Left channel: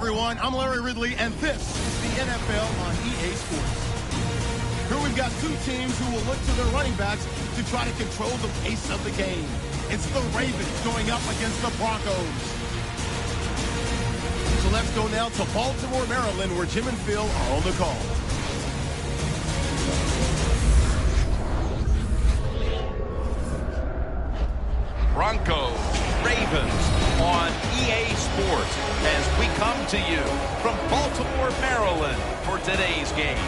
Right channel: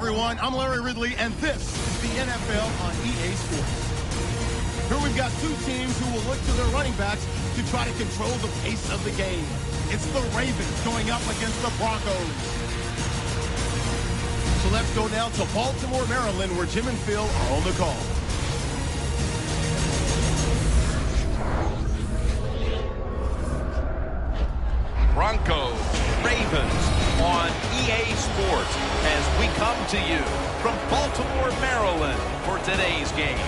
everyone. I'm Larry Ridley, and this is the NFL on EA Sports. Here we've got two teams who will look to their running backs to try to control the pace of the game. It's the Ravens going up against the Broncos. So let's go now to Baltimore, Maryland, where Jim and Phil are on the call. Broncos, Ravens on EA Sports as we come to you from Baltimore, Maryland for today's game.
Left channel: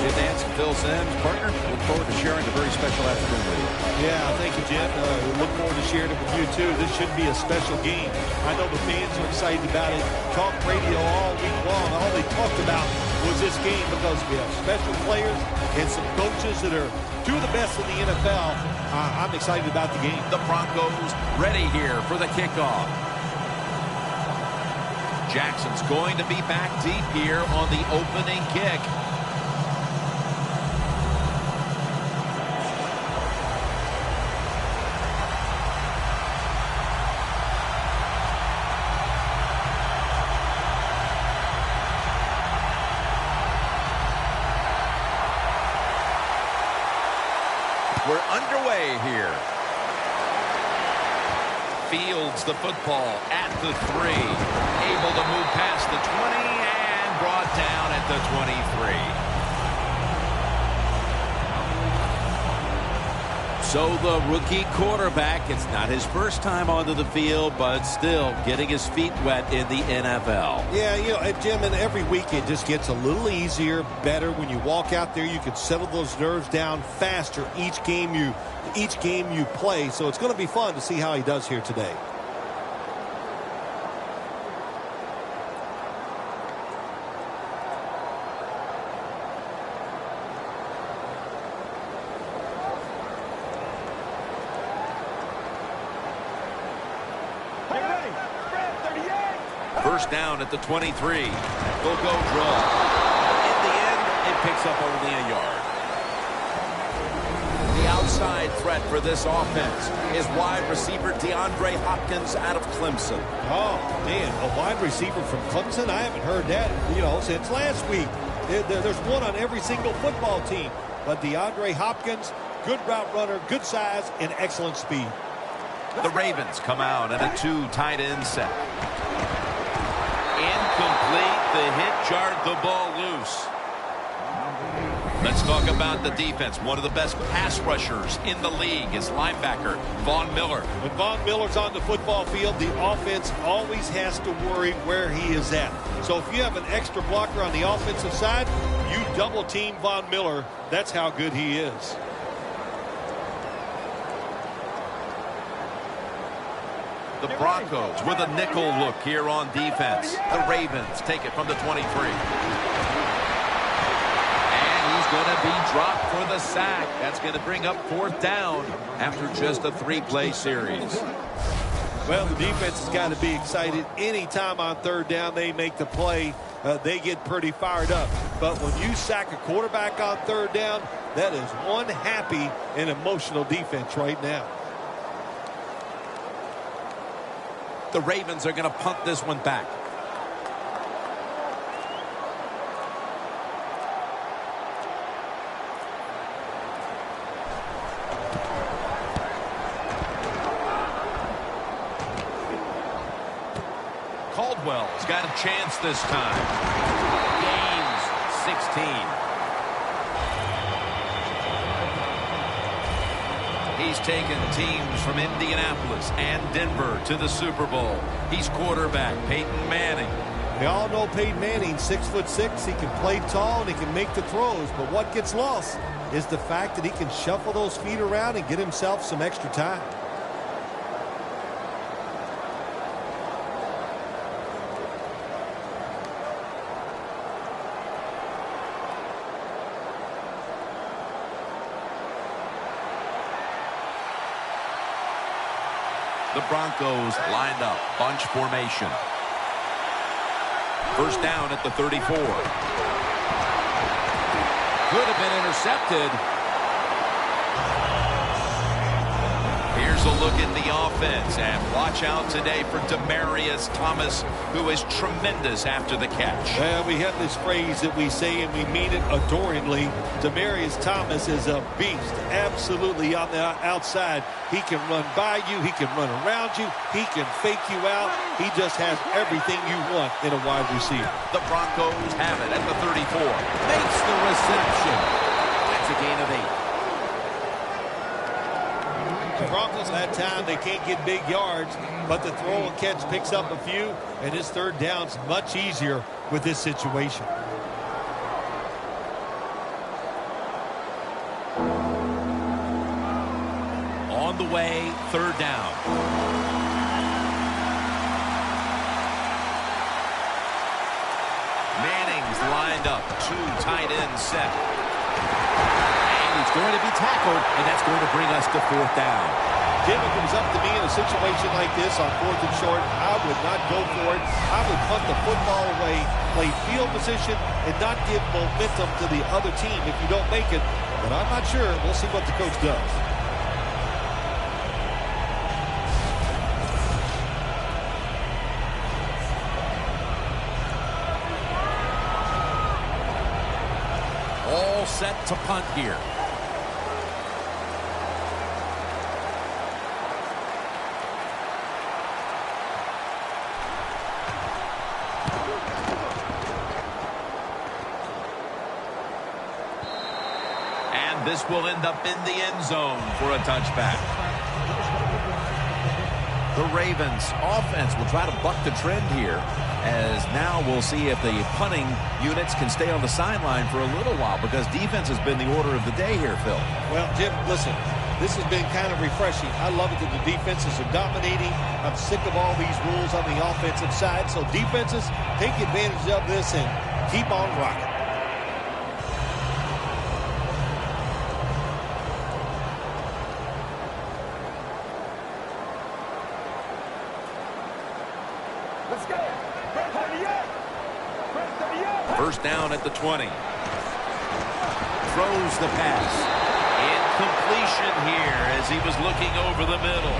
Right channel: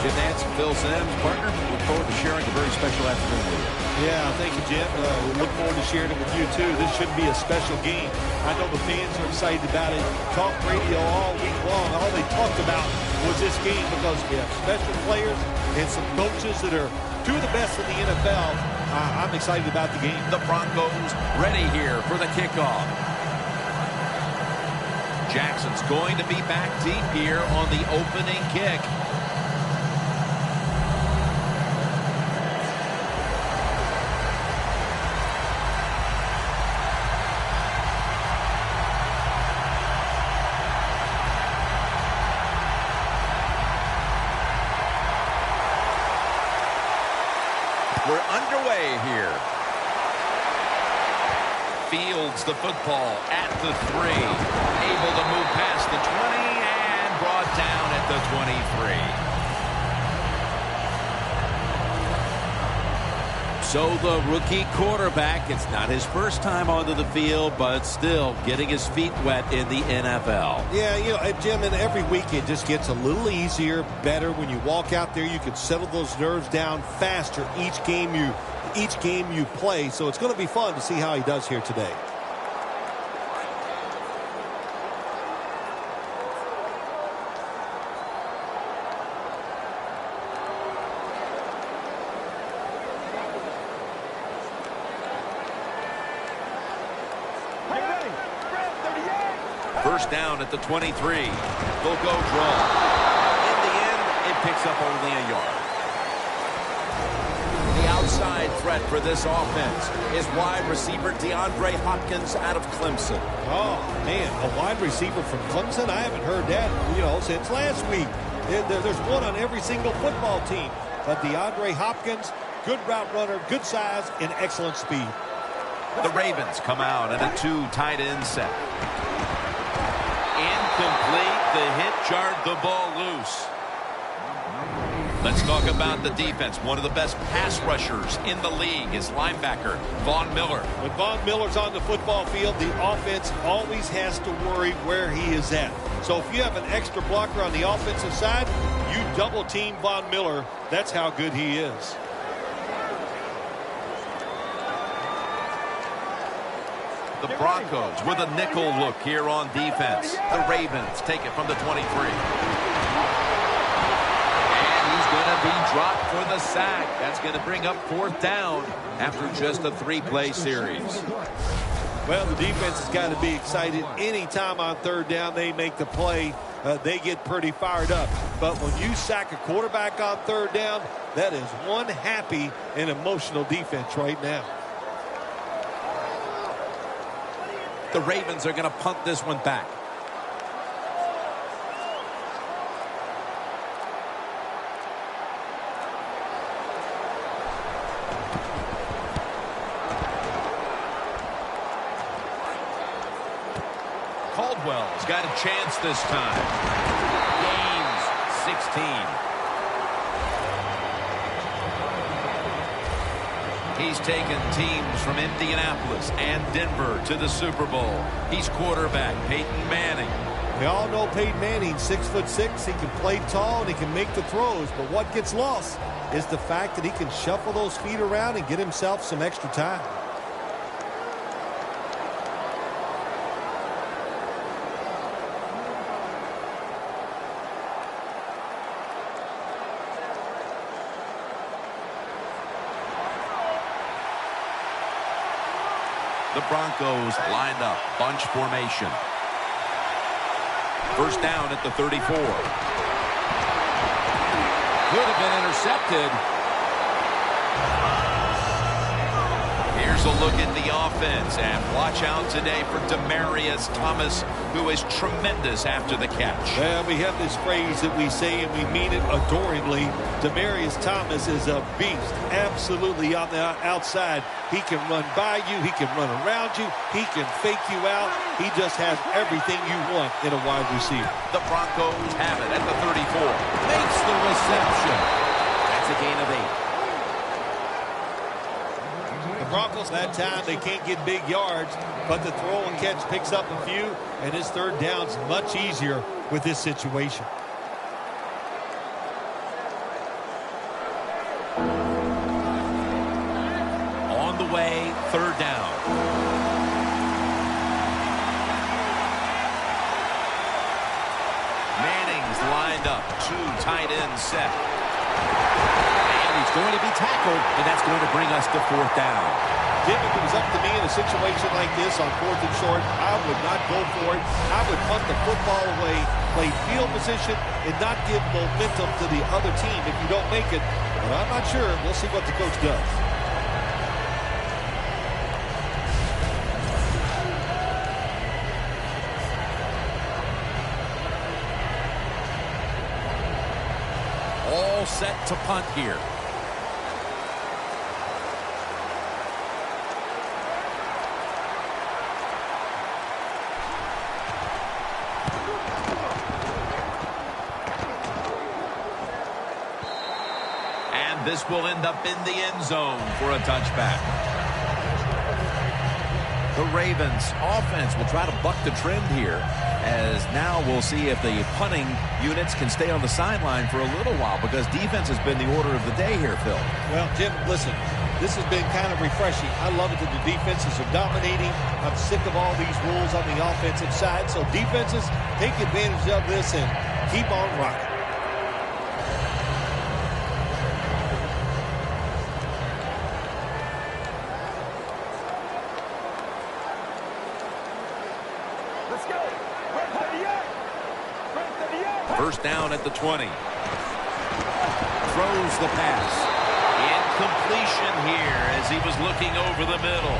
Jim Nance and Phil Simms, partner, look forward to sharing a very special afternoon with you. Yeah, thank you, Jim. We look forward to sharing it with you, too. This should be a special game. I know the fans are excited about it. Talk radio all week long. All they talked about was this game because we have special players and some coaches that are two of the best in the NFL. I'm excited about the game. The Broncos ready here for the kickoff. Jackson's going to be back deep here on the opening kick. We're underway here. Fields the football at the 3. Able to move past the 20 and brought down at the 23. So the rookie quarterback, it's not his first time onto the field, but still getting his feet wet in the NFL. Yeah, you know, Jim, and every week it just gets a little easier, better. When you walk out there, you can settle those nerves down faster each game you play. So it's going to be fun to see how he does here today. First down at the 23. They'll go draw. In the end, it picks up only a yard. The outside threat for this offense is wide receiver DeAndre Hopkins out of Clemson. Oh, man, a wide receiver from Clemson? I haven't heard that, since last week. There's one on every single football team. But DeAndre Hopkins, good route runner, good size, and excellent speed. The Ravens come out in a 2 tight end set. Incomplete. The hit jarred the ball loose. Let's talk about the defense. One of the best pass rushers in the league is linebacker Von Miller. When Von Miller's on the football field, the offense always has to worry where he is at. So if you have an extra blocker on the offensive side, you double team Von Miller. That's how good he is. The Broncos with a nickel look here on defense. The Ravens take it from the 23. And he's going to be dropped for the sack. That's going to bring up 4th down after just a 3-play series. Well, the defense has got to be excited. Anytime on 3rd down they make the play, they get pretty fired up. But when you sack a quarterback on 3rd down, that is one happy and emotional defense right now. The Ravens are going to punt this one back. Caldwell's got a chance this time. Gains 16. He's taken teams from Indianapolis and Denver to the Super Bowl. He's quarterback Peyton Manning. We all know Peyton Manning, 6'6". He can play tall and he can make the throws. But what gets lost is the fact that he can shuffle those feet around and get himself some extra time. The Broncos lined up, bunch formation. First down at the 34. Could have been intercepted. Here's a look at the offense, and watch out today for Demaryius Thomas, who is tremendous after the catch. Well, we have this phrase that we say, and we mean it adoringly. Demaryius Thomas is a beast, absolutely on the outside. He can run by you. He can run around you. He can fake you out. He just has everything you want in a wide receiver. The Broncos have it at the 34. Makes the reception. That's a gain of 8. The Broncos, that time, they can't get big yards, but the throw and catch picks up a few, and his third down's much easier with this situation. On the way, third down. Manning's lined up, 2 tight ends set. And he's going to be tackled, and that's going to bring us to fourth down. Jim, if it was up to me in a situation like this on 4th and short, I would not go for it. I would punt the football away, play field position, and not give momentum to the other team if you don't make it. But I'm not sure. We'll see what the coach does. All set to punt here. And this will end up in the end zone for a touchback. The Ravens offense will try to buck the trend here, as now we'll see if the punting units can stay on the sideline for a little while, because defense has been the order of the day here, Phil. Well, Jim, listen, this has been kind of refreshing. I love it that the defenses are dominating. I'm sick of all these rules on the offensive side. So defenses, take advantage of this and keep on rocking. Let's go. Break 38. Break 38. First down at the 20. Throws the pass. Incompletion here as he was looking over the middle.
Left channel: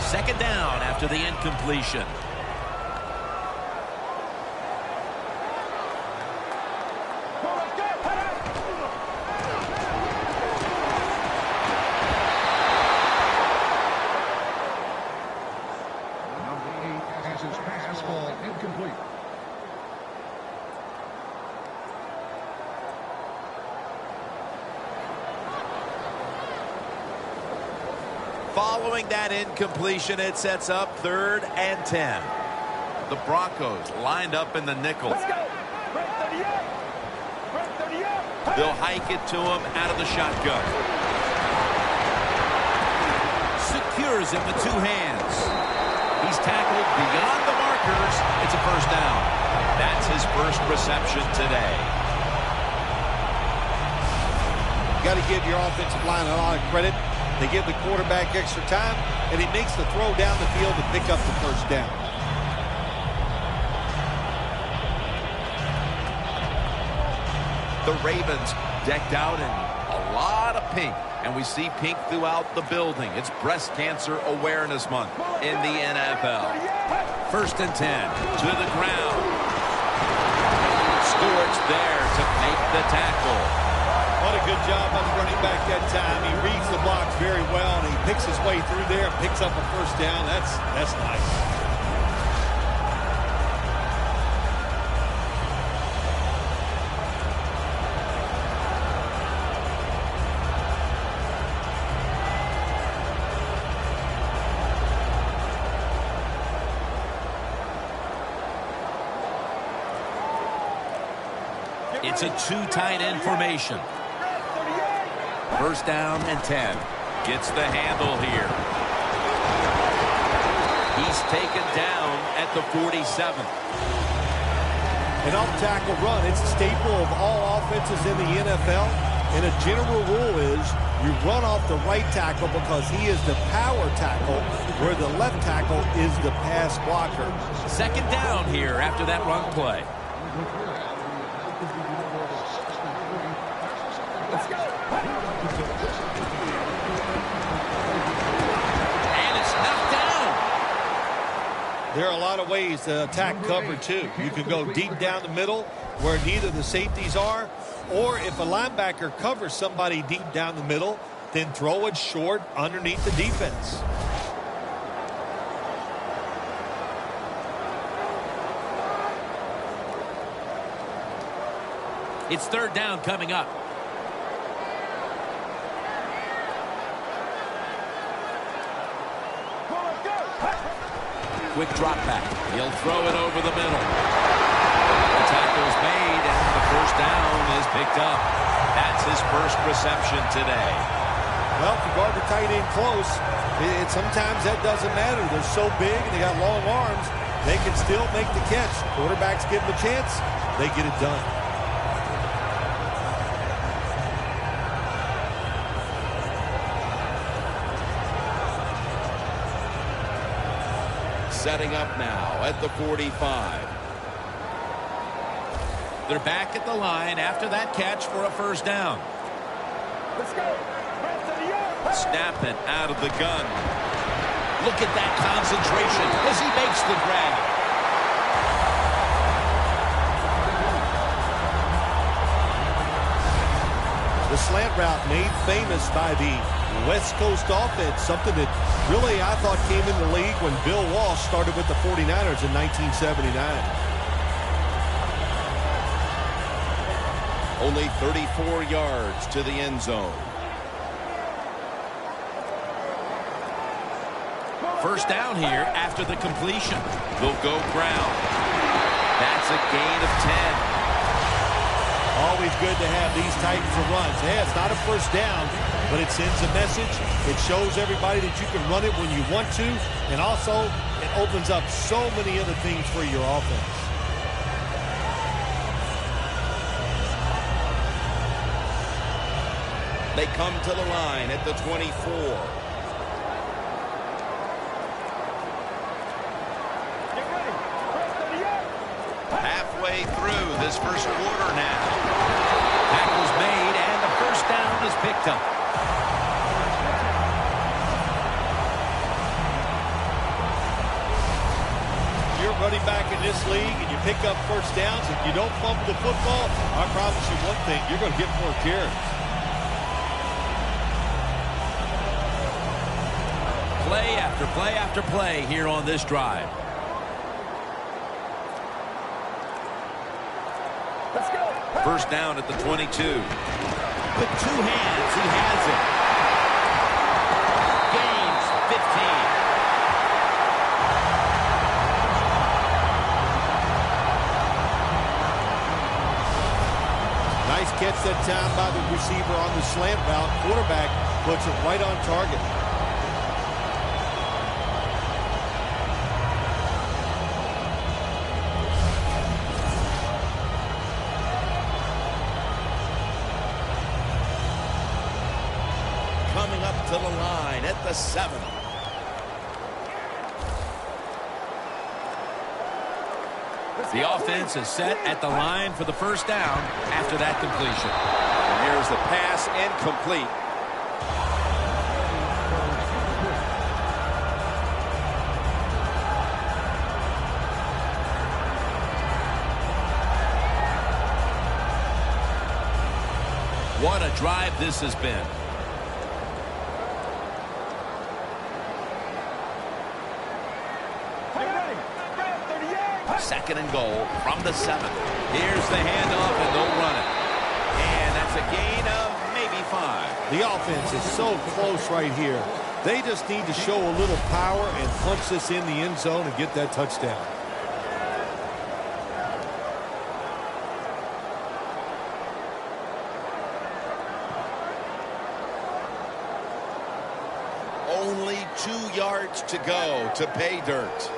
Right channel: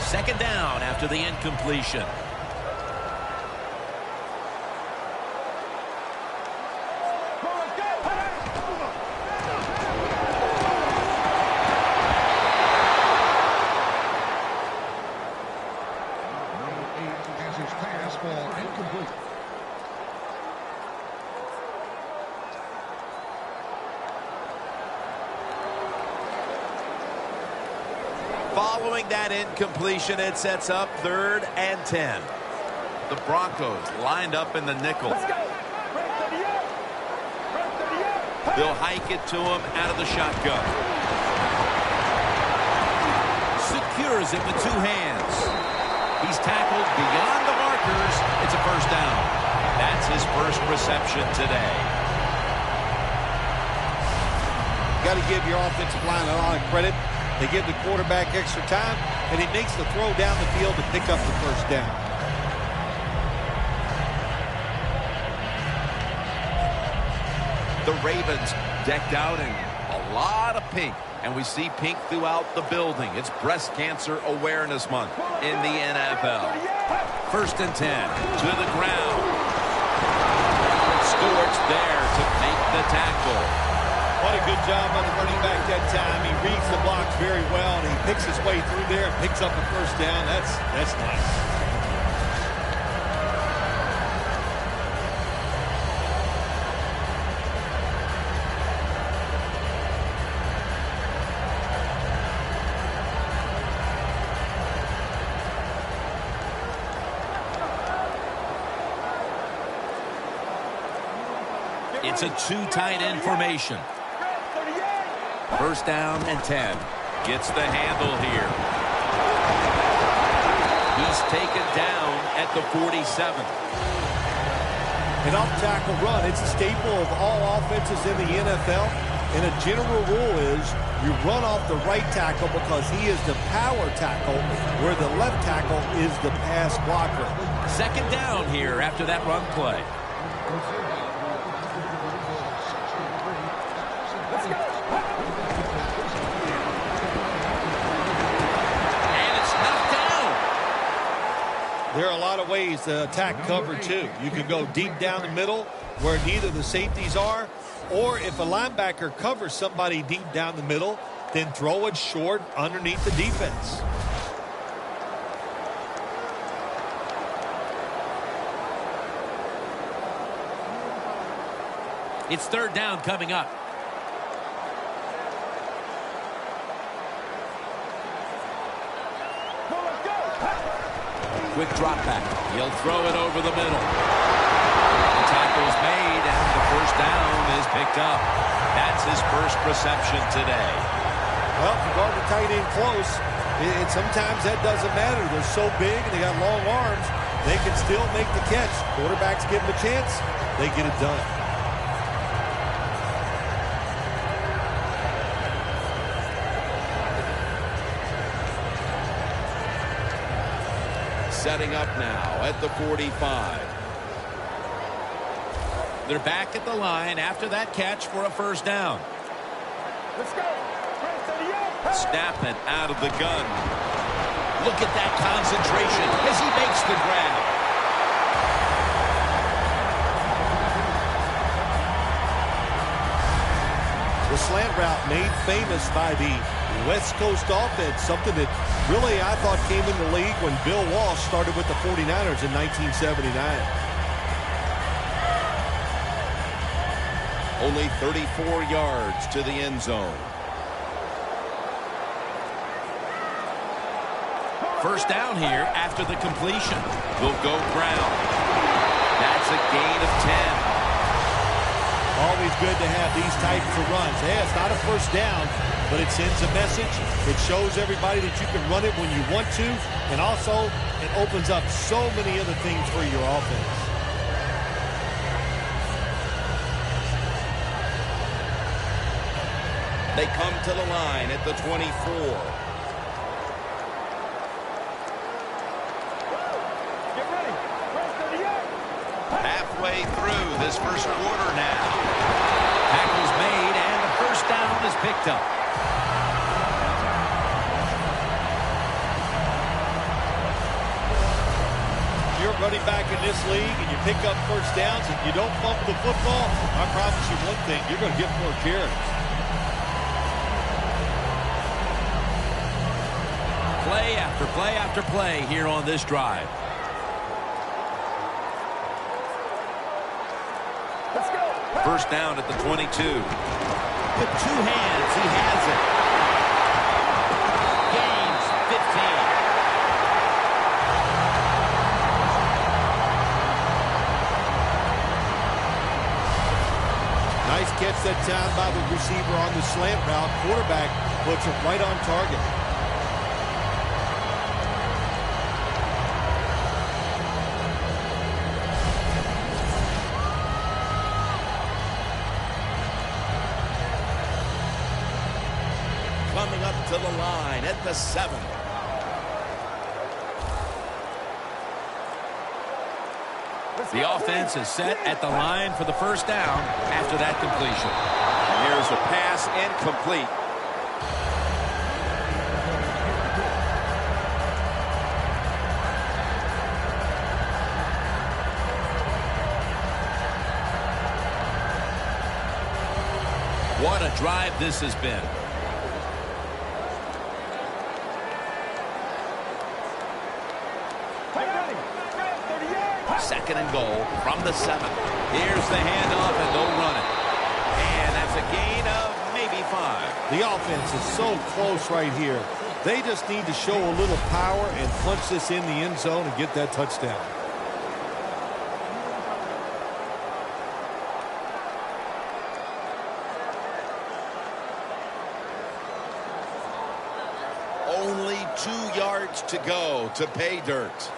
Second down after the incompletion. Following that incompletion, it sets up 3rd and 10. The Broncos lined up in the nickel. Let's go. Break 38. Break 38. They'll hike it to him out of the shotgun. Secures it with 2 hands. He's tackled beyond the markers. It's a first down. That's his first reception today. You got to give your offensive line a lot of credit. They give the quarterback extra time, and he makes the throw down the field to pick up the first down. The Ravens decked out in a lot of pink, and we see pink throughout the building. It's Breast Cancer Awareness Month in the NFL. 1st and 10 to the ground. Stewart's there to make the tackle. What a good job by the running back that time. He reads the blocks very well, and he picks his way through there and picks up a first down. That's nice. It's a 2 tight end formation. First down and 10. Gets the handle here. He's taken down at the 47. An off-tackle run, it's a staple of all offenses in the NFL. And a general rule is you run off the right tackle because he is the power tackle, where the left tackle is the pass blocker. Second down here after that run play. Let's go. And it's knocked down. There are a lot of ways to attack cover, too. You can go deep down the middle where neither the safeties are, or if a linebacker covers somebody deep down the middle, then throw it short underneath the defense. It's third down coming up. Well, let's go. Quick drop back. He'll throw it over the middle. The tackle's made, and the first down is picked up. That's his first reception today. Well, if you guard the tight end close, sometimes that doesn't matter. They're so big and they got long arms, they can still make the catch. Quarterbacks give them a chance, they get it done. Setting up now at the 45. They're back at the line after that catch for a first down. Let's go. Snapping out of the gun. Look at that concentration as he makes the grab. The slant route made famous by the West Coast offense, something that really I thought came in the league when Bill Walsh started with the 49ers in 1979. Only 34 yards to the end zone. First down here after the completion. They'll go ground. That's a gain of 10. Always good to have these types of runs. Hey, it's not a first down, but it sends a message. It shows everybody that you can run it when you want to, and also it opens up so many other things for your offense. They come to the line at the 24. Get ready. Press 38. Halfway through this first quarter now. Tackle's made, and the first down is picked up. You're running back in this league and you pick up first downs and you don't fumble the football, I promise you one thing, you're going to get more carries. Play after play after play here on this drive. Let's go. First down at the 22. With two hands, he has it. Gains 15. Nice catch that time by the receiver on the slant route. Quarterback puts it right on target. Coming up to the line at the 7. The offense is set at the line for the first down after that completion. And here's the pass incomplete. What a drive this has been. Second and goal from the 7. Here's the handoff, and they'll run it. And that's a gain of maybe 5. The offense is so close right here. They just need to show a little power and punch this in the end zone and get that touchdown. Only 2 yards to go to pay dirt.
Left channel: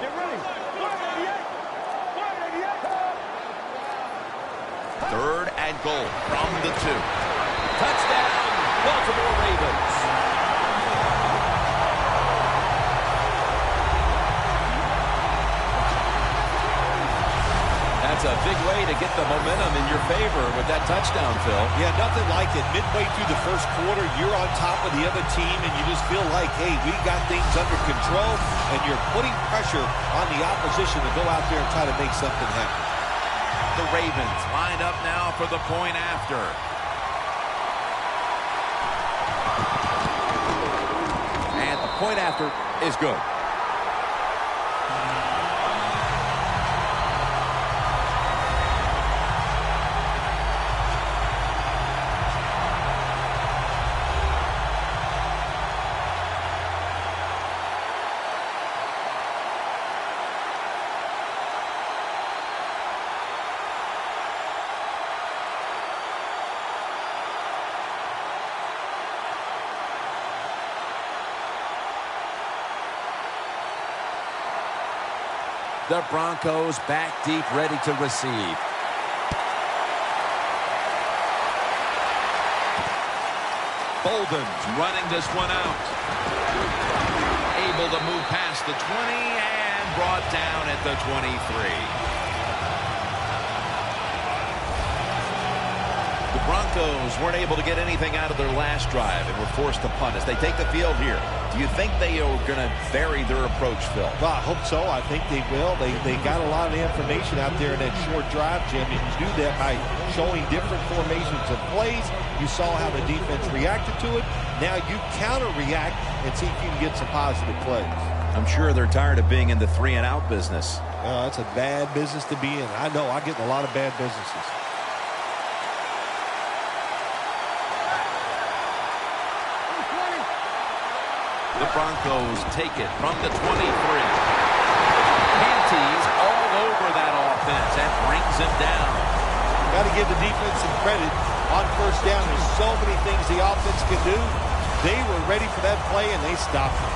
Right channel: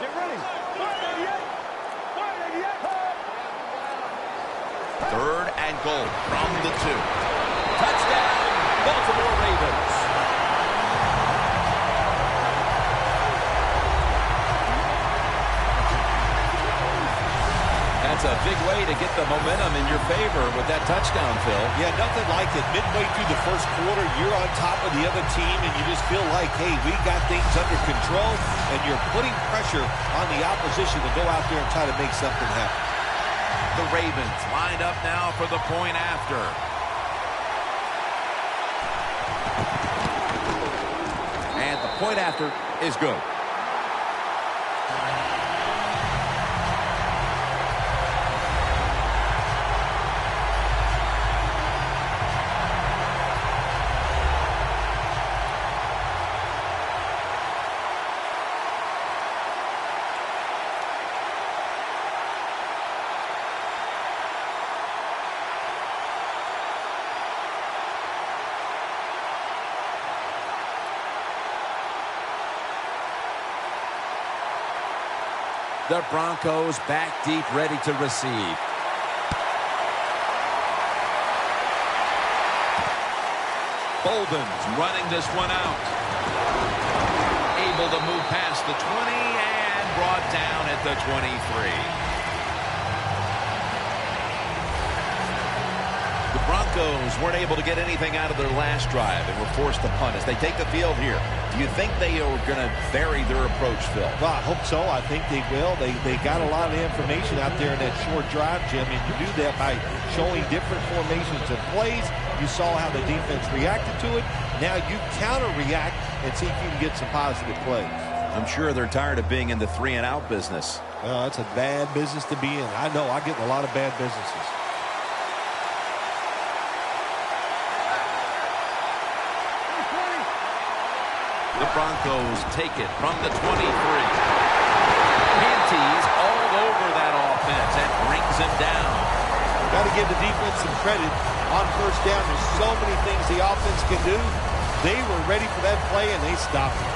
Get ready. 188. 188. Third and goal from the 2. Touchdown, Baltimore Ravens. That's a big way to get the momentum in your favor with that touchdown, Phil. Yeah, nothing like it. Midway through the first quarter, you're on top of the other team, and you just feel like, hey, we got things under control, and you're putting pressure on the opposition to go out there and try to make something happen. The Ravens lined up now for the point after. And the point after is good. The Broncos back deep, ready to receive. Bolden's running this one out. Able to move past the 20 and brought down at the 23. The Broncos weren't able to get anything out of their last drive and were forced to punt as they take the field here. Do you think they are going to vary their approach, Phil? Well, I hope so. I think they will. They got a lot of information out there in that short drive, Jim, and you do that by showing different formations and plays. You saw how the defense reacted to it. Now you counter-react and see if you can get some positive plays. I'm sure they're tired of being in the 3-and-out business. Well, that's a bad business to be in. I know. I get in a lot of bad businesses. The Broncos take it from the 23. Panties all over that offense and brings him down. Got to give the defense some credit on first down. There's so many things the offense can do. They were ready for that play, and they stopped it.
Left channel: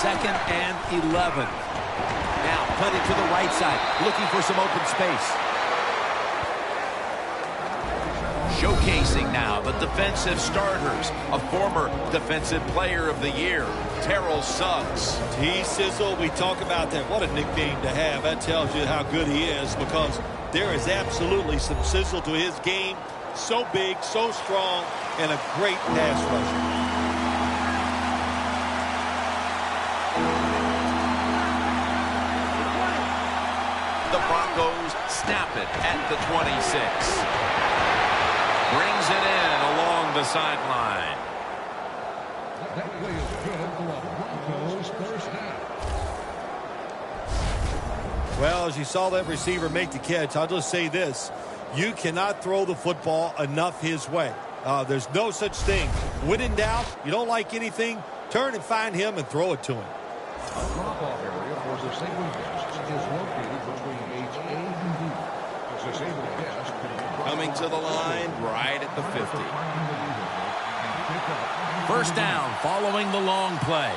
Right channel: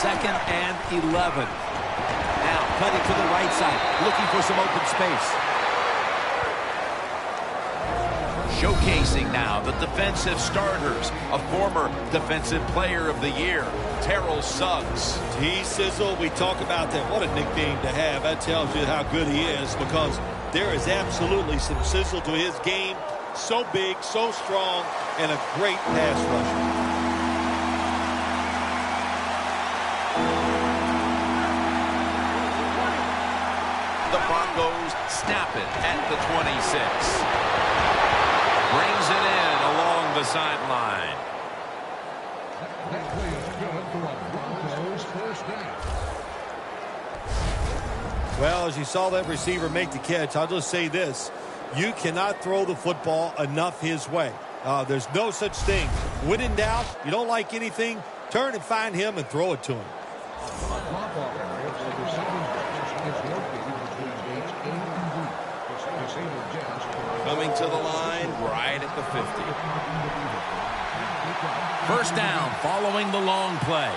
Second and 11. Now cutting to the right side, looking for some open space. Showcasing now the defensive starters, a former defensive player of the year, Terrell Suggs. T-Sizzle, we talk about that. What a nickname to have. That tells you how good he is, because there is absolutely some sizzle to his game. So big, so strong, and a great pass rusher. The Broncos snap it at the 26. Brings it in along the sideline. Well, as you saw that receiver make the catch, I'll just say this. You cannot throw the football enough his way. There's no such thing. When in doubt, you don't like anything, turn and find him and throw it to him. Coming to the line right at the 50. First down following the long play.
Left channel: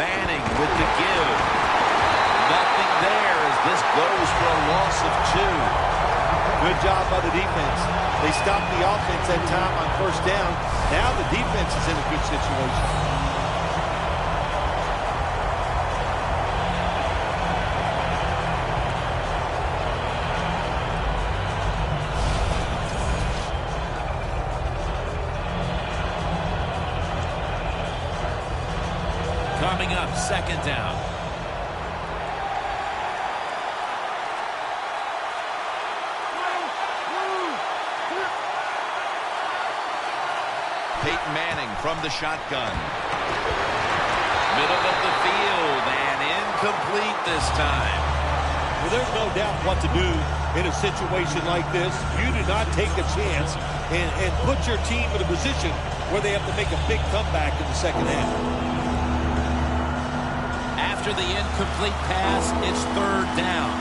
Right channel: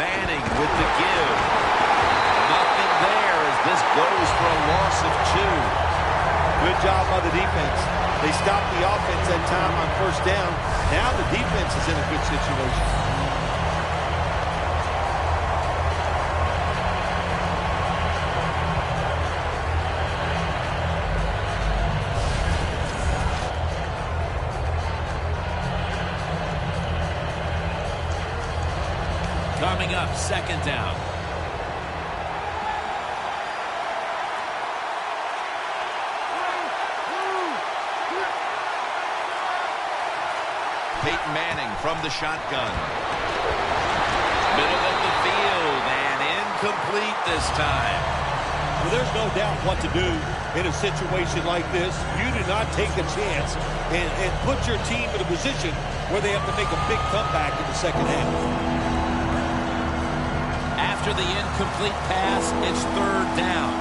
Manning with the give. Nothing there as this goes for a loss of 2. Good job by the defense. They stopped the offense that time on first down. Now the defense is in a good situation. Coming up, second down. Peyton Manning from the shotgun. Middle of the field and incomplete this time. Well, there's no doubt what to do in a situation like this. You do not take a chance and put your team in a position where they have to make a big comeback in the second half. After the incomplete pass, it's third down.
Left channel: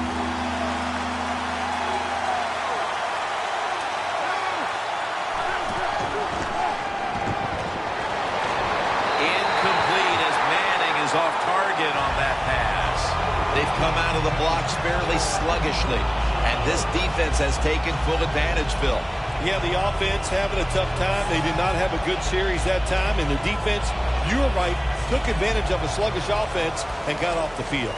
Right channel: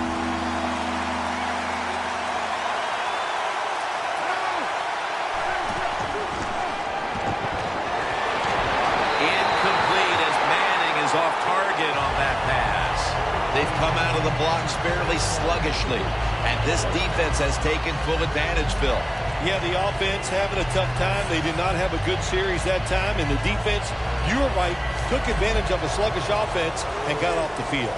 Incomplete as Manning is off target on that pass. They've come out of the blocks fairly sluggishly, and this defense has taken full advantage, Phil. Yeah, the offense having a tough time. They did not have a good series that time, and the defense, you were right, took advantage of a sluggish offense and got off the field.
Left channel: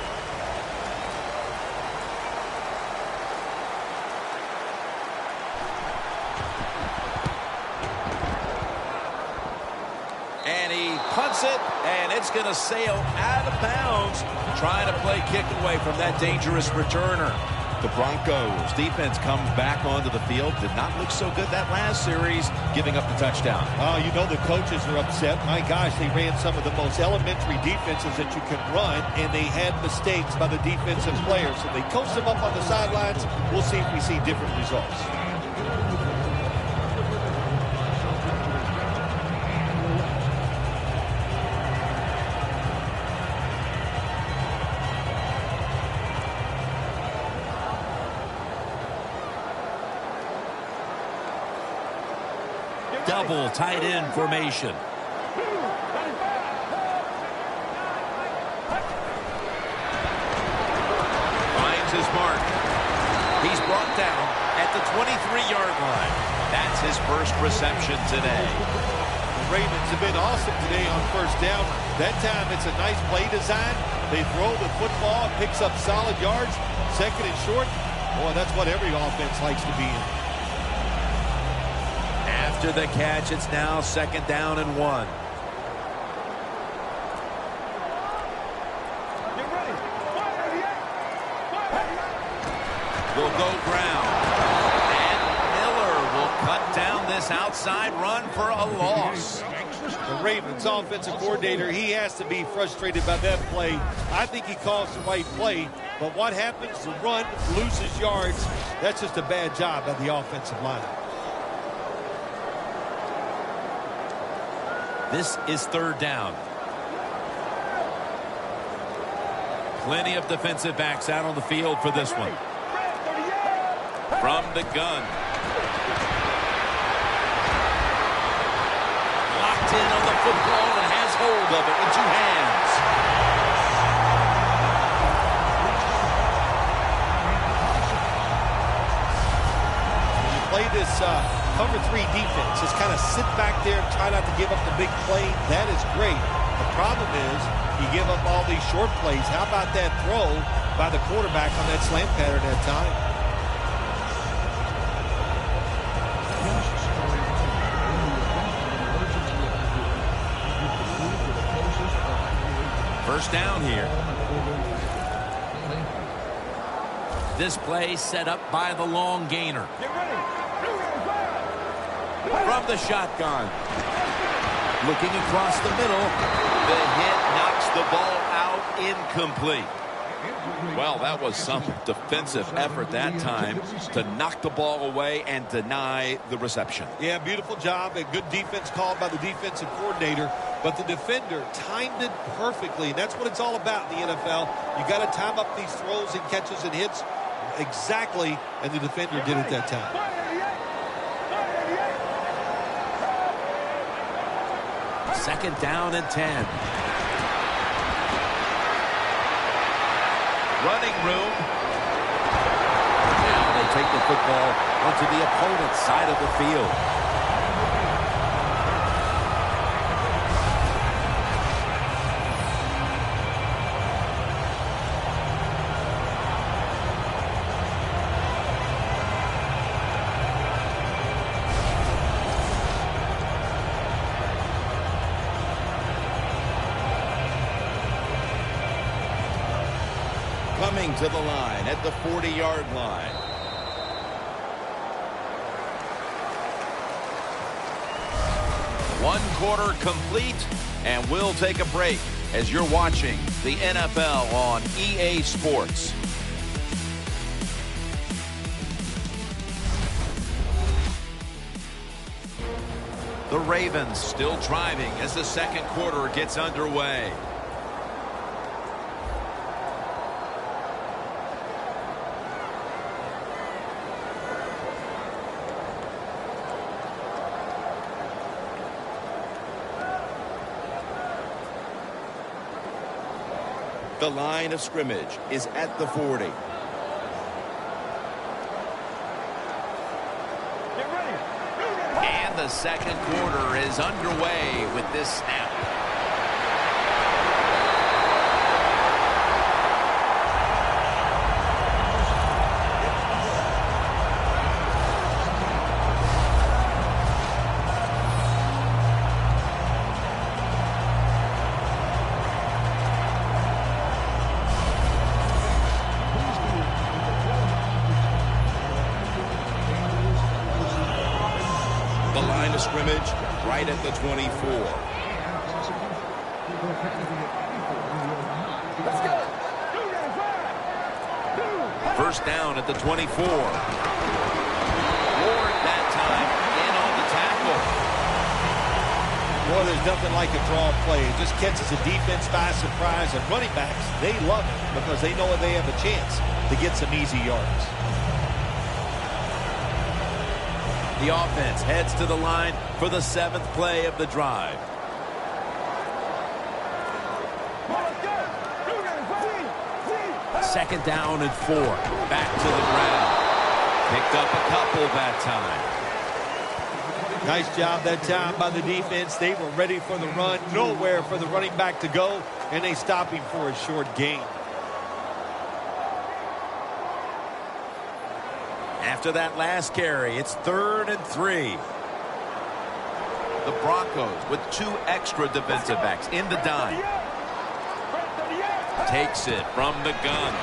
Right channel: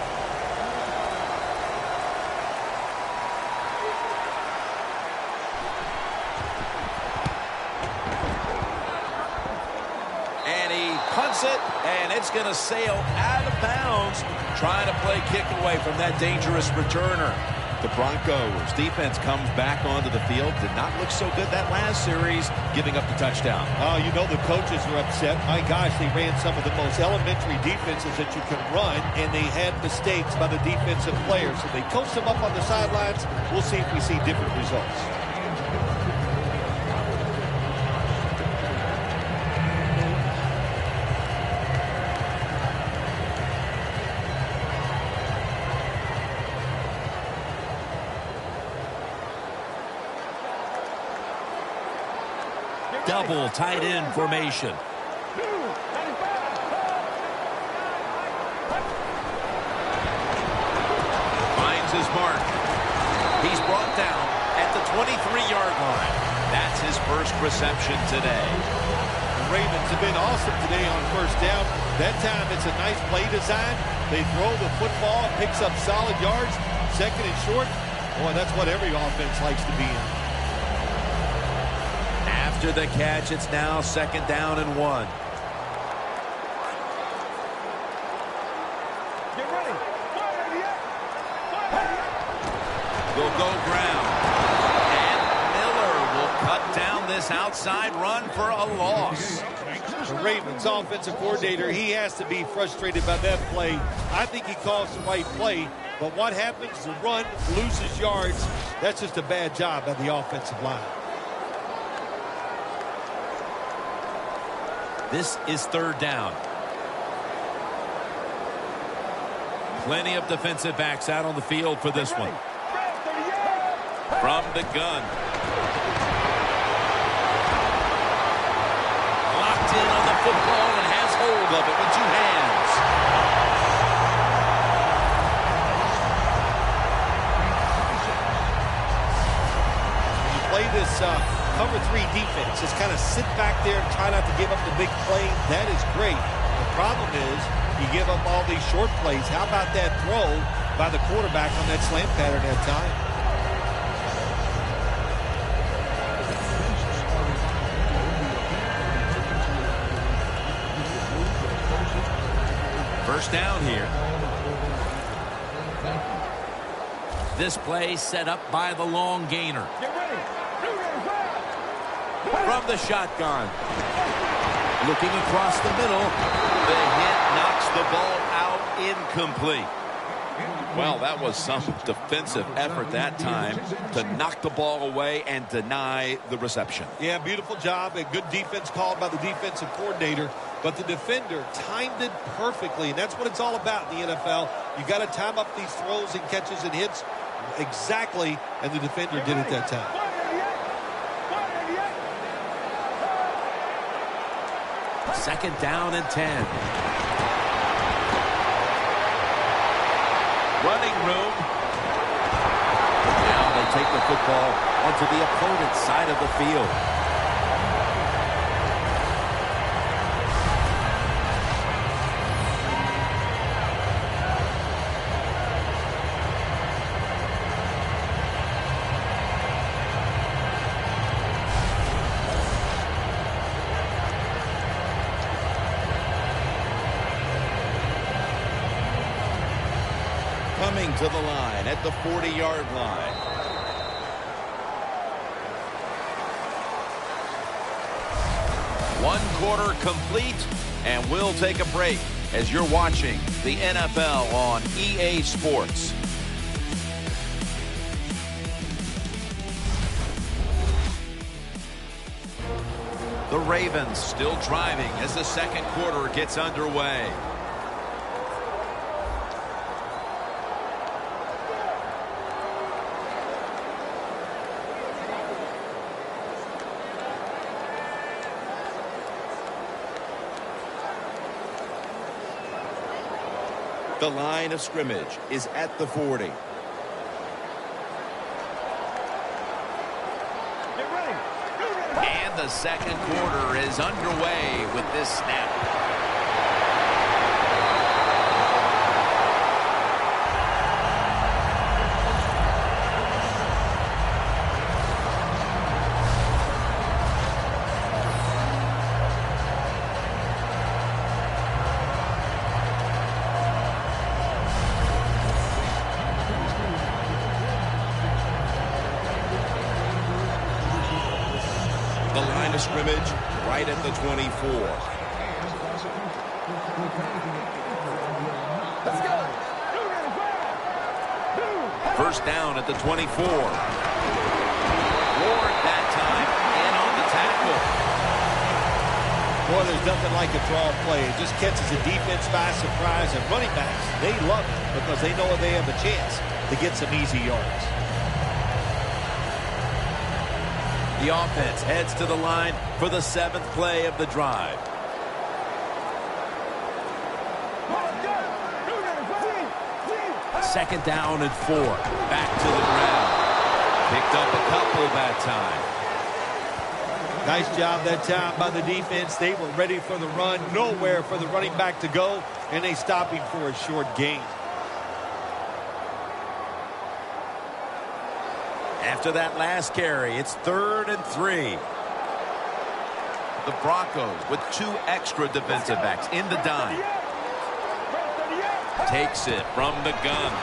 And he punts it, and it's going to sail out of bounds, trying to play kick away from that dangerous returner. The Broncos defense comes back onto the field. Did not look so good that last series, giving up the touchdown. Oh, you know the coaches are upset. My gosh, they ran some of the most elementary defenses that you can run, and they had mistakes by the defensive players. So they coached them up on the sidelines. We'll see if we see different results. Double tight end formation. Finds his mark. He's brought down at the 23-yard line. That's his first reception today. The Ravens have been awesome today on first down. That time it's a nice play design. They throw the football, it picks up solid yards. Second and short. Boy, that's what every offense likes to be in. After the catch, it's now second down and 1. Get ready. They'll go ground. And Miller will cut down this outside run for a loss. The Ravens offensive coordinator, he has to be frustrated by that play. I think he calls the right play, but what happens? The run loses yards. That's just a bad job by the offensive line. This is third down. Plenty of defensive backs out on the field for this one. From the gun. Locked in on the football and has hold of it with two hands. When you play this cover 3 defense, just kind of sit back there and try not to give up the big play. That is great. The problem is you give up all these short plays. How about that throw by the quarterback on that slant pattern that time? First down here. This play set up by the long gainer. Get ready. From the shotgun. Looking across the middle. The hit knocks the ball out, incomplete. Well, that was some defensive effort that time to knock the ball away and deny the reception. Yeah, beautiful job. A good defense called by the defensive coordinator. But the defender timed it perfectly. And that's what it's all about in the NFL. You got to time up these throws and catches and hits exactly, and the defender did it that time. Second down and 10. Running room. Now they take the football onto the opponent's side of the field. Coming to the line at the 40-yard line. One quarter complete, and we'll take a break as you're watching the NFL on EA Sports. The Ravens still driving as the second quarter gets underway. The line of scrimmage is at the 40. Get ready. And the second quarter is underway with this snap. The line of scrimmage right at the 24. Let's go. First down at the 24. Ward that time in on the tackle. Boy, there's nothing like a draw play. It just catches the defense by surprise. And running backs, they love it because they know they have a chance to get some easy yards. The offense heads to the line for the 7th play of the drive. Second down and 4. Back to the ground. Picked up a couple that time. Nice job that time by the defense. They were ready for the run. Nowhere for the running back to go. And they stop him for a short gain. After that last carry, it's 3rd and 3. The Broncos with 2 extra defensive backs in the dime. Takes it from the gun.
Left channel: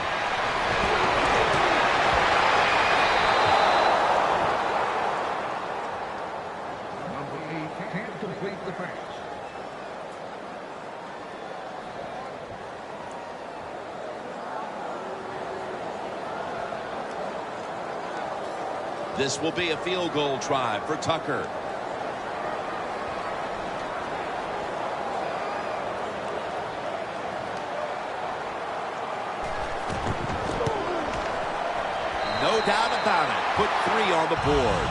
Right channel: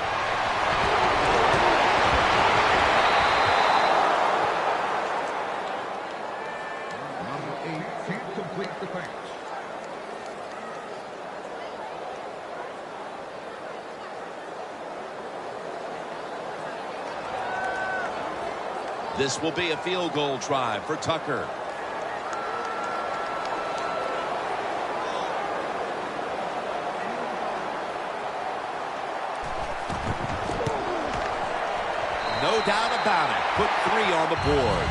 This will be a field goal try for Tucker. No doubt about it. Put 3 on the board.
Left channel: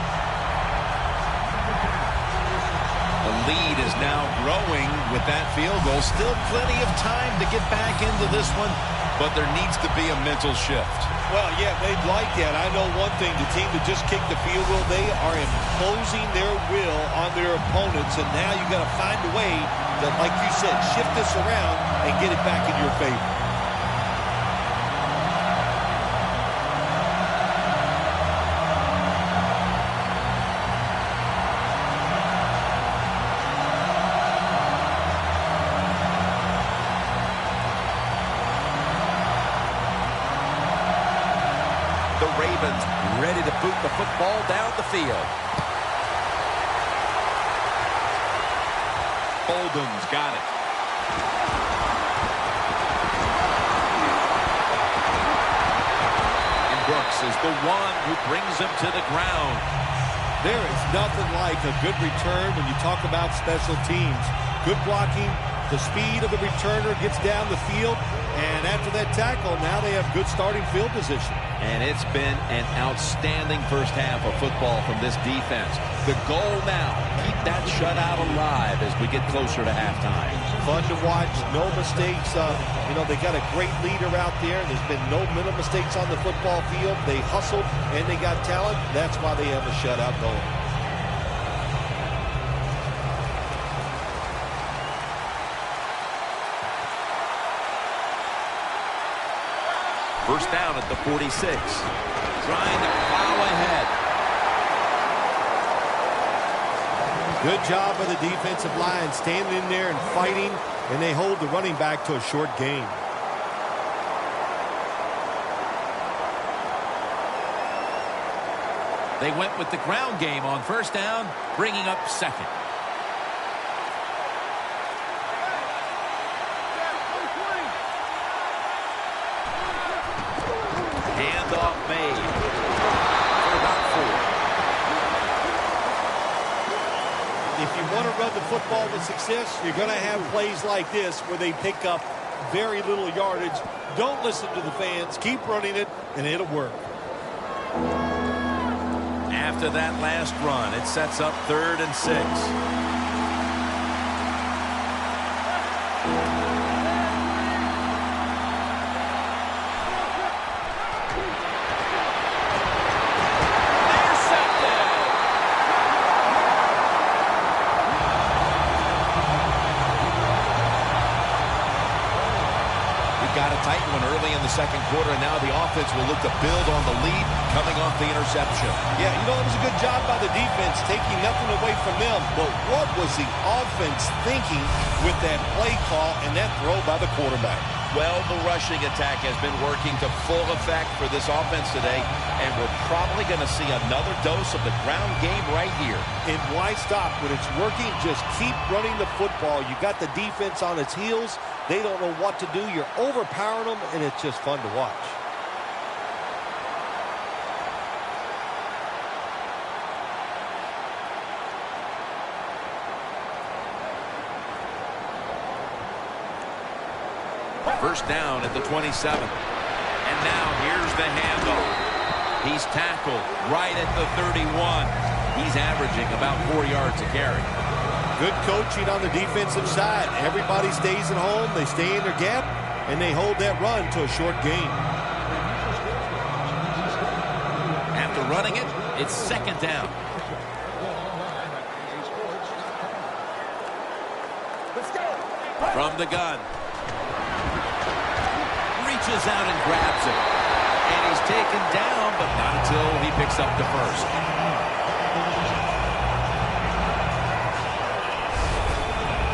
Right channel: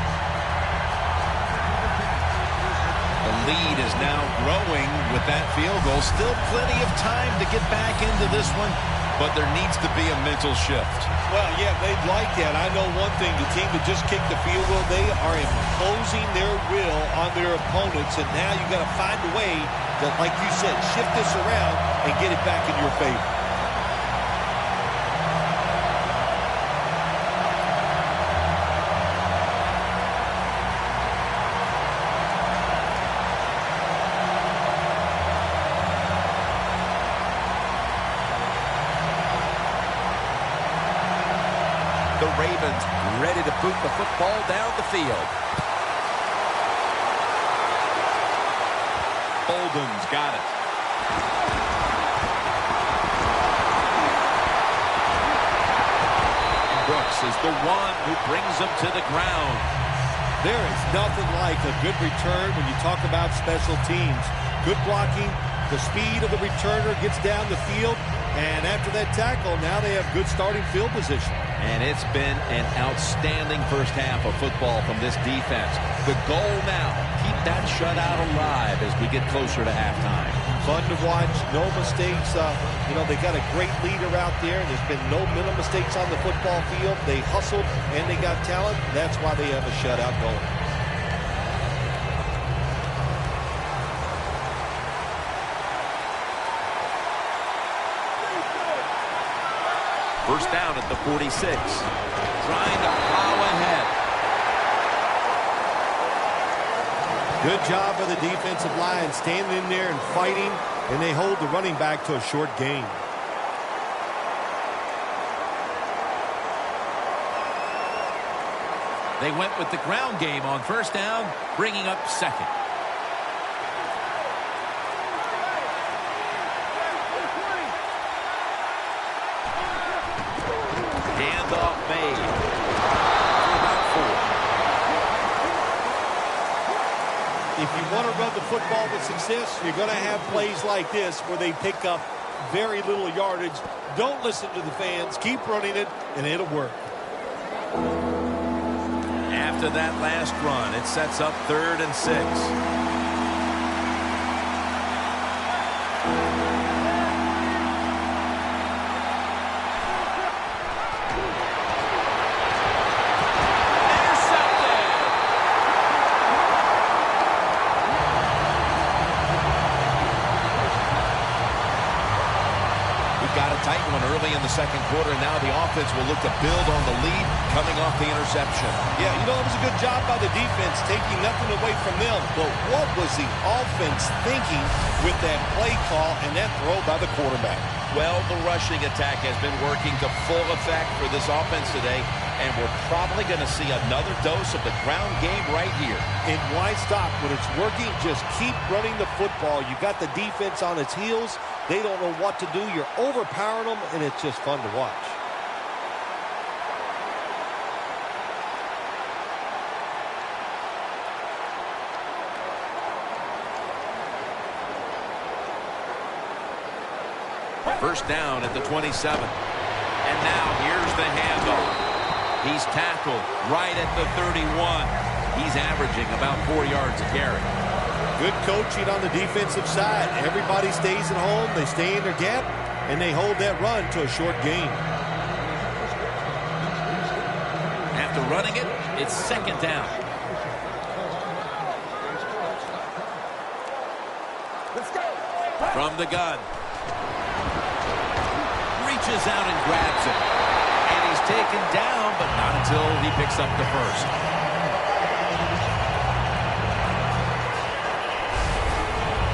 The lead is now growing with that field goal. Still plenty of time to get back into this one, but there needs to be a mental shift. Well, yeah, they'd like that. I know one thing. The team that just kicked the field goal, they are imposing their will on their opponents, and now you got to find a way to, like you said, shift this around and get it back in your favor. The Ravens ready to boot the football down the field. Bolden's got it. And Brooks is the one who brings him to the ground. There is nothing like a good return when you talk about special teams. Good blocking, the speed of the returner gets down the field, and after that tackle, now they have good starting field position. And it's been an outstanding first half of football from this defense. The goal now, keep that shutout alive as we get closer to halftime. Fun to watch, no mistakes. They got a great leader out there. There's been no mental mistakes on the football field. They hustled, and they got talent. That's why they have a shutout going. First down at the 46. Trying to plow ahead. Good job by the defensive line standing in there and fighting, and they hold the running back to a short gain. They went with the ground game on first down, bringing up second. Handoff made for about 4. If you want to run the football with success, you're going to have plays like this where they pick up very little yardage. Don't listen to the fans. Keep running it, and it'll work. After that last run, it sets up 3rd and 6. Got a tight one early in the second quarter, and now the offense will look to build on the lead coming off the interception. Yeah, you know, it was a good job by the defense, taking nothing away from them. But what was the offense thinking with that play call and that throw by the quarterback? Well, the rushing attack has been working to full effect for this offense today, and we're probably going to see another dose of the ground game right here. And why stop? When it's working, just keep running the football. You got the defense on its heels. They don't know what to do. You're overpowering them, and it's just fun to watch. First down at the 27. And now here's the handoff. He's tackled right at the 31. He's averaging about 4 yards a carry. Good coaching on the defensive side. Everybody stays at home. They stay in their gap, and they hold that run to a short gain. After running it, it's 2nd down. Let's go. From the gun. Reaches out and grabs it. And he's taken down, but not until he picks up the first.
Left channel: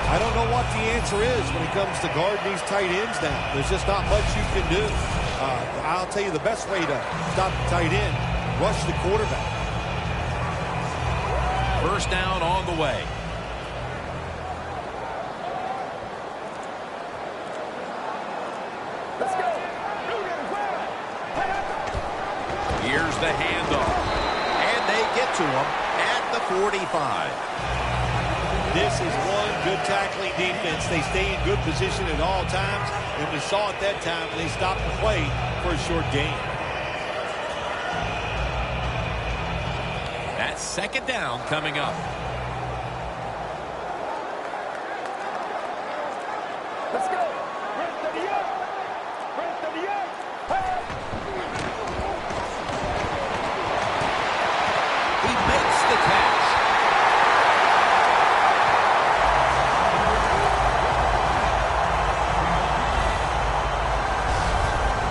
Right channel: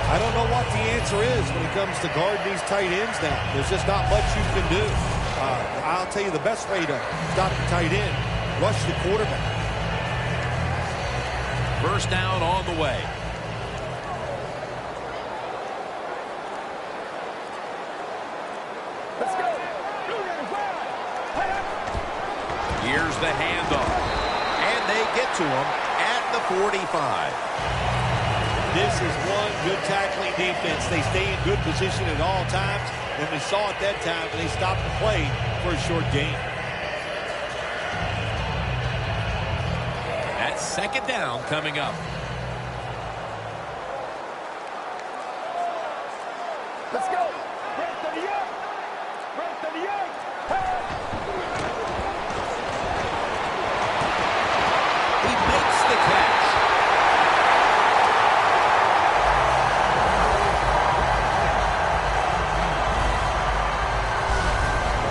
I don't know what the answer is when it comes to guarding these tight ends now. There's just not much you can do. I'll tell you the best way to stop the tight end, rush the quarterback. First down on the way. Let's go. Here's the handoff. And they get to him at the 45. This is one good tackling defense. They stay in good position at all times, and we saw it that time when they stopped the play for a short gain. That's 2nd down coming up. Let's go. Break 38. Break 38. He makes the catch.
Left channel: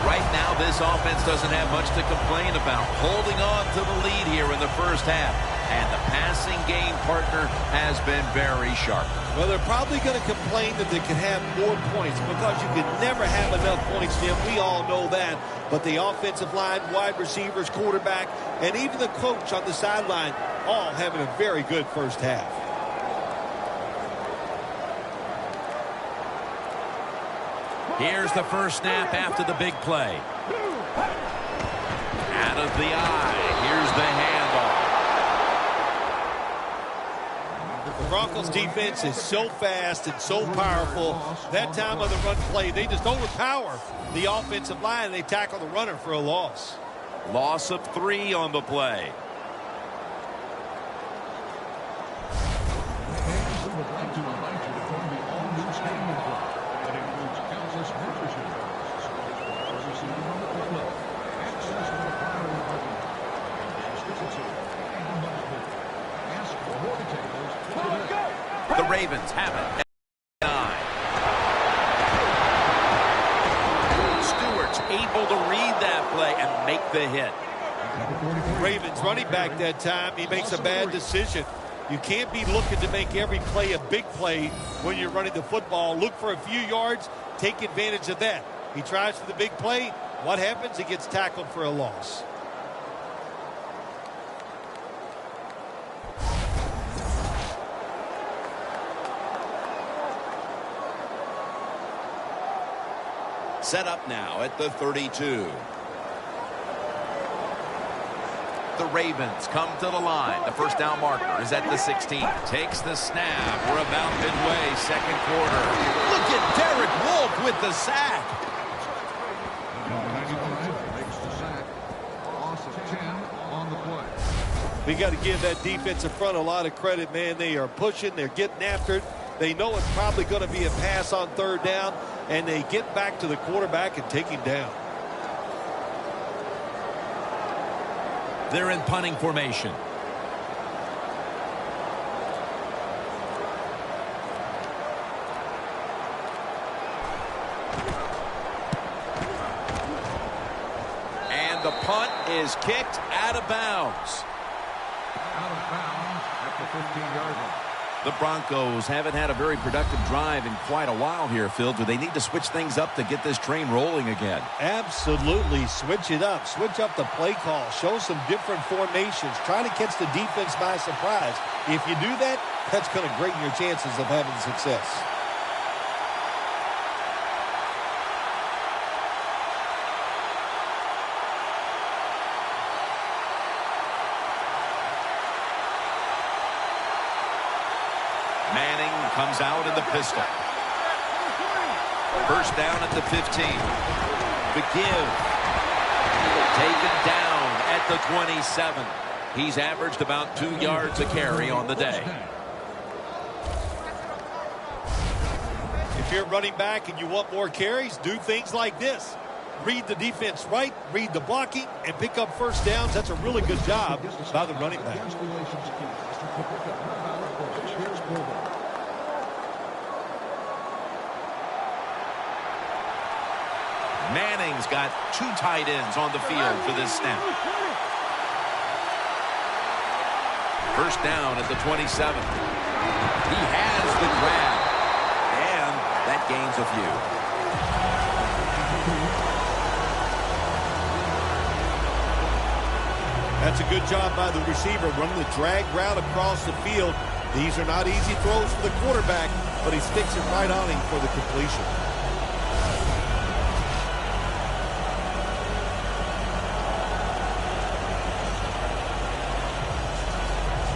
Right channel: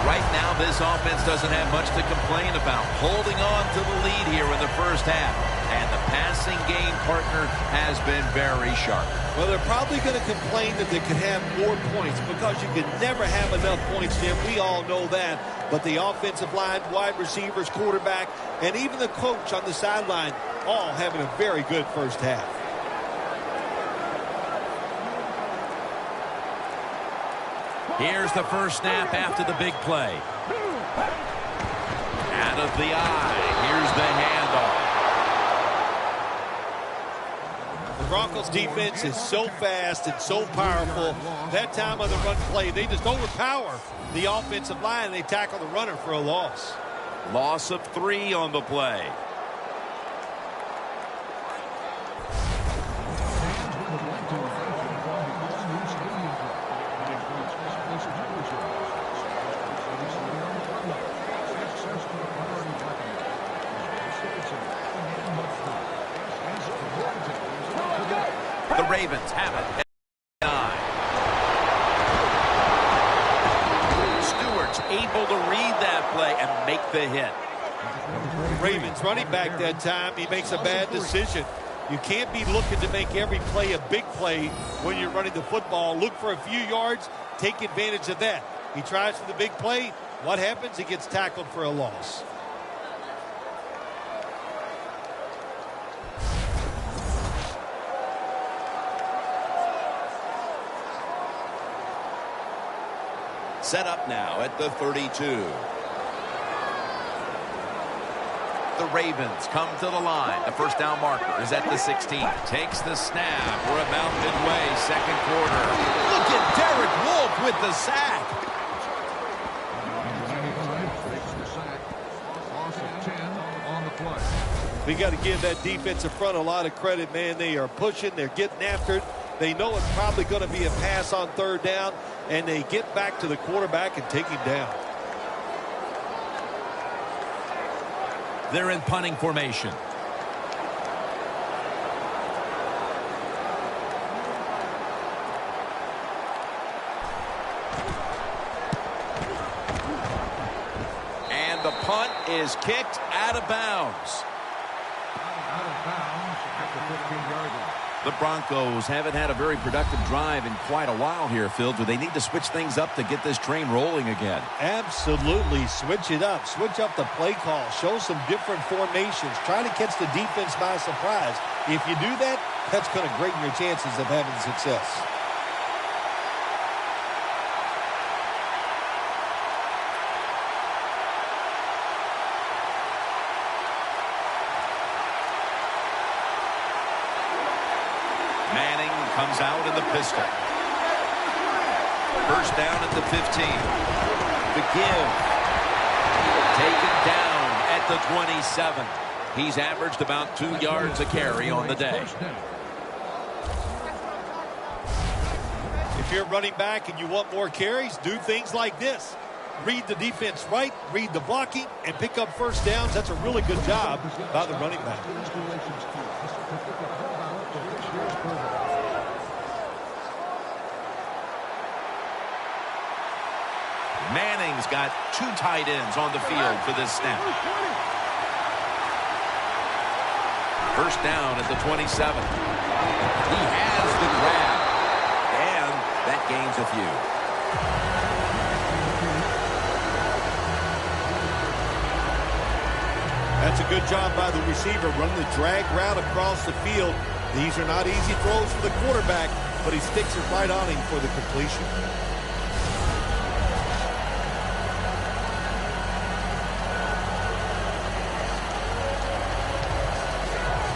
Right now, this offense doesn't have much to complain about. Holding on to the lead here in the first half. And the passing game partner has been very sharp. Well, they're probably going to complain that they could have more points because you can never have enough points, Jim. We all know that. But the offensive line, wide receivers, quarterback, and even the coach on the sideline all having a very good first half. Here's the first snap after the big play. Out of the eye. Here's the handoff. The Broncos defense is so fast and so powerful. That time on the run play, they just overpower the offensive line. They tackle the runner for a loss. Loss of 3 on the play. The Ravens have it at 9. Stewart's able to read that play and make the hit. Ravens running back that time, he makes a bad decision. You can't be looking to make every play a big play when you're running the football. Look for a few yards, take advantage of that. He tries for the big play. What happens? He gets tackled for a loss. Set up now at the 32. The Ravens come to the line. The first down marker is at the 16. Takes the snap. We're about midway, second quarter. Look at Derek Wolfe with the sack. We got to give that defensive front a lot of credit, man. They are pushing. They're getting after it. They know it's probably going to be a pass on third down, and they get back to the quarterback and take him down. They're in punting formation. And the punt is kicked out of bounds. The Broncos haven't had a very productive drive in quite a while here, Phil. Do they need to switch things up to get this train rolling again? Absolutely. Switch it up. Switch up the play call. Show some different formations. Try to catch the defense by surprise. If you do that, that's going to greaten your chances of having success. Manning comes out in the pistol. First down at the 15. The give. Taken down at the 27. He's averaged about 2 yards a carry on the day. If you're running back and you want more carries, do things like this. Read the defense right, read the blocking, and pick up first downs. That's a really good job by the running back. Manning's got 2 tight ends on the field for this snap. First down at the 27. He has the grab. And that gains a few. That's a good job by the receiver running the drag route across the field. These are not easy throws for the quarterback, but he sticks it right on him for the completion.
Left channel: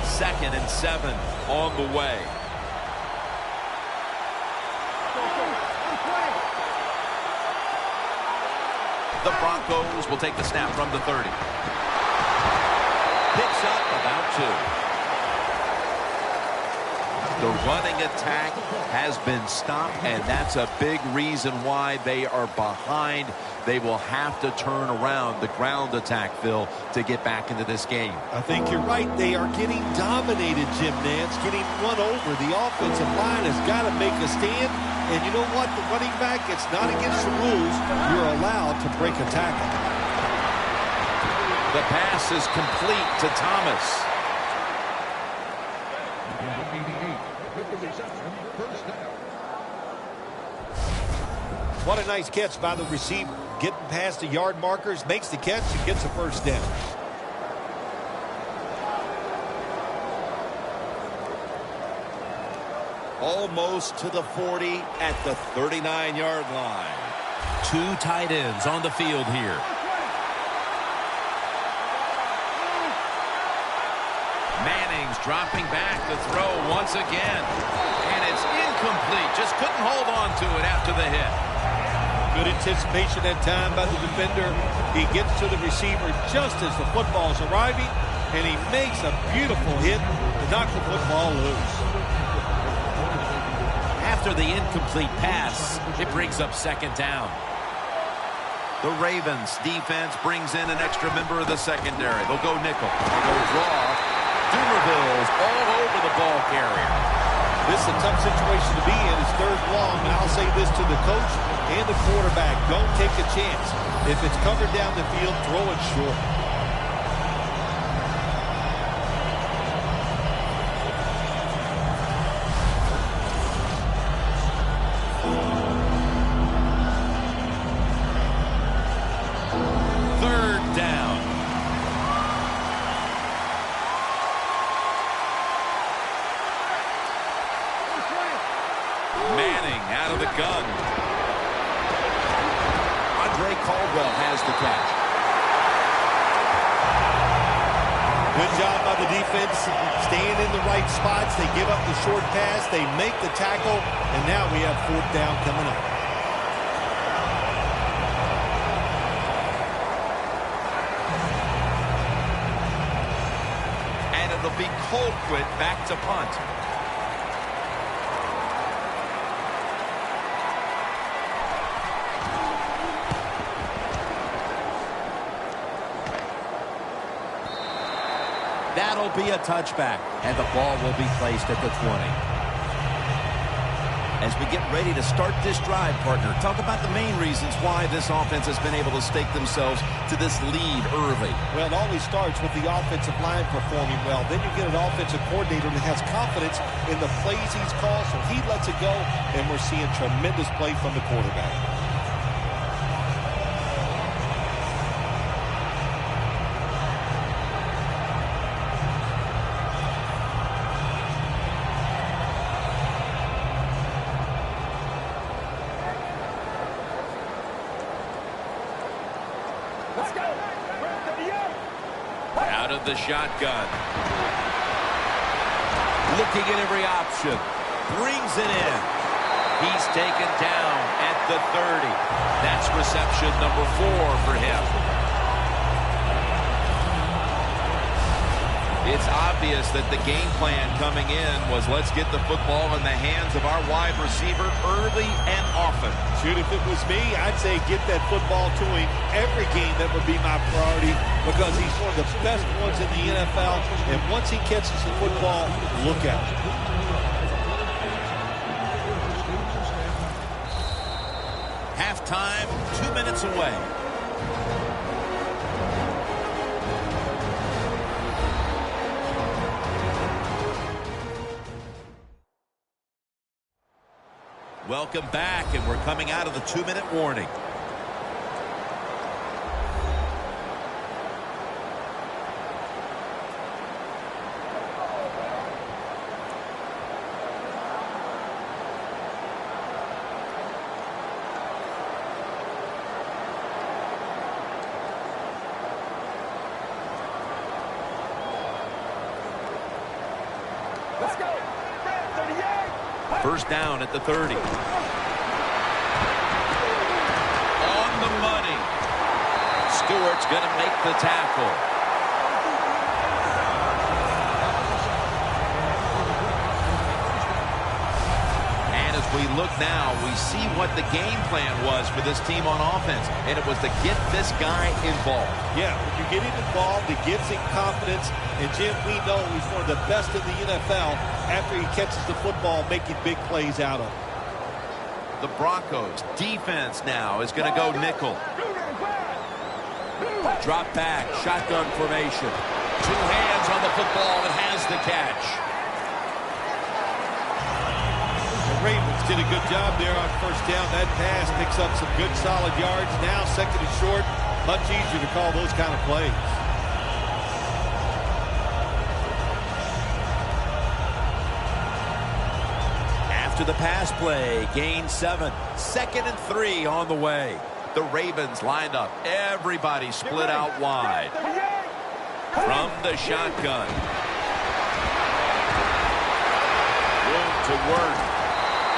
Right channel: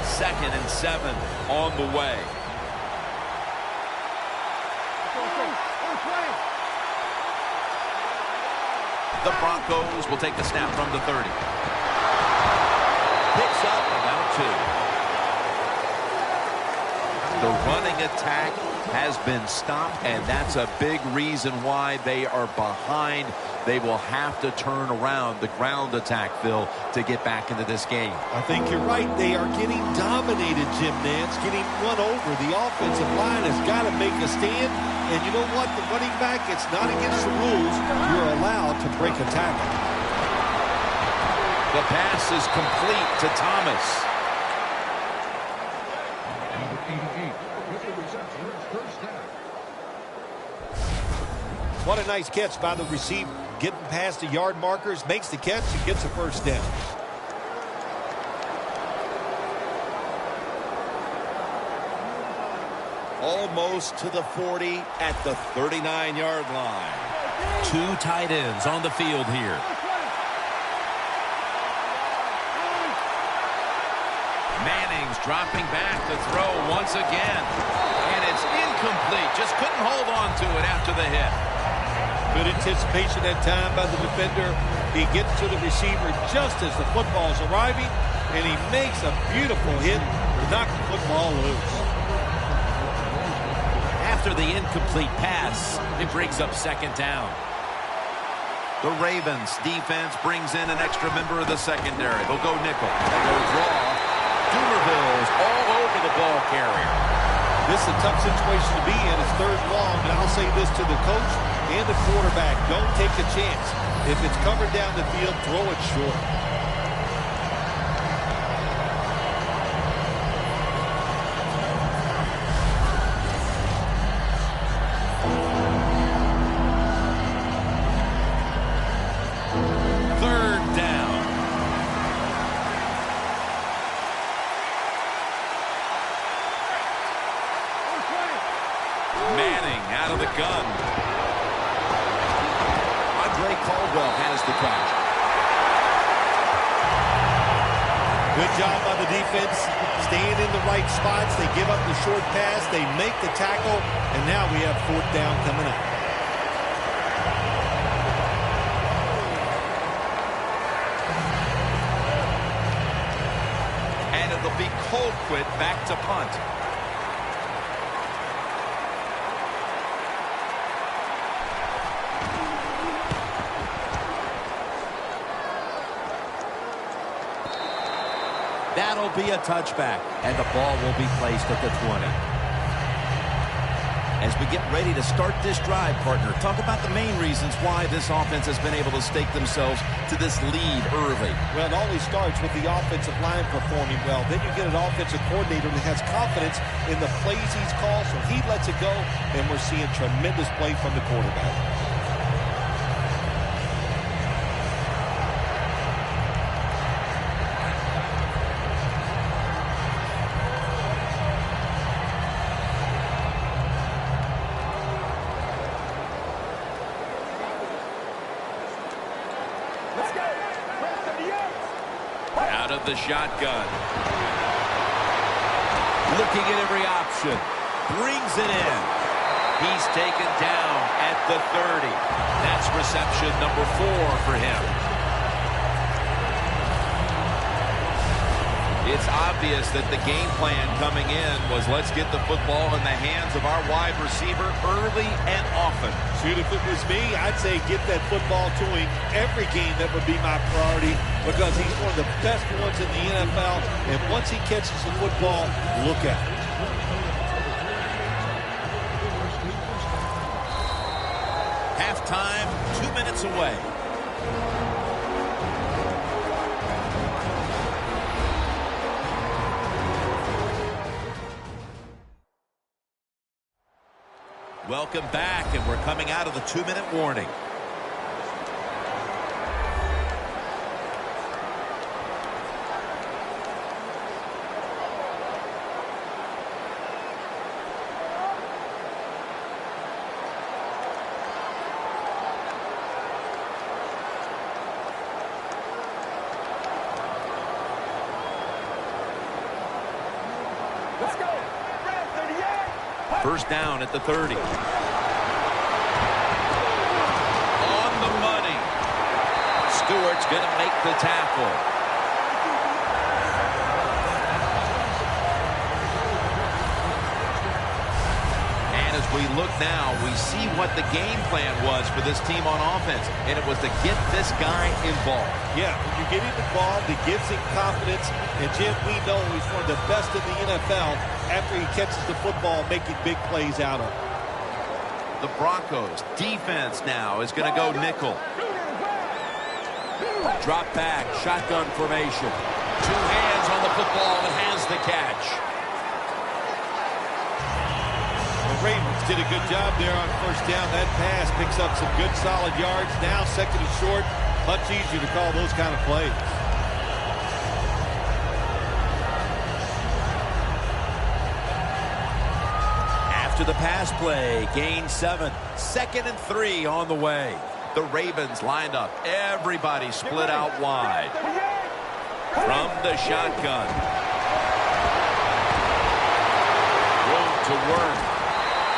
Second and 7 on the way. The Broncos will take the snap from the 30. Picks up about 2. The running attack has been stopped, and that's a big reason why they are behind. They will have to turn around the ground attack, Phil, to get back into this game. I think you're right. They are getting dominated, Jim Nantz, getting run over. The offensive line has got to make a stand. And you know what? The running back, it's not against the rules. You're allowed to break a tackle. The pass is complete to Thomas. What a nice catch by the receiver. Getting past the yard markers, makes the catch, and gets a first down. Almost to the 40 at the 39-yard line. 2 tight ends on the field here. Manning's dropping back to throw once again. And it's incomplete. Just couldn't hold on to it after the hit. Good anticipation that time by the defender. He gets to the receiver just as the football's arriving, and he makes a beautiful hit to knock the football loose. After the incomplete pass, it brings up second down. The Ravens defense brings in an extra member of the secondary. They'll go nickel. They go draw. Dumerville's all over the ball carrier. This is a tough situation to be in. It's third long, and I'll say this to the coach and the quarterback. Don't take a chance. If it's covered down the field, throw it short. Third down. Manning out of the gun. Caldwell has the catch. Good job by the defense, staying in the right spots. They give up the short pass, they make the tackle, and now we have 4th down coming up. And it'll be Colquitt back to punt. That'll be a touchback, and the ball will be placed at the 20. As we get ready to start this drive, partner, talk about the main reasons why this offense has been able to stake themselves to this lead early. Well, it always starts with the offensive line performing well. Then you get an offensive coordinator that has confidence in the plays he's called, so he lets it go, and we're seeing tremendous play from the quarterback. Let's go. Red 38. Out of the shotgun. Looking at every option. Brings it in. He's taken down at the 30. That's reception number 4 for him. It's obvious that the game plan coming in was let's get the football in the hands of our wide receiver early and often. Shoot, if it was me, I'd say get that football to him every game. That would be my priority because he's one of the best ones in the NFL. And once he catches the football, look out. Halftime, 2 minutes away. Welcome back, and we're coming out of the 2-minute warning. Let's go. Red 38. First down at the 30. On the money. Stewart's going to make the tackle. And as we look now, we see what the game plan was for this team on offense. And it was to get this guy involved. Yeah, when you get him involved, it gives him confidence. And, Jim, we know he's one of the best in the NFL after he catches the football, making big plays out of it. The Broncos defense now is going to go nickel. Drop back, shotgun formation. 2 hands on the football and has the catch. The Ravens did a good job there on first down. That pass picks up some good solid yards. Now 2nd and short, much easier to call those kind of plays. After the pass play, gain 7. 2nd and 3 on the way. The Ravens lined up. Everybody split out wide. From the shotgun. Room to work.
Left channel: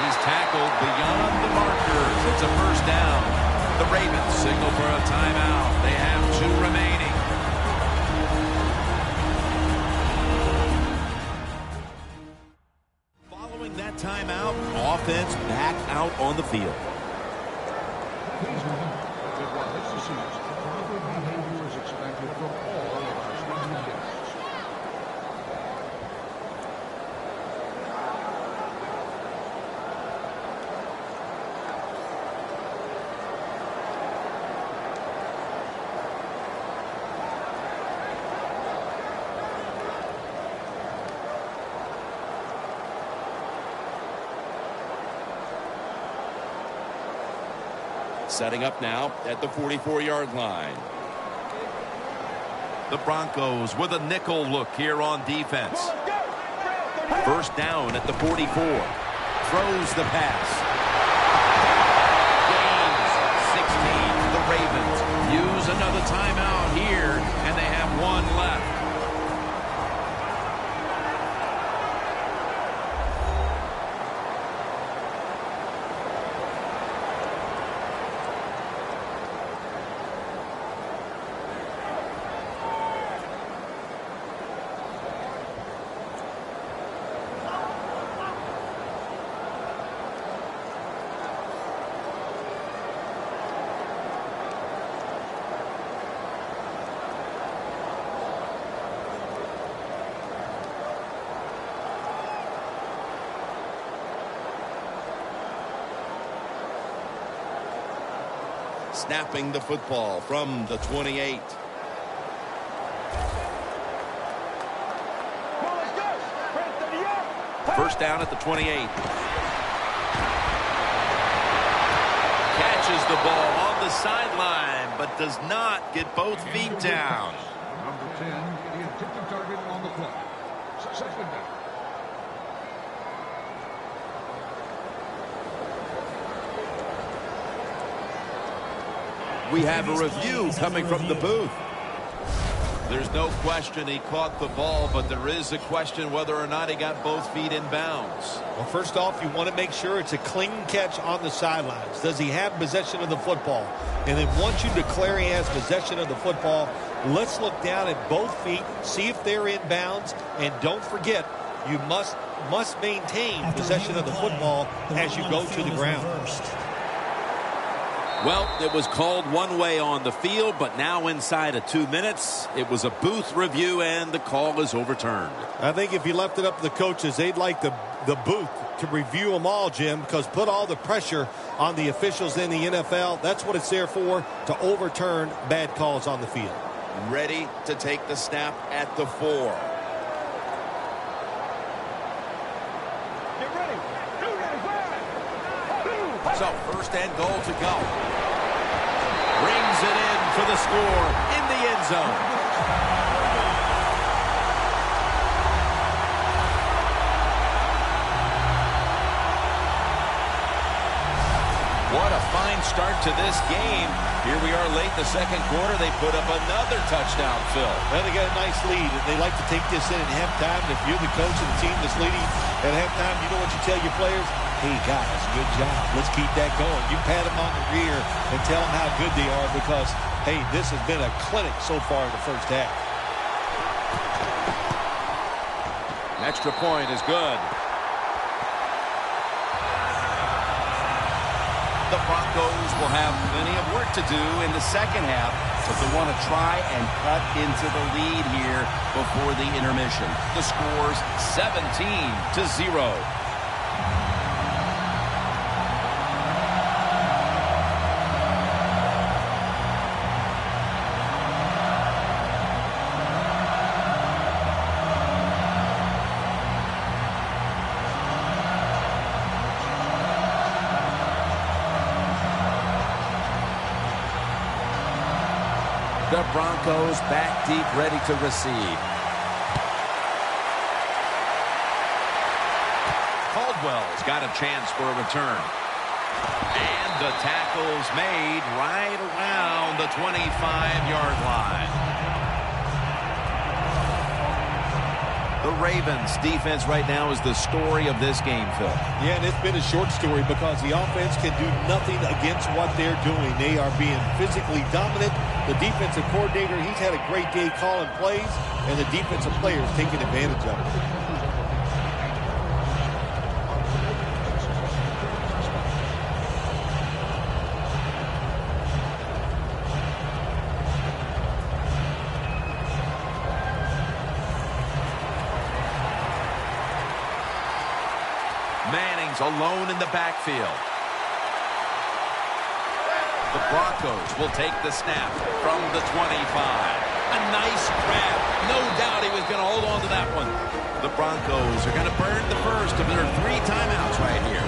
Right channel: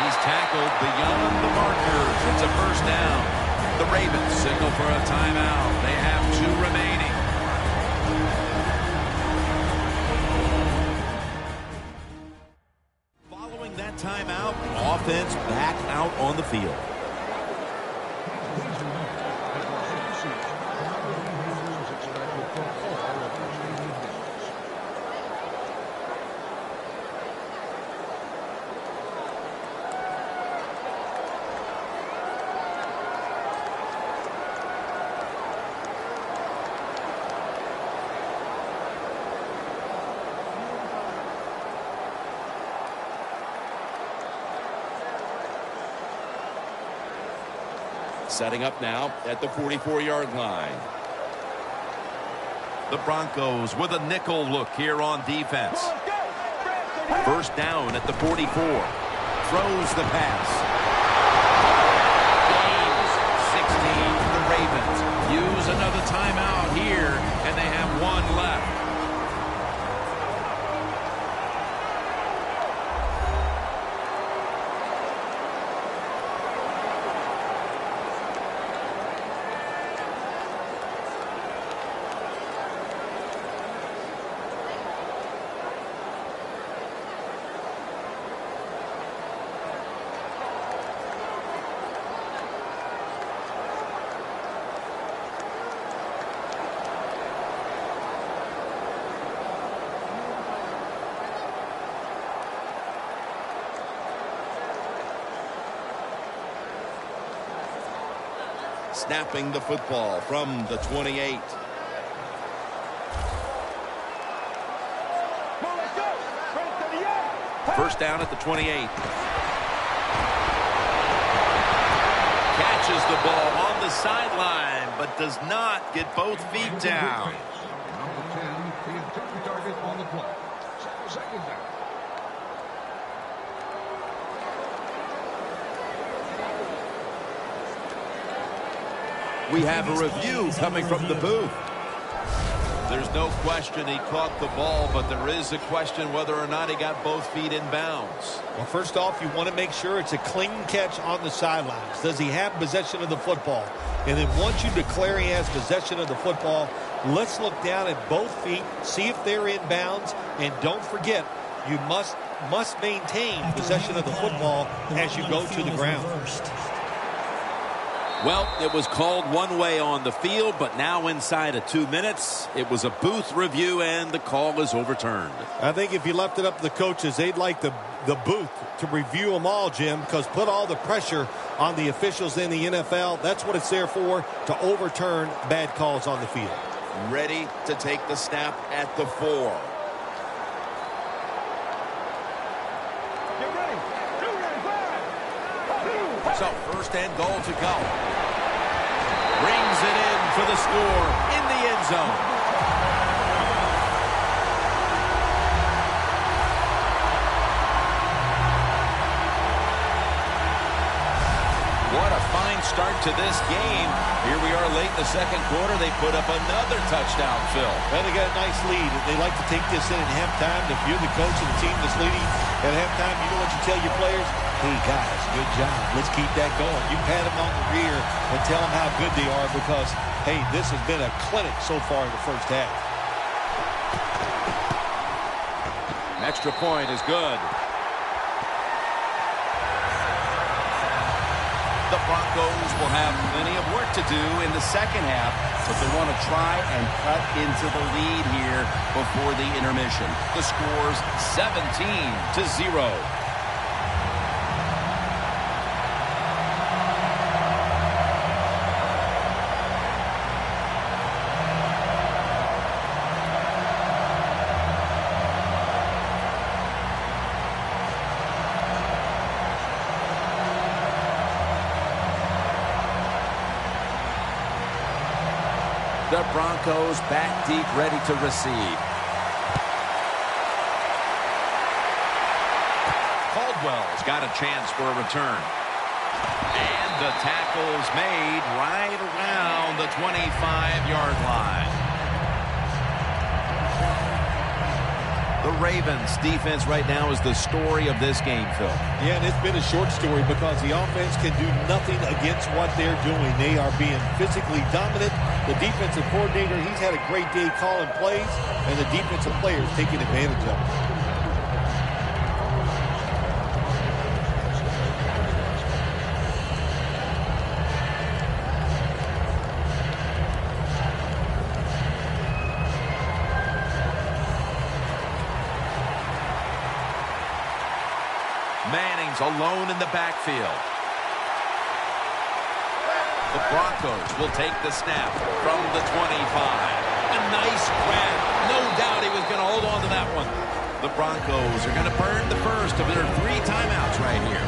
He's tackled beyond the markers. It's a first down. The Ravens signal for a timeout. They have 2 remaining. Following that timeout, offense back out on the field. Setting up now at the 44-yard line. The Broncos with a nickel look here on defense. First down at the 44. Throws the pass. Gains 16. The Ravens use another timeout here, and they have 1 left. snapping the football from the 28. Well, let's go. Right at 38. First down at the 28. Catches the ball on the sideline, but does not get both feet down. We have a review coming from the booth. There's no question he caught the ball, but there is a question whether or not he got both feet in bounds. Well, first off, you want to make sure it's a clean catch on the sidelines. Does he have possession of the football? And then once you declare he has possession of the football, let's look down at both feet, see if they're in bounds, and don't forget, you must maintain possession of the football as you go to the ground. Well, it was called one way on the field, but now inside of 2 minutes, it was a booth review, and the call is overturned. I think if you left it up to the coaches, they'd like the booth to review them all, Jim, because put all the pressure on the officials in the NFL. That's what it's there for, to overturn bad calls on the field. Ready to take the snap at the 4. Get ready. Get ready. So first and goal to go. Rings it in for the score in the end zone. What a fine start to this game. Here we are late in the second quarter. They put up another touchdown, Phil. Well, they got a nice lead. They like to take this in at halftime. And if you're the coach of the team that's leading at halftime, you know what you tell your players? Hey, guys, good job. Let's keep that going. You pat them on the rear and tell them how good they are because, hey, this has been a clinic so far in the first half. An extra point is good. The Broncos will have plenty of work to do in the second half, but they want to try and cut into the lead here before the intermission. The score's 17-0. The Broncos back deep, ready to receive. Caldwell's got a chance for a return. And the tackle's made right around the 25-yard line. The Ravens defense right now is the story of this game, Phil. Yeah, and it's been a short story because the offense can do nothing against what they're doing. They are being physically dominant. The defensive coordinator, he's had a great day calling plays, and the defensive players taking advantage of it. Manning's alone in the backfield. The Broncos will take the snap from the 25. A nice grab. No doubt he was going to hold on to that one. The Broncos are going to burn the first of their 3 timeouts right here.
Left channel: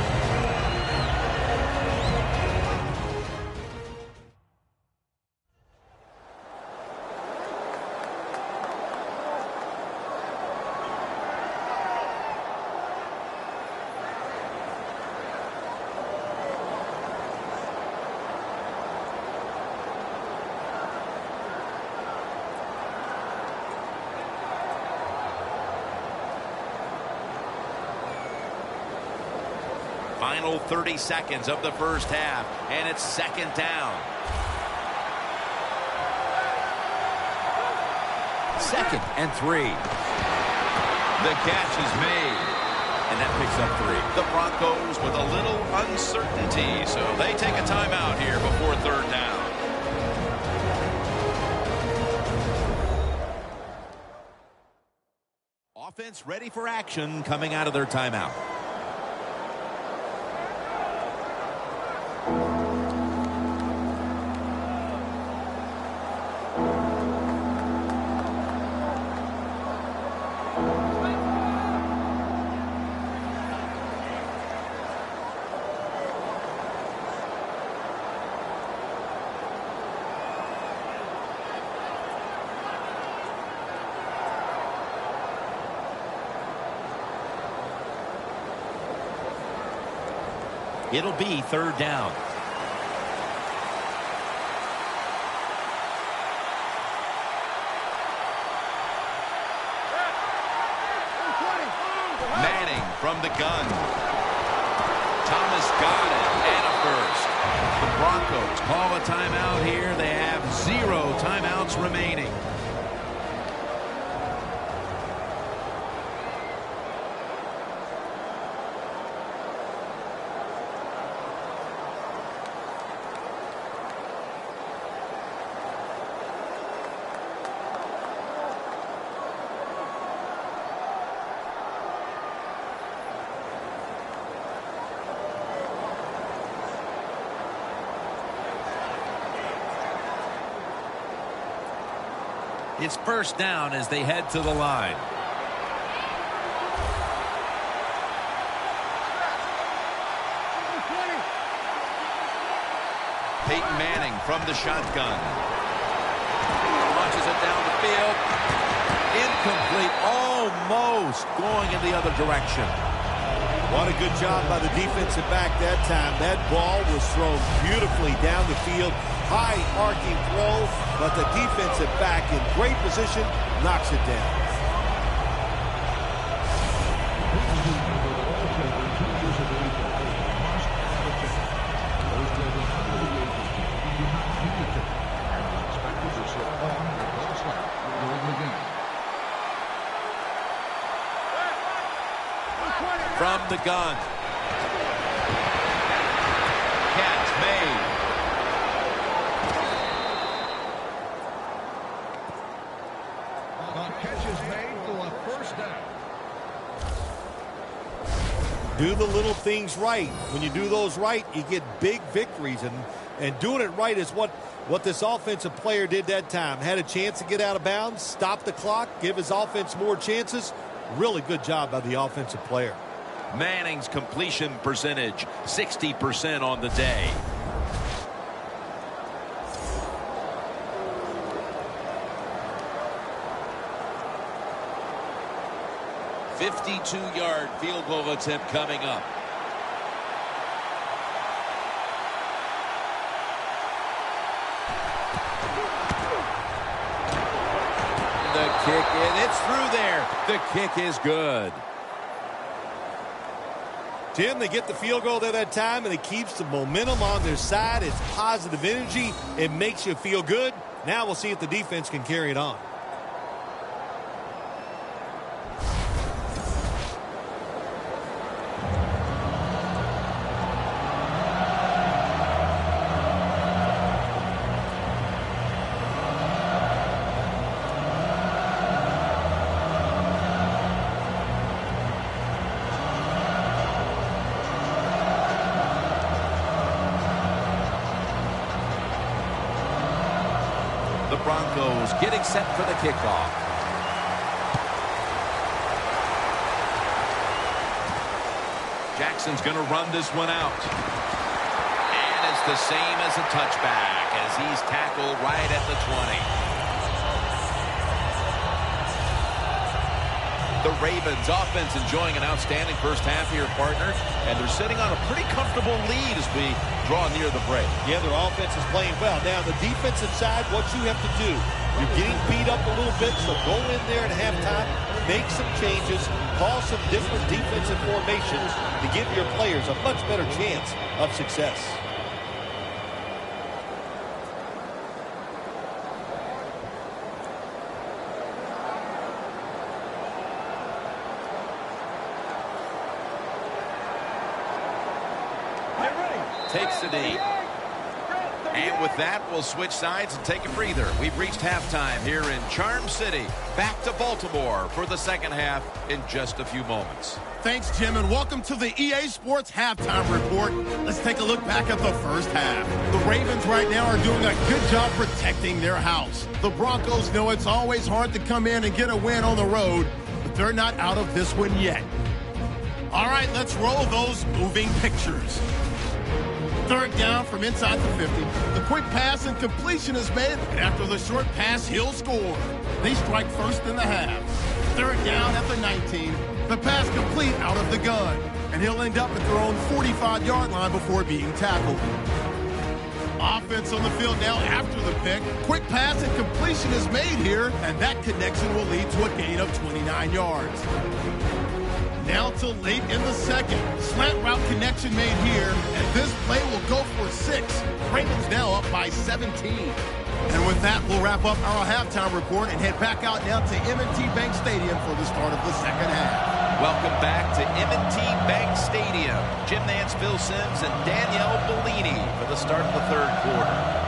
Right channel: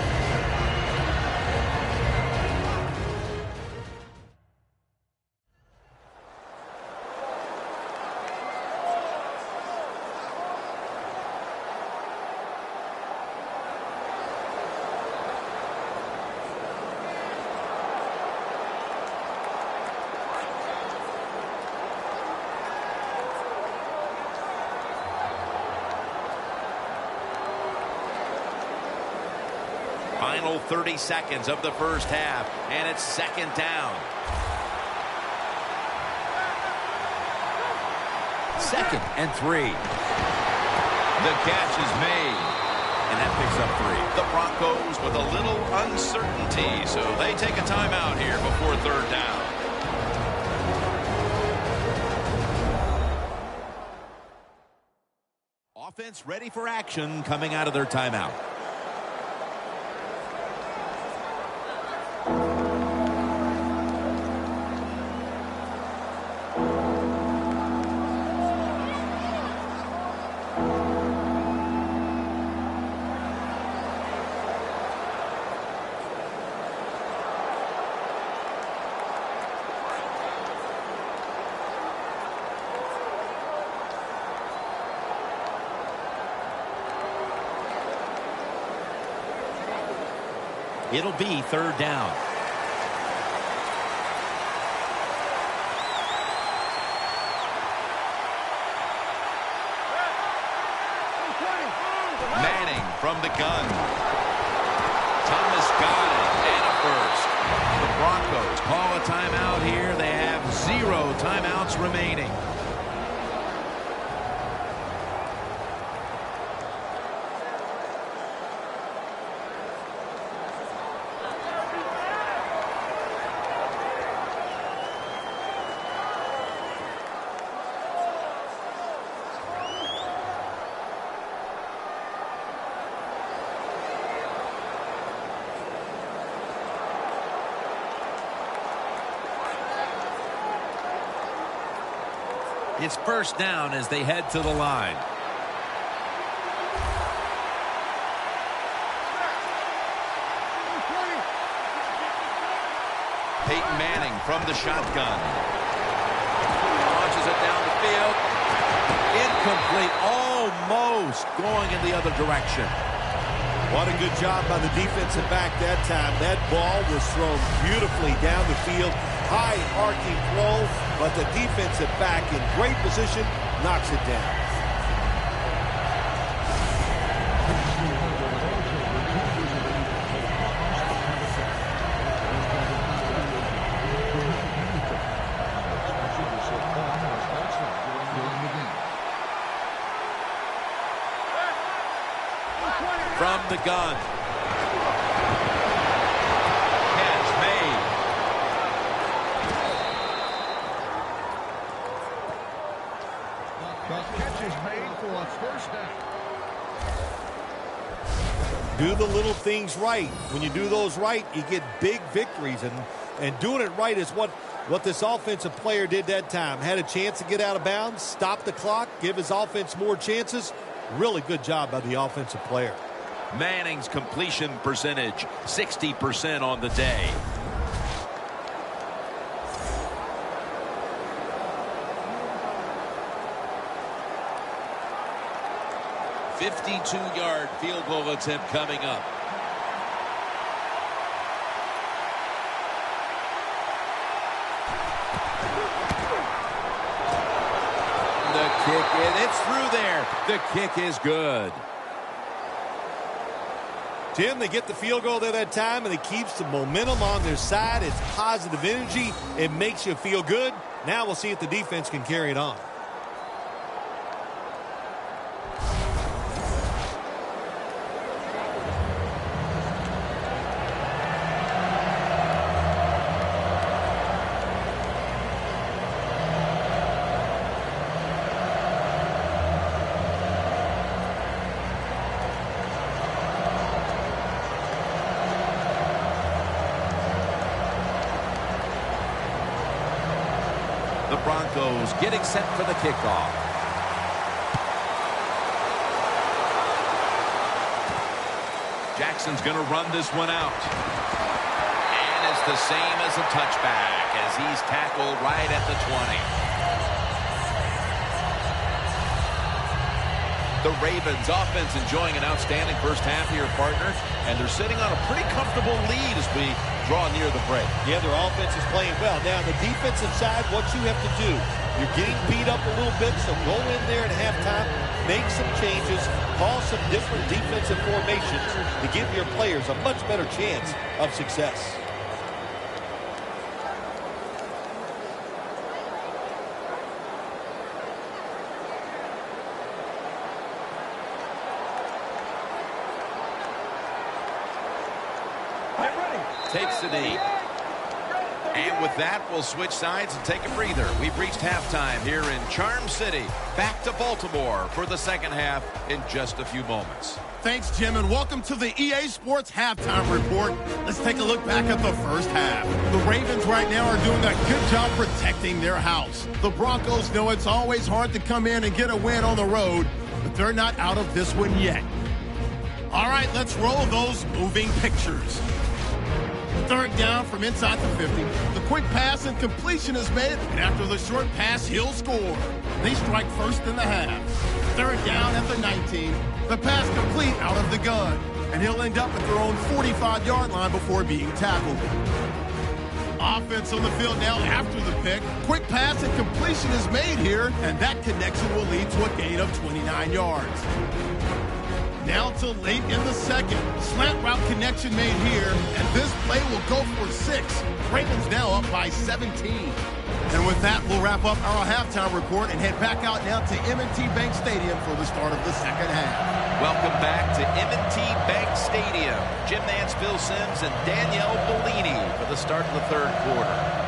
Final 30 seconds of the first half, and it's second down. Second and 3. The catch is made, and that picks up 3. The Broncos with a little uncertainty, so they take a timeout here before third down. Offense ready for action coming out of their timeout. It'll be 3rd down. Manning from the gun. Thomas got it, and a first. The Broncos call a timeout here. They have 0 timeouts remaining. It's 1st down as they head to the line. Peyton Manning from the shotgun. Launches it down the field. Incomplete. Almost going in the other direction. What a good job by the defensive back that time. That ball was thrown beautifully down the field. High arcing throw, but the defensive back in great position knocks it down. From the gun. Catch made. Do the little things right. When you do those right, you get big victories. And doing it right is what this offensive player did that time. Had a chance to get out of bounds, stop the clock, give his offense more chances. Really good job by the offensive player. Manning's completion percentage, 60% on the day. $52-yard field goal attempt coming up. The kick, it's through there. The kick is good. Tim, they get the field goal there that time, and it keeps the momentum on their side. It's positive energy. It makes you feel good. Now we'll see if the defense can carry it on. The Broncos getting set for the kickoff. Jackson's going to run this one out. And it's the same as a touchback as he's tackled right at the 20. The Ravens offense enjoying an outstanding first half here, partner. And they're sitting on a pretty comfortable lead as we draw near the break. Yeah, their offense is playing well. Now, on the defensive side, what you have to do, you're getting beat up a little bit, so go in there at halftime, make some changes, call some different defensive formations to give your players a much better chance of success. Takes the knee. And with that, we'll switch sides and take a breather. We've reached halftime here in Charm City. Back to Baltimore for the second half in just a few moments. Thanks, Jim, and welcome to the EA Sports Halftime Report. Let's take a look back at the first half. The Ravens right now are doing a good job protecting their house. The Broncos know it's always hard to come in and get a win on the road, but they're not out of this one yet. All right, let's roll those moving pictures. Third down from inside the 50. The quick pass and completion is made, and after the short pass, he'll score. They strike first in the half. Third down at the 19. The pass complete out of the gun. and he'll end up at their own 45-yard line before being tackled. Offense on the field now after the pick. Quick pass and completion is made here, and that connection will lead to a gain of 29 yards. Now to late in the second. Slant route connection made here, and this play will go for 6. Ravens now up by 17. And with that, we'll wrap up our halftime report and head back out now to M&T Bank Stadium for the start of the second half. Welcome back to M&T Bank Stadium. Jim Nance, Phil Simms, and Danielle Bellini for the start of the third quarter.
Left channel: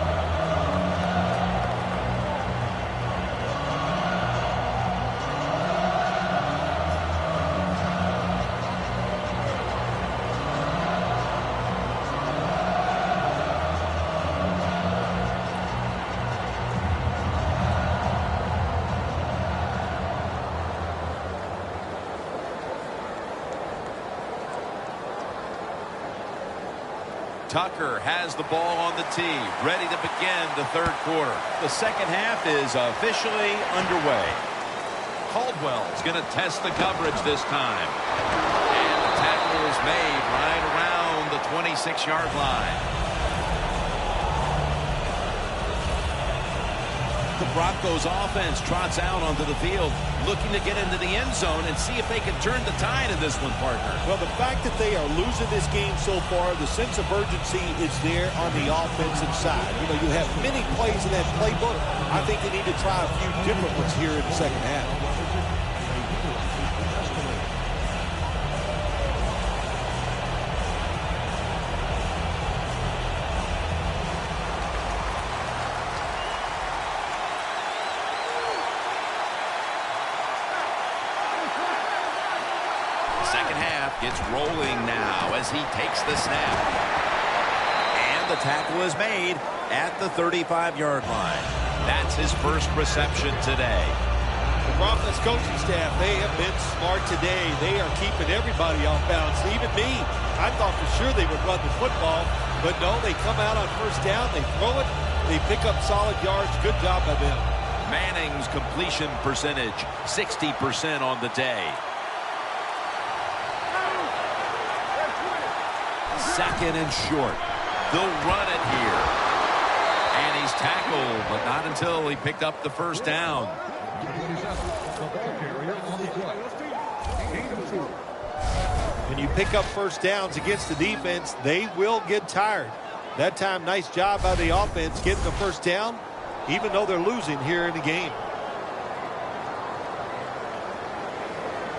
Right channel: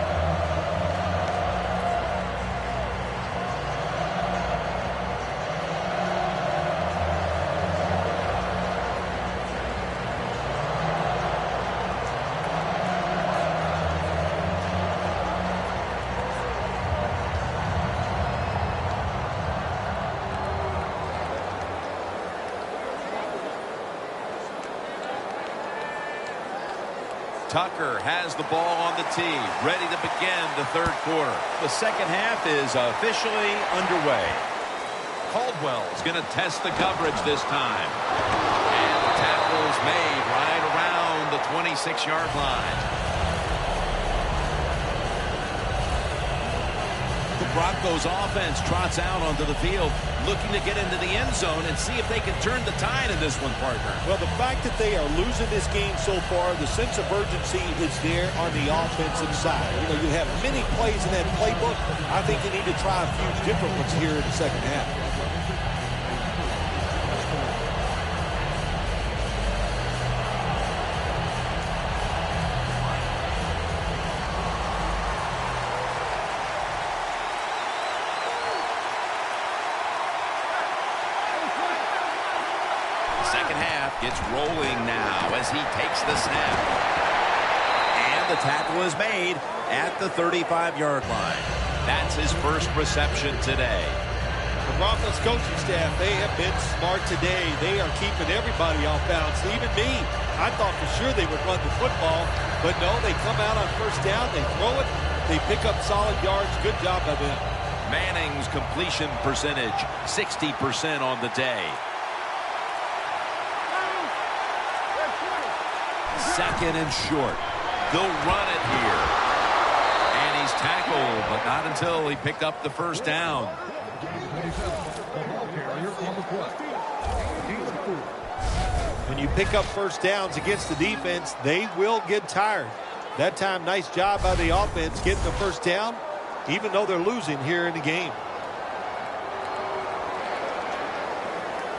Tucker has the ball on the tee, ready to begin the third quarter. The second half is officially underway. Caldwell's going to test the coverage this time. And the tackle is made right around the 26-yard line. The Broncos offense trots out onto the field, looking to get into the end zone and see if they can turn the tide in this one, partner. Well, the fact that they are losing this game so far, the sense of urgency is there on the offensive side. You know, you have many plays in that playbook. I think they need to try a few different ones here in the second half. Second half gets rolling now as he takes the snap. And the tackle is made at the 35-yard line. That's his first reception today. The Broncos coaching staff, they have been smart today. They are keeping everybody off balance, even me. I thought for sure they would run the football, but no, they come out on first down, they throw it, they pick up solid yards. Good job by them. Manning's completion percentage, 60% on the day. Second and short. They'll run it here. And he's tackled, but not until he picked up the first down. When you pick up first downs against the defense, they will get tired. That time, nice job by the offense getting the first down, even though they're losing here in the game.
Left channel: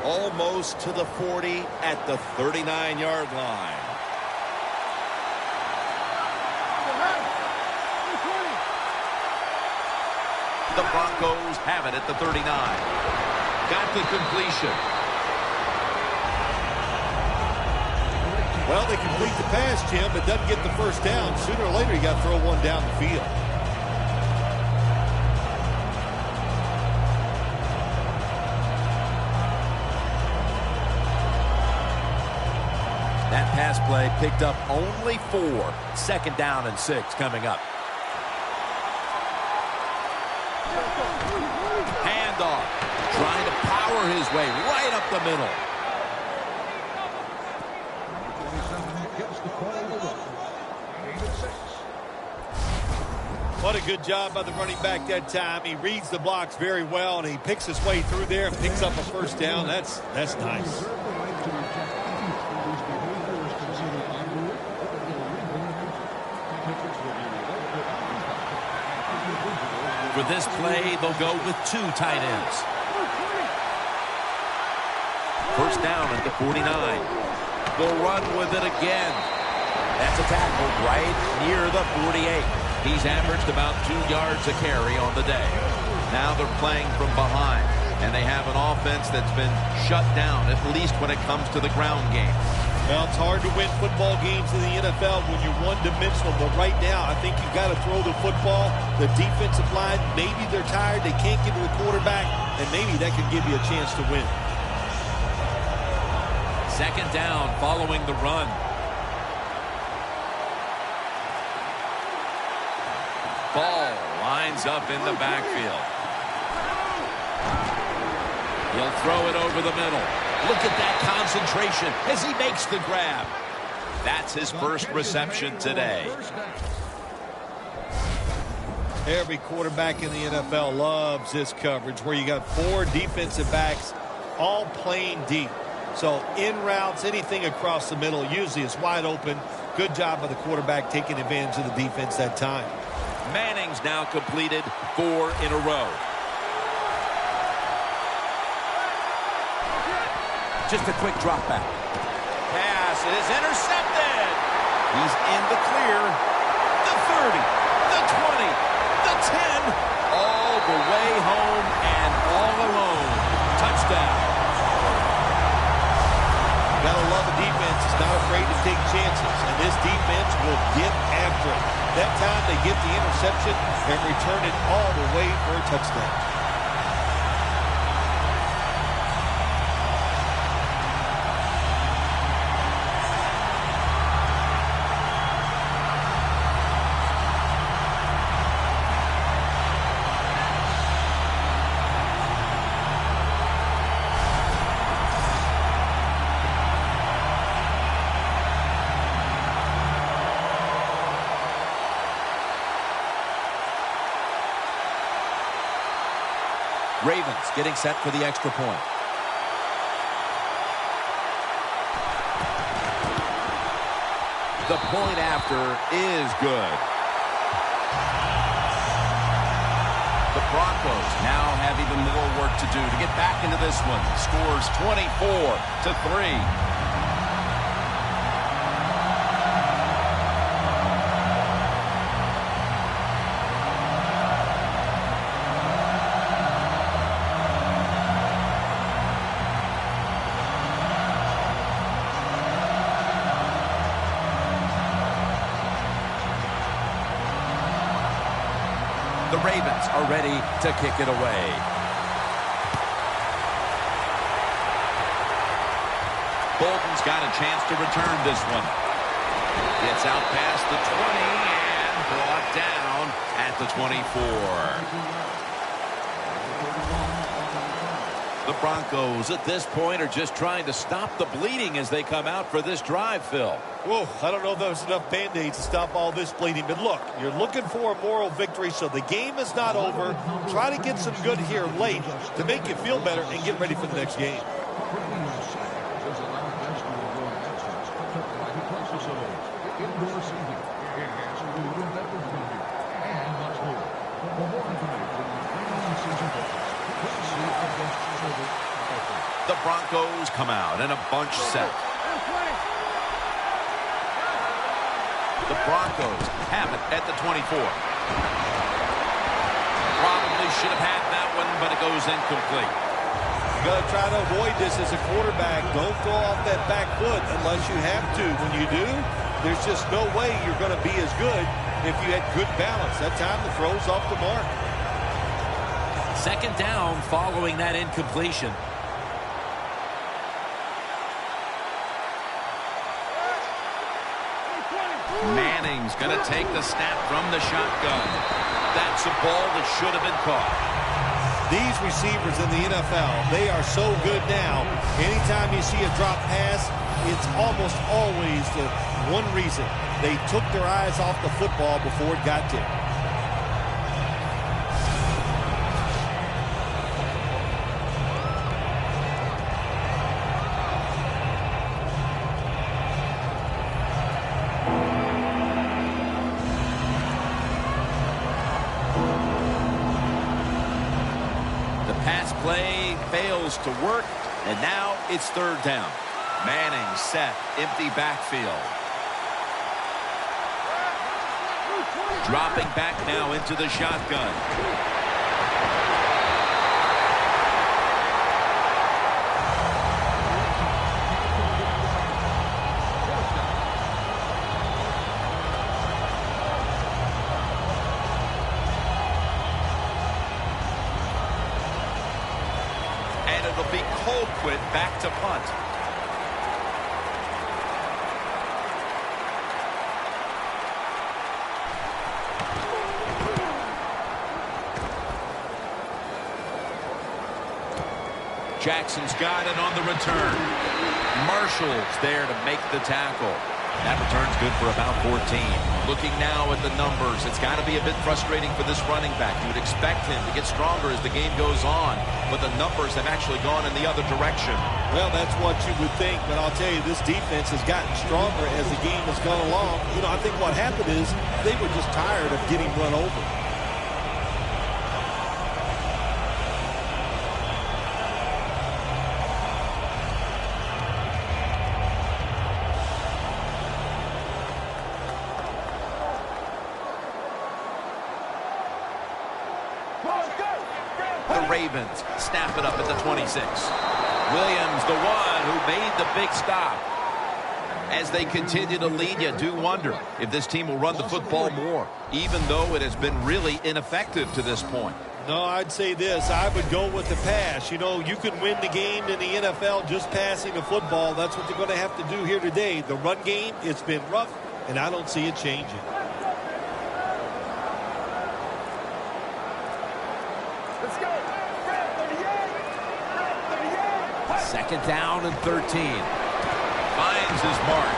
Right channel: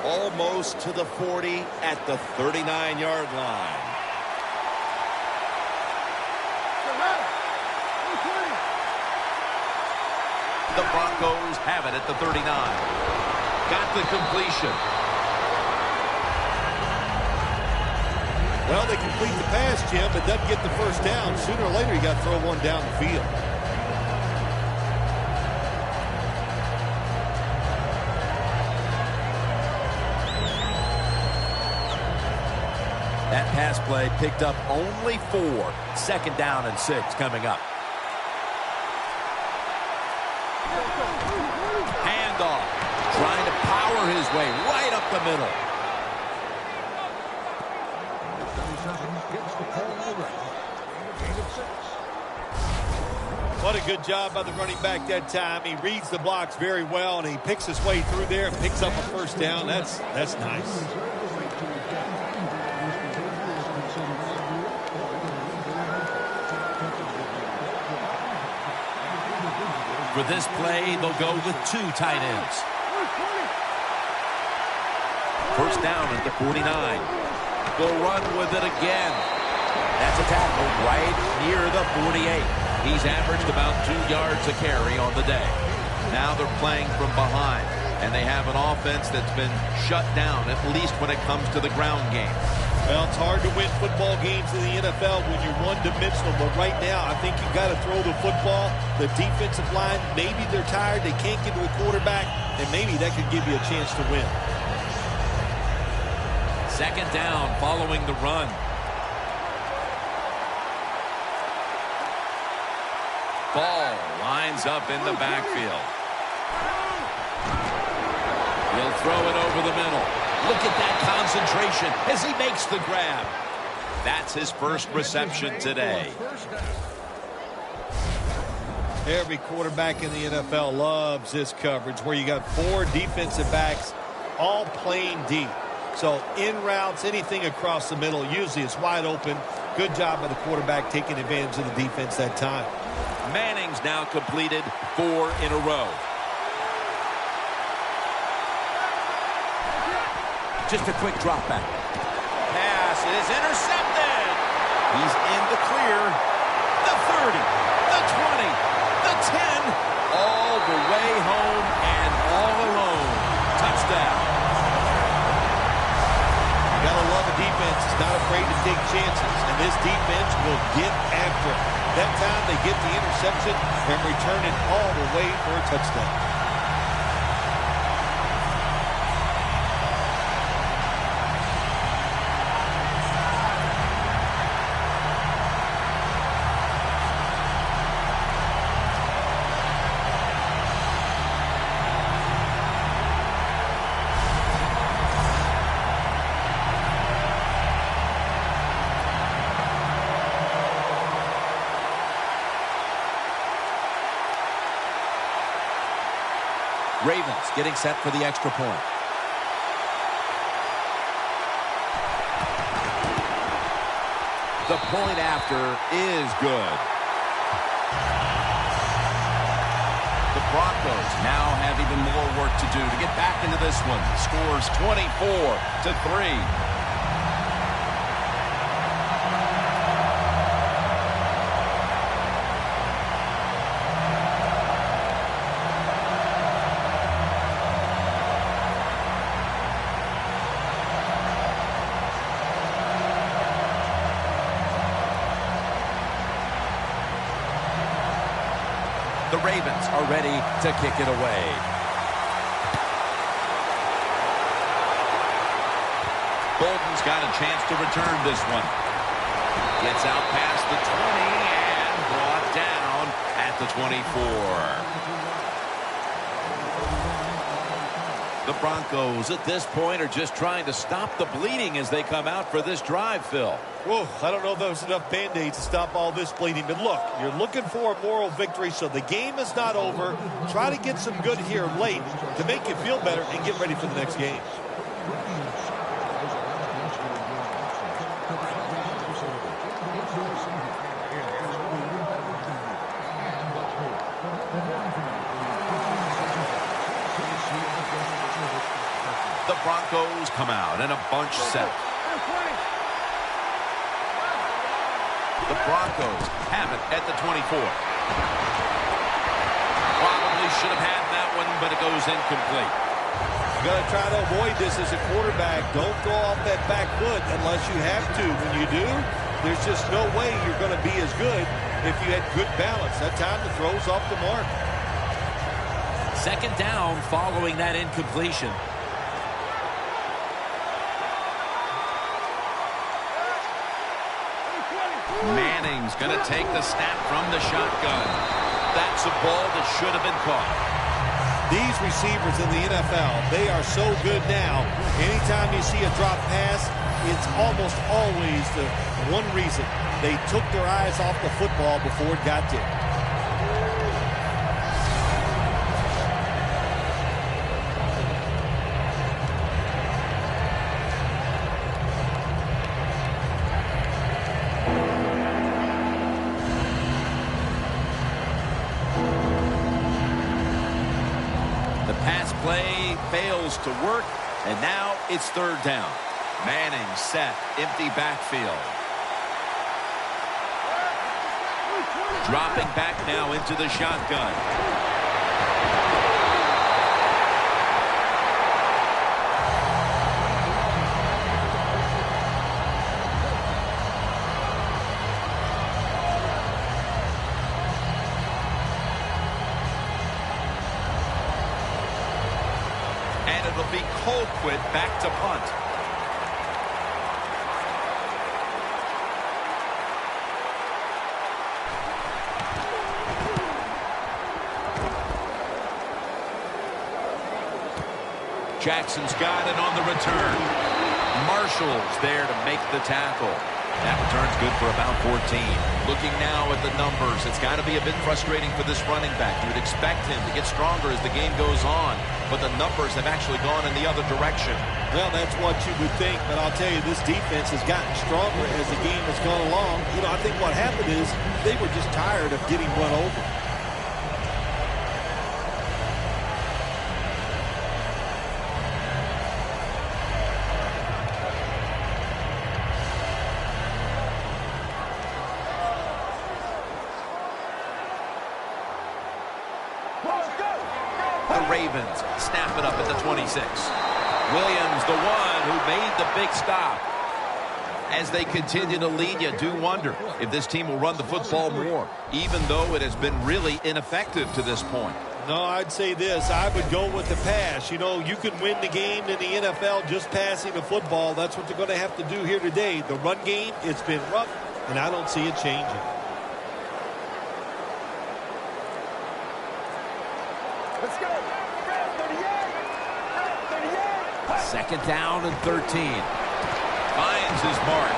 Almost to the 40 at the 39-yard line. The Broncos have it at the 39. Got the completion. Well, they complete the pass, Jim, but doesn't get the first down. Sooner or later, you got to throw one down the field. That pass play picked up only 4. Second down and 6 coming up. Handoff. Trying to power his way right up the middle. What a good job by the running back that time. He reads the blocks very well, and he picks his way through there and picks up a first down. That's nice. For this play, they'll go with 2 tight ends. First down at the 49. They'll run with it again. That's a tackle right near the 48. He's averaged about 2 yards a carry on the day. Now they're playing from behind, and they have an offense that's been shut down, at least when it comes to the ground game. Well, it's hard to win football games in the NFL when you're one-dimensional, but right now I think you've got to throw the football. The defensive line, maybe they're tired, they can't get to the quarterback, and maybe that could give you a chance to win. Second down following the run. Ball lines up in the backfield. He'll throw it over the middle. Look at that concentration as he makes the grab. That's his first reception today. Every quarterback in the NFL loves this coverage where you got 4 defensive backs all playing deep. So in routes, anything across the middle, usually it's wide open. Good job by the quarterback taking advantage of the defense that time. Manning's now completed 4 in a row. Just a quick drop back. Pass is intercepted. He's in the clear. The 30, the 20, the 10, all the way home and all alone. Touchdown. You gotta love a defense. It's not afraid to take chances, and this defense will get after it. That time they get the interception and return it all the way for a touchdown. Ravens getting set for the extra point. The point after is good. The Broncos now have even more work to do to get back into this one. Scores 24-3. The Ravens are ready to kick it away. Bolden's got a chance to return this one. Gets out past the 20 and brought down at the 24. The Broncos at this point are just trying to stop the bleeding as they come out for this drive, Phil. Whoa, I don't know if there's enough Band-Aids to stop all this bleeding. But look, you're looking for a moral victory, so the game is not over. Try to get some good here late to make you feel better and get ready for the next game. The Broncos come out in a bunch set. The Broncos have it at the 24. Probably should have had that one, but it goes incomplete. You got to try to avoid this as a quarterback. Don't throw off that back foot unless you have to. When you do, there's just no way you're going to be as good if you had good balance. That time the throw's off the mark. Second down following that incompletion. Manning's going to take the snap from the shotgun. That's a ball that should have been caught. These receivers in the NFL, they are so good now. Anytime you see a drop pass, it's almost always the one reason. They took their eyes off the football before it got there. Pass play fails to work, and now it's third down. Manning set, empty backfield. Dropping back now into the shotgun. And it'll be Colquitt back to punt. Jackson's got it on the return. Marshall's there to make the tackle. That return's good for about 14. Looking now at the numbers, it's got to be a bit frustrating for this running back. You'd expect him to get stronger as the game goes on, but the numbers have actually gone in the other direction. Well, that's what you would think, but I'll tell you, this defense has gotten stronger as the game has gone along. You know, I think what happened is they were just tired of getting run over. The Ravens snap it up at the 26. Williams, the one who made the big stop. As they continue to lead, you do wonder if this team will run the football more, even though it has been really ineffective to this point. No, I'd say this. I would go with the pass. You know, you can win the game in the NFL just passing the football. That's what they're going to have to do here today. The run game, it's been rough, and I don't see it changing. Let's go. Fred 38. Fred 38. Second down and 13. Finds his mark.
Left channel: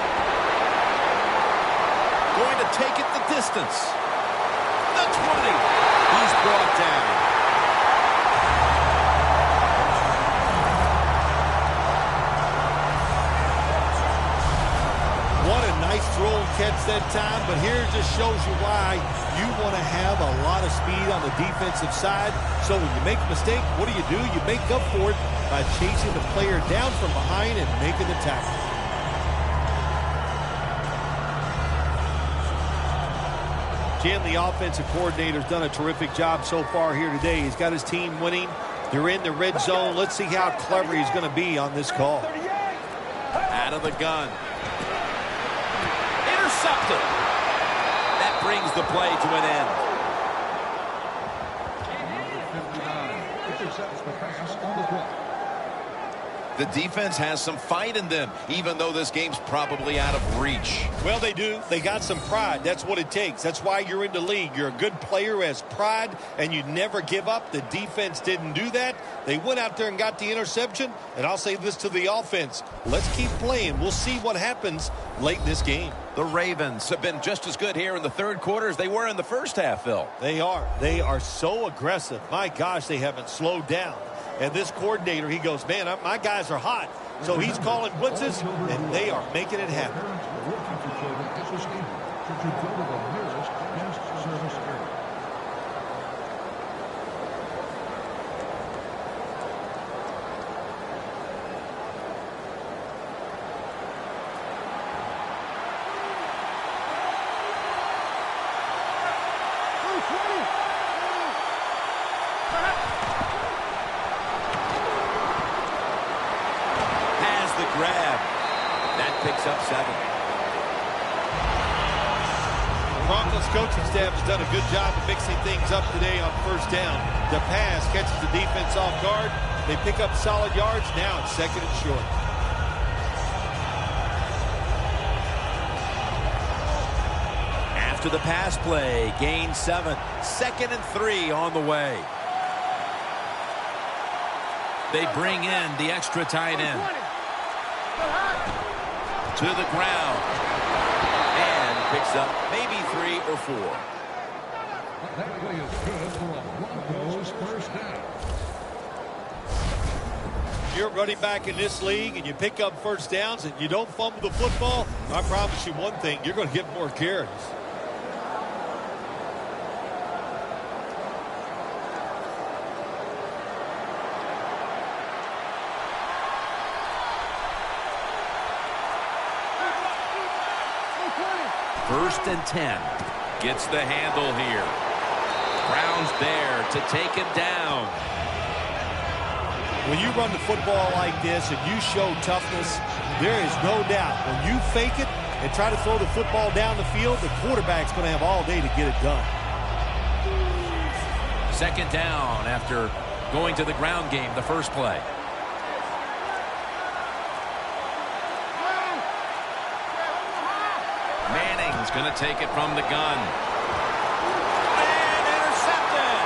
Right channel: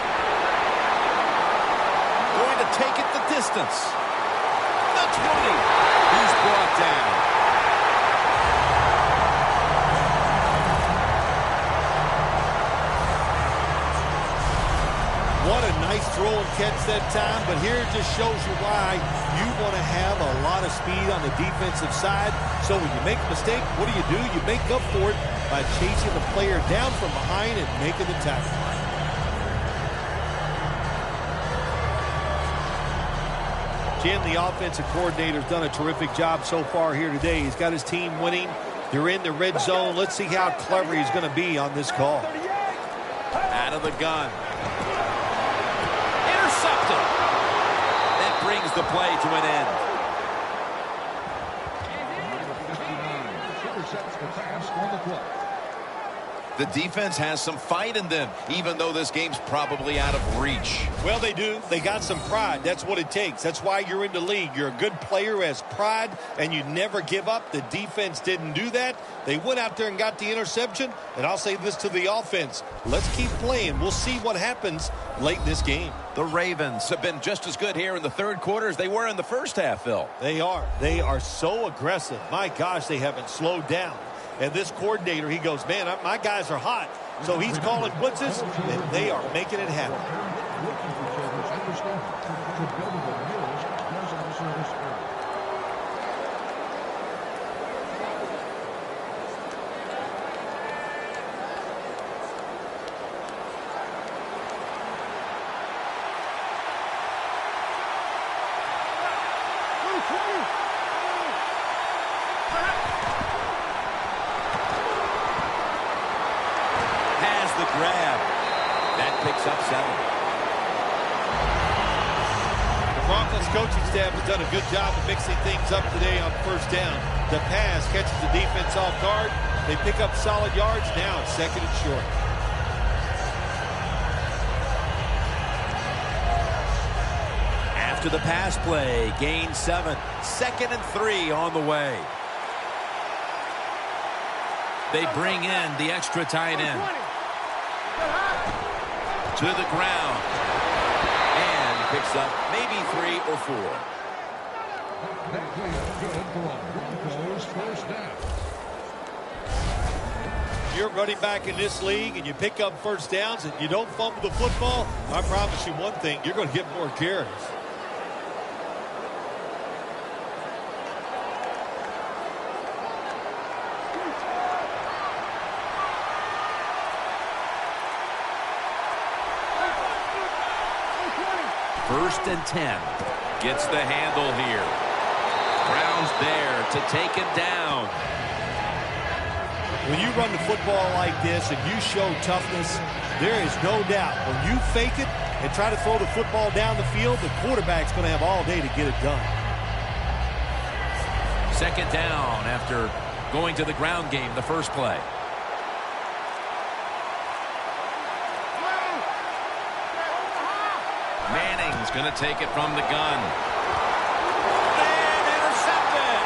Going to take it the distance. The 20. He's brought down. What a nice throw and catch that time, but here it just shows you why you want to have a lot of speed on the defensive side. So when you make a mistake, what do? You make up for it by chasing the player down from behind and making the tackle. Jim, the offensive coordinator's done a terrific job so far here today. He's got his team winning. They're in the red zone. Let's see how clever he's going to be on this call. Out of the gun. Intercepted. That brings the play to an end. The defense has some fight in them, even though this game's probably out of reach. Well, they do. They got some pride. That's what it takes. That's why you're in the league. You're a good player who has pride, and you never give up. The defense didn't do that. They went out there and got the interception, and I'll say this to the offense. Let's keep playing. We'll see what happens late in this game. The Ravens have been just as good here in the third quarter as they were in the first half, Phil. They are. They are so aggressive. My gosh, they haven't slowed down. And this coordinator, he goes, man, my guys are hot. So he's calling blitzes, and they are making it happen. The grab. That picks up 7. The Broncos coaching staff has done a good job of mixing things up today on first down. The pass catches the defense off guard. They pick up solid yards. Now it's second and short. After the pass play, gain 7. 2nd and 3 on the way. They bring in the extra tight end. To the ground. And picks up maybe 3 or 4. You're running back in this league and you pick up first downs and you don't fumble the football. I promise you one thing, you're going to get more carries. First and 10. Gets the handle here. Brown's there to take him down. When you run the football like this and you show toughness, there is no doubt when you fake it and try to throw the football down the field, the quarterback's going to have all day to get it done. Second down after going to the ground game the first play. Manning's going to take it from the gun. And intercepted.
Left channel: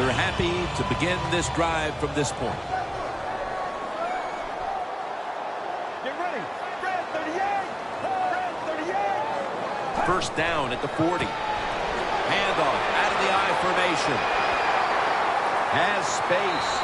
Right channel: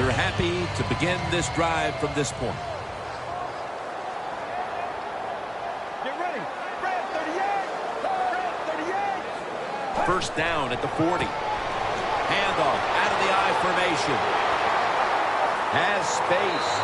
They're happy to begin this drive from this point. Get ready. Red 38. Red 38. First down at the 40. Handoff out of the I formation. Has space.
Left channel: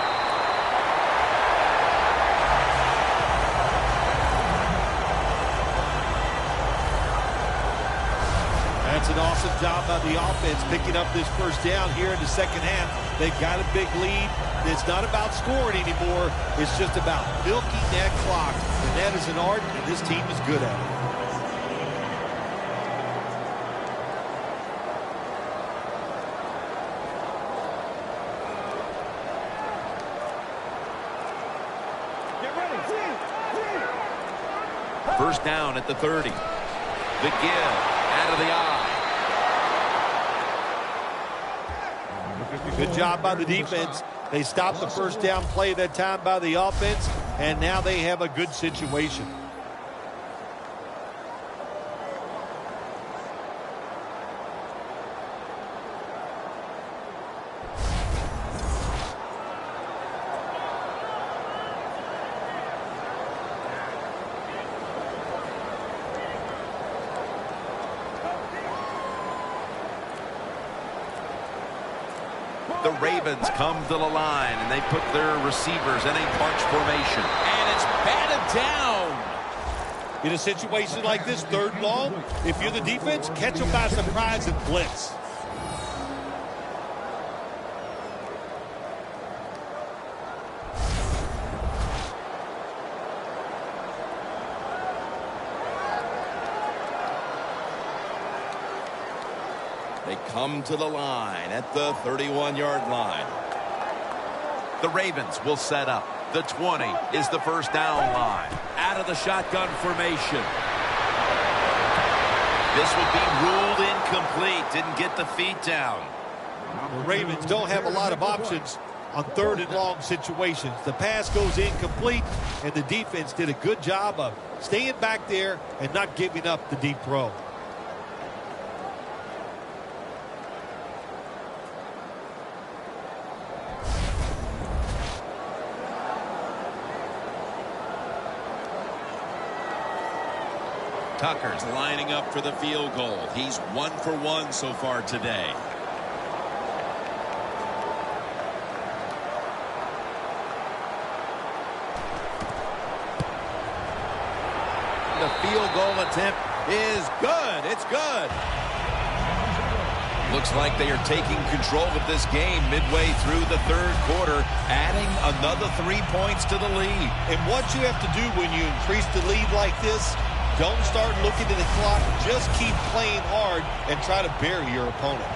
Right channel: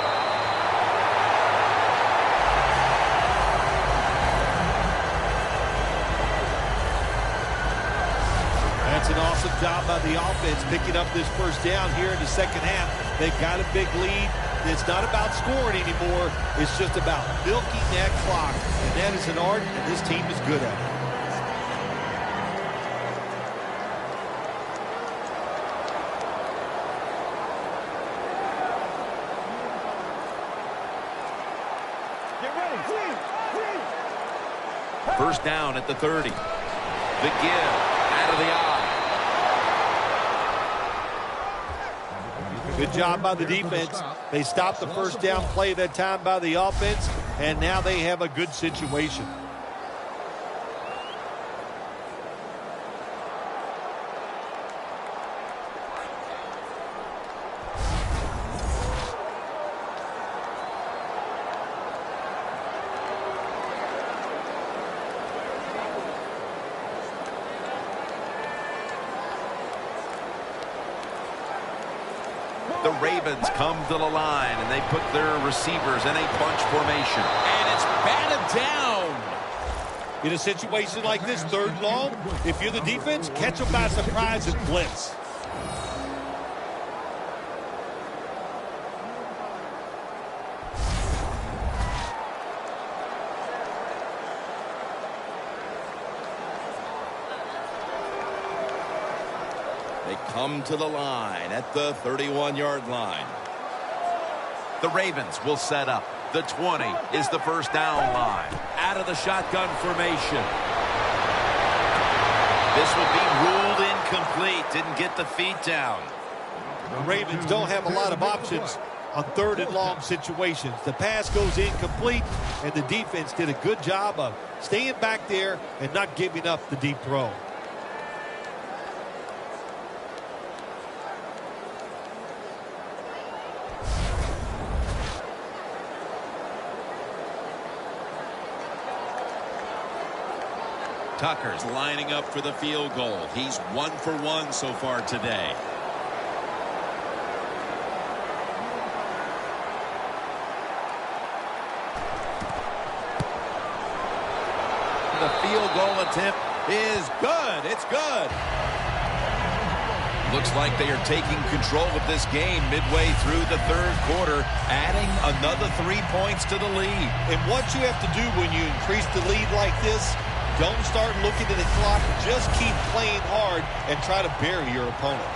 That's an awesome job by the offense picking up this first down here in the second half. They've got a big lead. It's not about scoring anymore. It's just about milking that clock. And that is an art, and this team is good at it. Get ready. First down at the 30. The give out of the I. Good job by the defense. They stopped the first down play that time by the offense, and now they have a good situation. The Ravens come to the line, and they put their receivers in a bunch formation. And it's batted down. In a situation like this, third and long, if you're the defense, catch them by surprise and blitz. They come to the line at the 31-yard line. The Ravens will set up. The 20 is the first down line. Out of the shotgun formation. This will be ruled incomplete. Didn't get the feet down. The Ravens don't have a lot of options on third and long situations. The pass goes incomplete, and the defense did a good job of staying back there and not giving up the deep throw. Tucker's lining up for the field goal. He's 1 for 1 so far today. The field goal attempt is good. It's good. Looks like they are taking control of this game midway through the third quarter, adding another 3 points to the lead. And what you have to do when you increase the lead like this, don't start looking at the clock. Just keep playing hard and try to bury your opponent.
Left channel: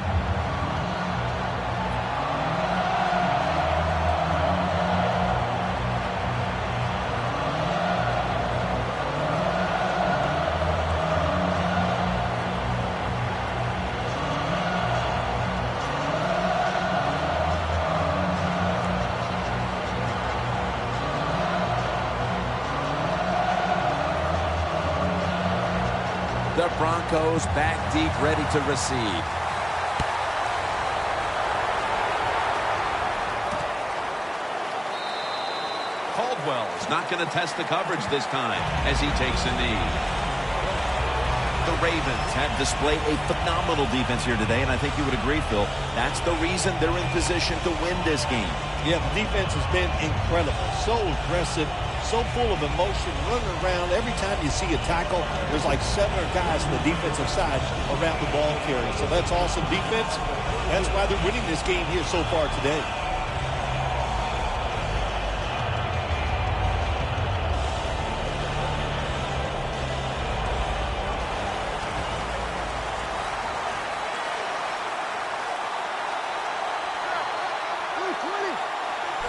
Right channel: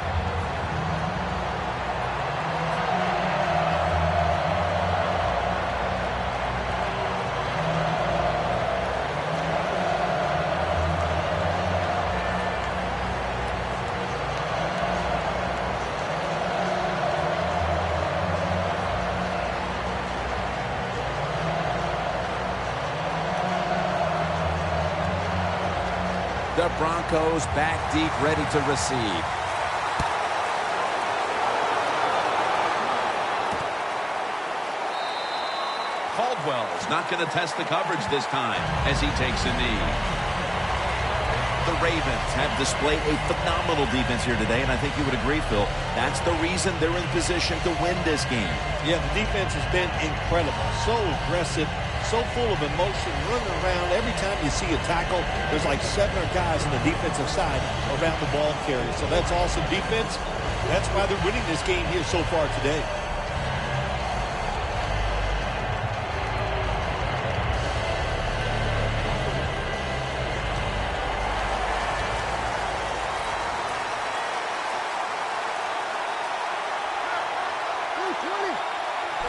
The Broncos back deep, ready to receive. Caldwell is not going to test the coverage this time as he takes a knee. The Ravens have displayed a phenomenal defense here today, and I think you would agree, Phil. That's the reason they're in position to win this game. Yeah, the defense has been incredible. So aggressive, so full of emotion, running around. Every time you see a tackle, there's like 7 or 8 guys on the defensive side around the ball carrier. So that's awesome defense. That's why they're winning this game here so far today.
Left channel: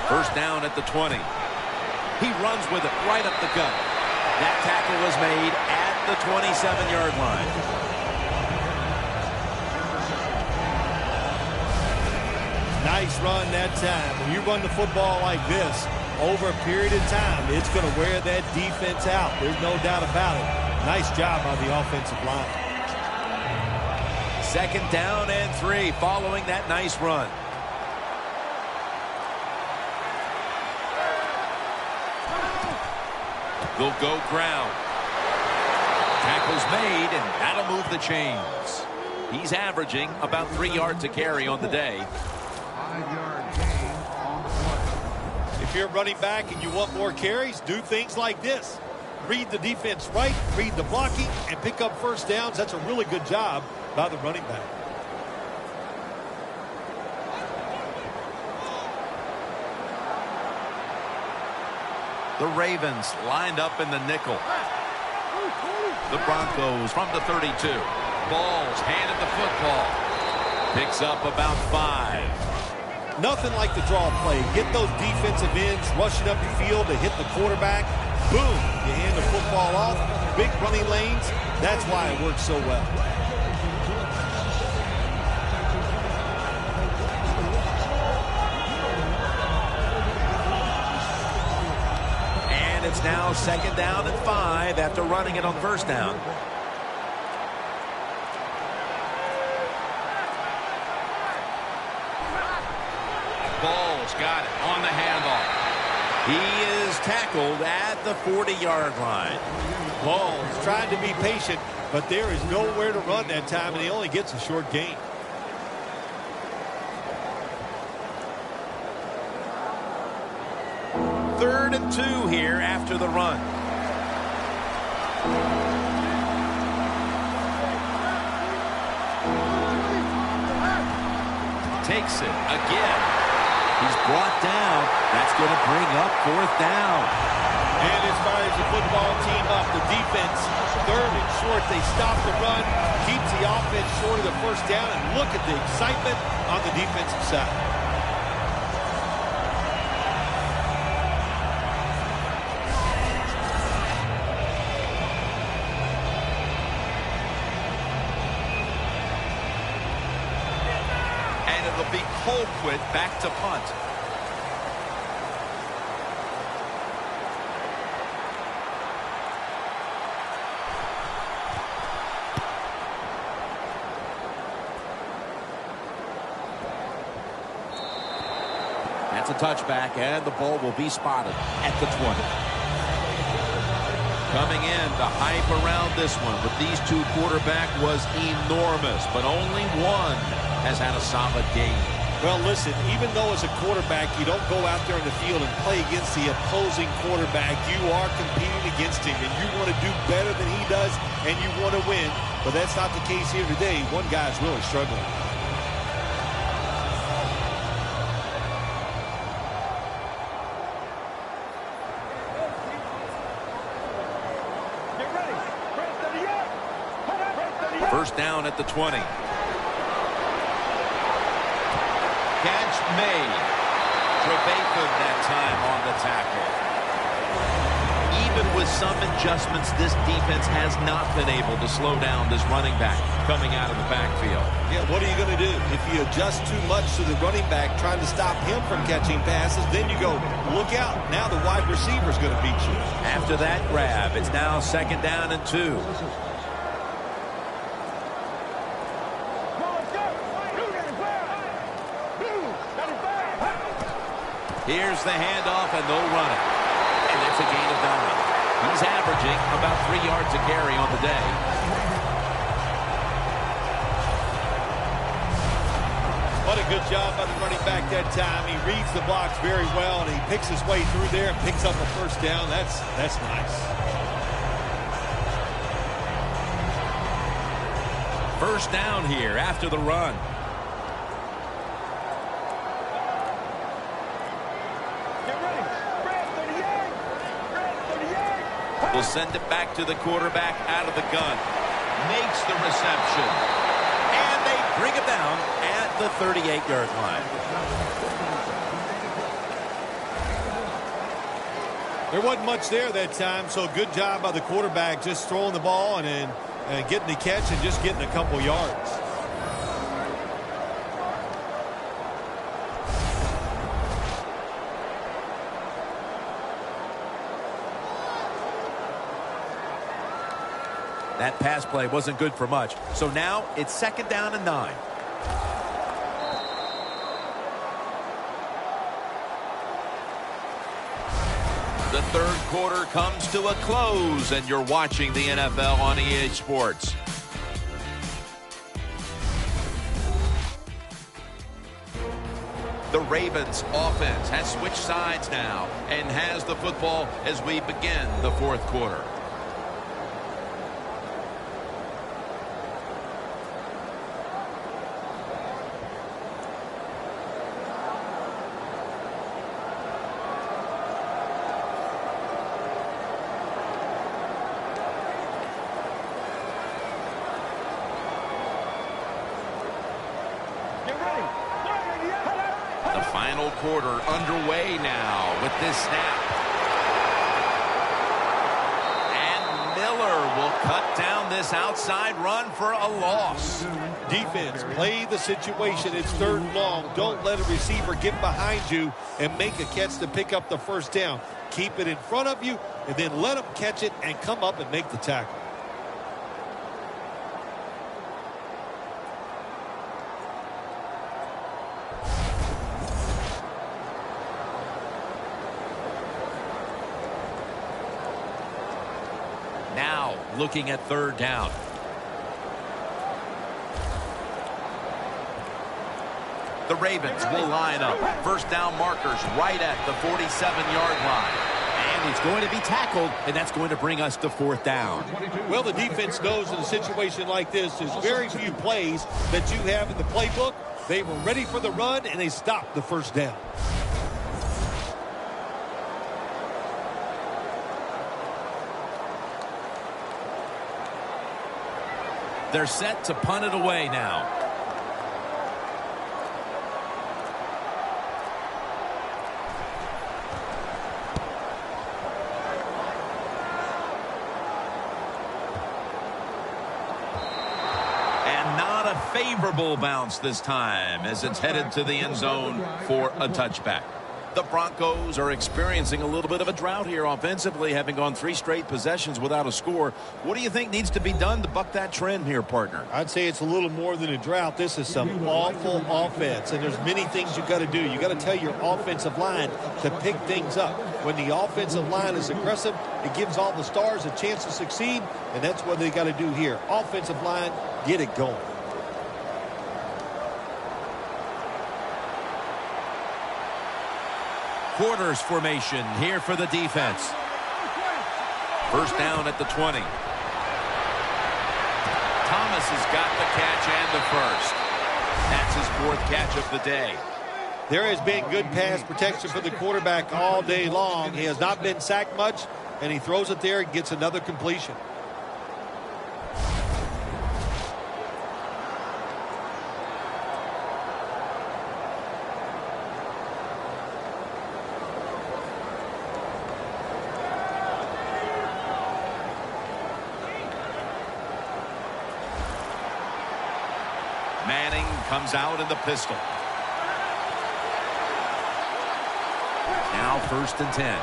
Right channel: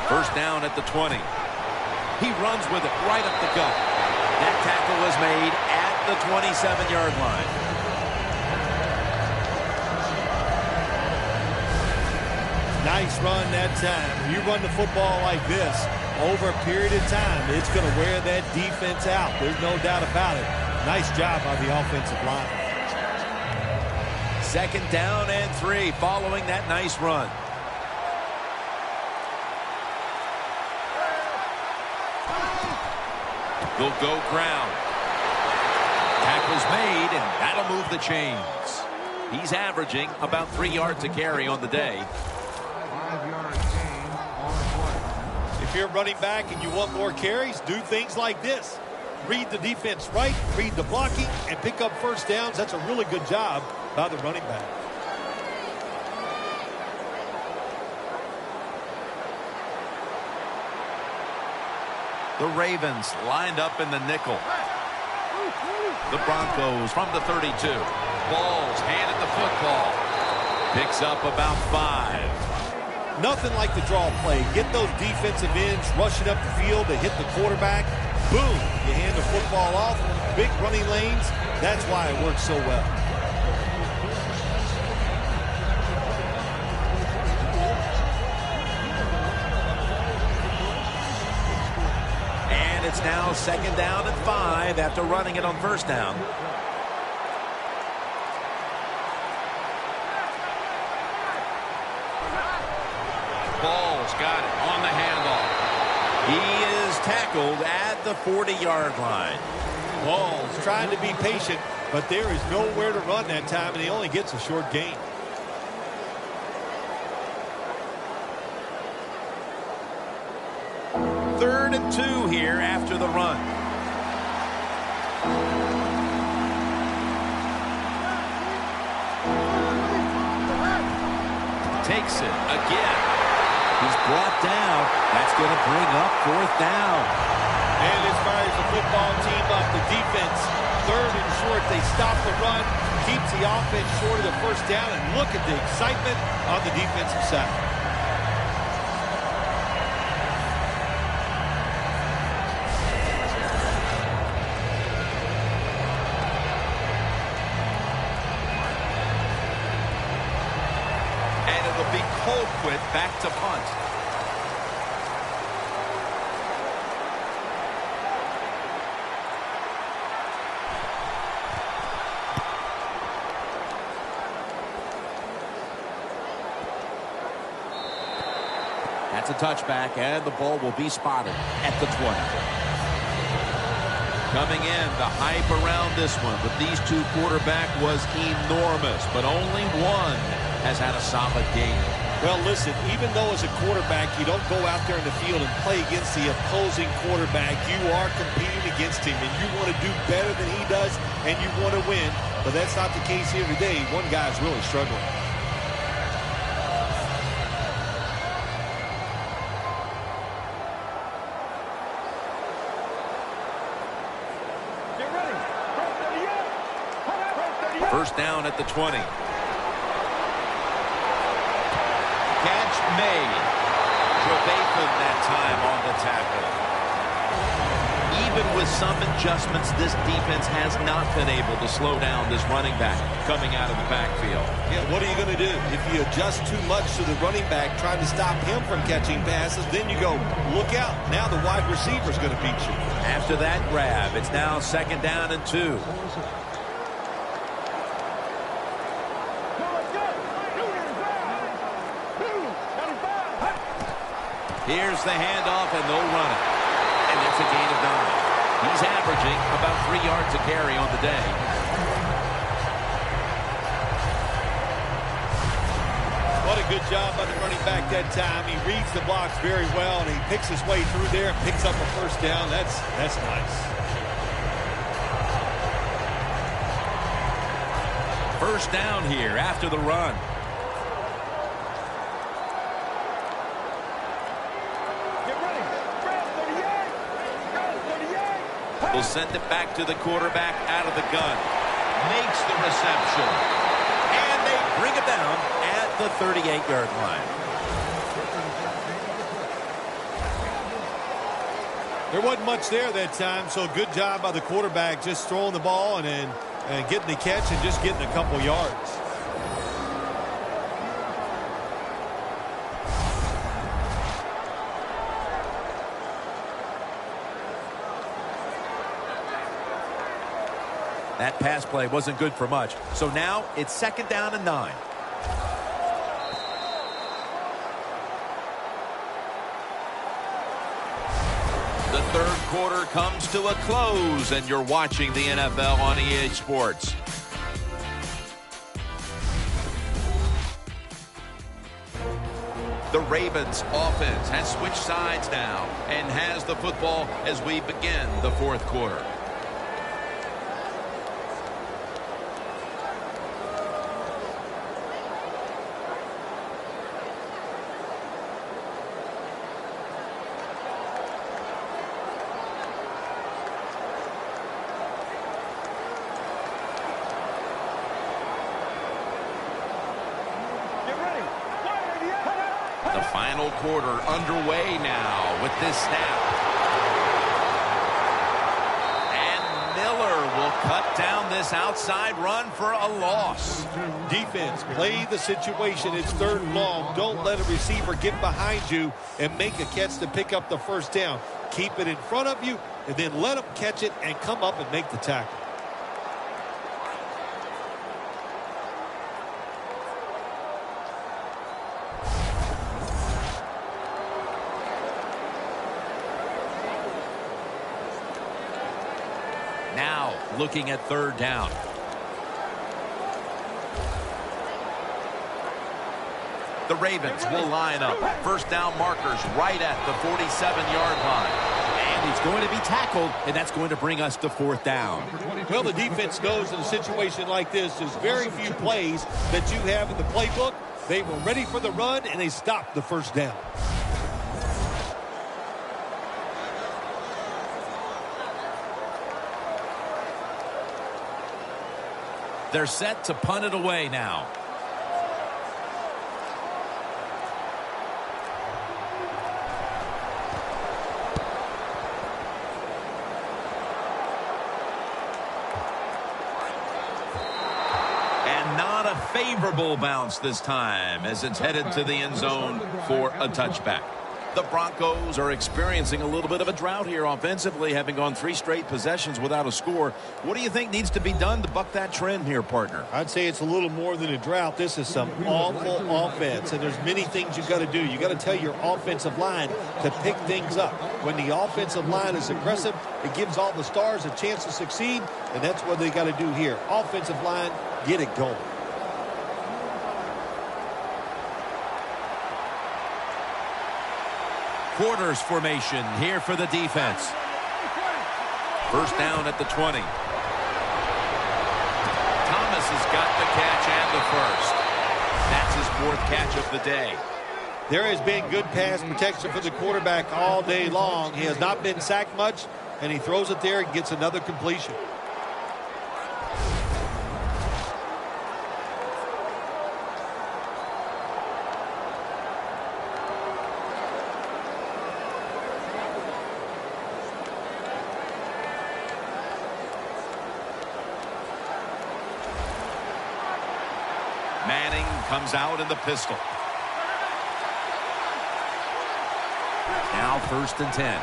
First down at the 20. He runs with it right up the gut. That tackle was made at the 27-yard line. Nice run that time. When you run the football like this, over a period of time, it's going to wear that defense out. There's no doubt about it. Nice job by the offensive line. Second down and 3 following that nice run. They'll go ground. Tackle's made, and that'll move the chains. He's averaging about 3 yards a carry on the day. If you're running back and you want more carries, do things like this. Read the defense right, read the blocking, and pick up first downs. That's a really good job by the running back. The Ravens lined up in the nickel. The Broncos from the 32. Balls handed the football. Picks up about 5. Nothing like the draw play. Get those defensive ends rushing up the field to hit the quarterback. Boom. You hand the football off. Big running lanes. That's why it works so well. And it's now 2nd down and 5 after running it on 1st down. Ball's got it on the handoff. He is tackled at the 40-yard line. Ball's trying to be patient, but there is nowhere to run that time, and he only gets a short gain. Third and 2 here after the run. Takes it again. He's brought down. That's going to bring up 4th down. And this fires the football team up. The defense, 3rd and short. They stop the run, keeps the offense short of the 1st down, and look at the excitement on the defensive side. And it'll be Colquitt back to punt. That's a touchback, and the ball will be spotted at the 20. Coming in, the hype around this one with these two quarterback was enormous, but only one has had a solid game. Well, listen, even though as a quarterback you don't go out there in the field and play against the opposing quarterback, you are competing against him, and you want to do better than he does, and you want to win. But that's not the case here today. One guy's really struggling. Get ready. Break 38. Break 38. First down at the 20. Catch made. Trevathan that time on the tackle. Even with some adjustments, this defense has not been able to slow down this running back coming out of the backfield. Yeah, what are you going to do? If you adjust too much to the running back trying to stop him from catching passes, then you go, look out. Now the wide receiver's going to beat you. After that grab, it's now 2nd down and 2. Here's the handoff, and they'll run it. And it's a gain of 9. He's averaging about 3 yards a carry on the day. What a good job by the running back that time. He reads the blocks very well, and he picks his way through there and picks up a first down. That's nice. First down here after the run. Will send it back to the quarterback out of the gun. Makes the reception. And they bring him down at the 38-yard line. There wasn't much there that time, so good job by the quarterback just throwing the ball and then getting the catch and just getting a couple yards. That pass play wasn't good for much. So now it's 2nd down and 9. The third quarter comes to a close, and you're watching the NFL on EA Sports. The Ravens offense has switched sides now and has the football as we begin the fourth quarter. Get ready. The final quarter underway now with this snap. And Miller will cut down this outside run for a loss. Defense, play the situation. It's third and long. Don't let a receiver get behind you and make a catch to pick up the first down. Keep it in front of you, and then let them catch it and come up and make the tackle. Now looking at third down. The Ravens will line up. First down markers right at the 47-yard line. And he's going to be tackled, and that's going to bring us to fourth down. Well, the defense knows in a situation like this, there's very few plays that you have in the playbook. They were ready for the run, and they stopped the first down. They're set to punt it away now. And not a favorable bounce this time as it's headed to the end zone for a touchback. The Broncos are experiencing a little bit of a drought here offensively, having gone 3 straight possessions without a score. What do you think needs to be done to buck that trend here, partner? I'd say it's a little more than a drought. This is some awful offense, and there's many things you got to do. You got to tell your offensive line to pick things up. When the offensive line is aggressive, it gives all the stars a chance to succeed, and that's what they got to do here. Offensive line, get it going. Quarters formation here for the defense. First down at the 20. Thomas has got the catch and the first. That's his 4th catch of the day. There has been good pass protection for the quarterback all day long. He has not been sacked much, and he throws it there and gets another completion. Manning comes out in the pistol. Now 1st and 10.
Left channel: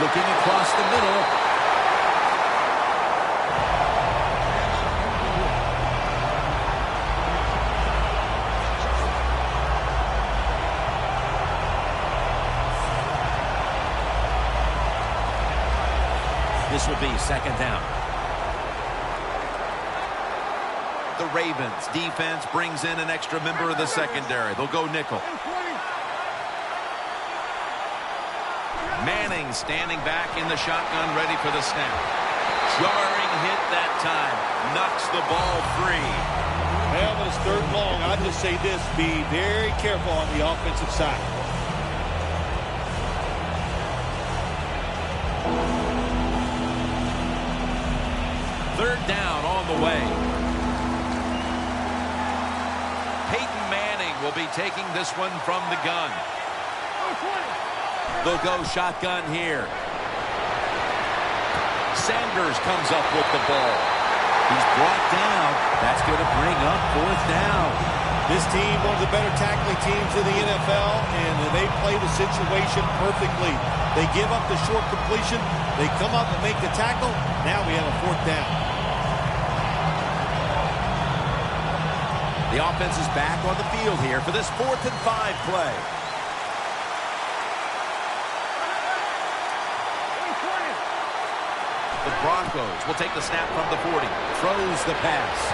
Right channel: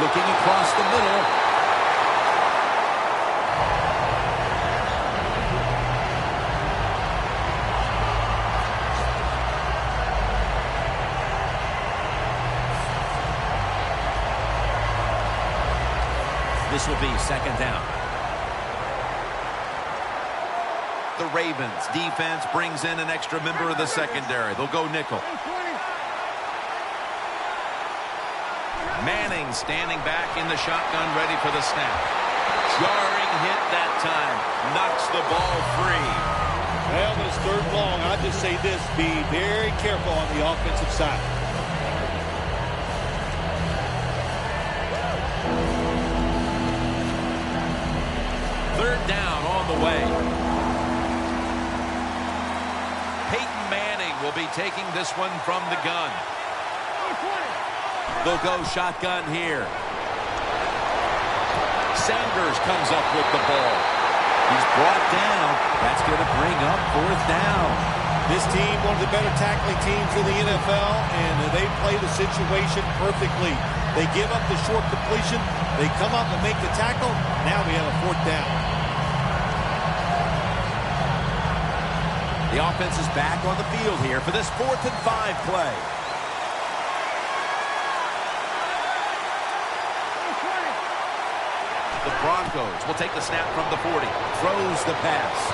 Looking across the middle. This will be 2nd down. The Ravens defense brings in an extra member of the secondary. They'll go nickel. Manning standing back in the shotgun, ready for the snap. Jarring hit that time. Knocks the ball free. Well, but it's 3rd and long. I'll just say this. Be very careful on the offensive side. Third down on the way. Peyton Manning will be taking this one from the gun. They'll go shotgun here. Sanders comes up with the ball. He's brought down. That's going to bring up 4th down. This team, one of the better tackling teams in the NFL, and they play the situation perfectly. They give up the short completion. They come up and make the tackle. Now we have a 4th down. The offense is back on the field here for this 4th and 5 play. The Broncos will take the snap from the 40. Throws the pass.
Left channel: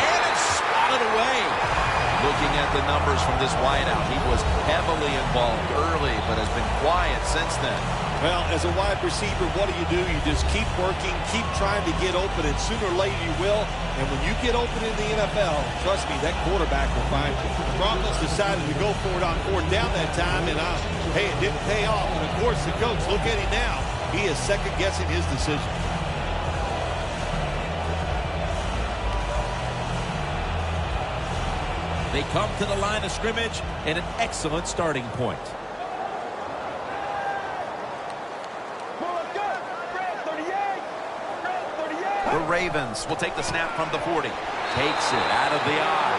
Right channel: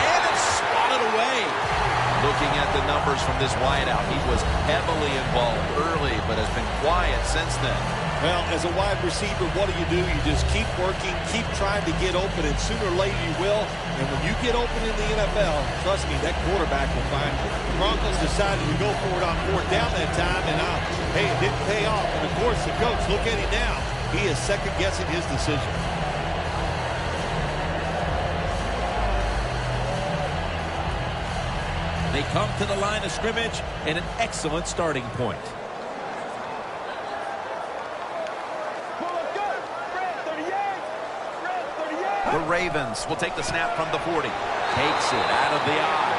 And it's swatted away. Looking at the numbers from this wideout, he was heavily involved early, but has been quiet since then. Well, as a wide receiver, what do? You just keep working, keep trying to get open, and sooner or later you will. And when you get open in the NFL, trust me, that quarterback will find you. The Broncos decided to go for it on fourth down that time, and hey, it didn't pay off. And, of course, the coach, look at him now. He is second-guessing his decision. They come to the line of scrimmage and an excellent starting point. The Ravens will take the snap from the 40. Takes it out of the eye.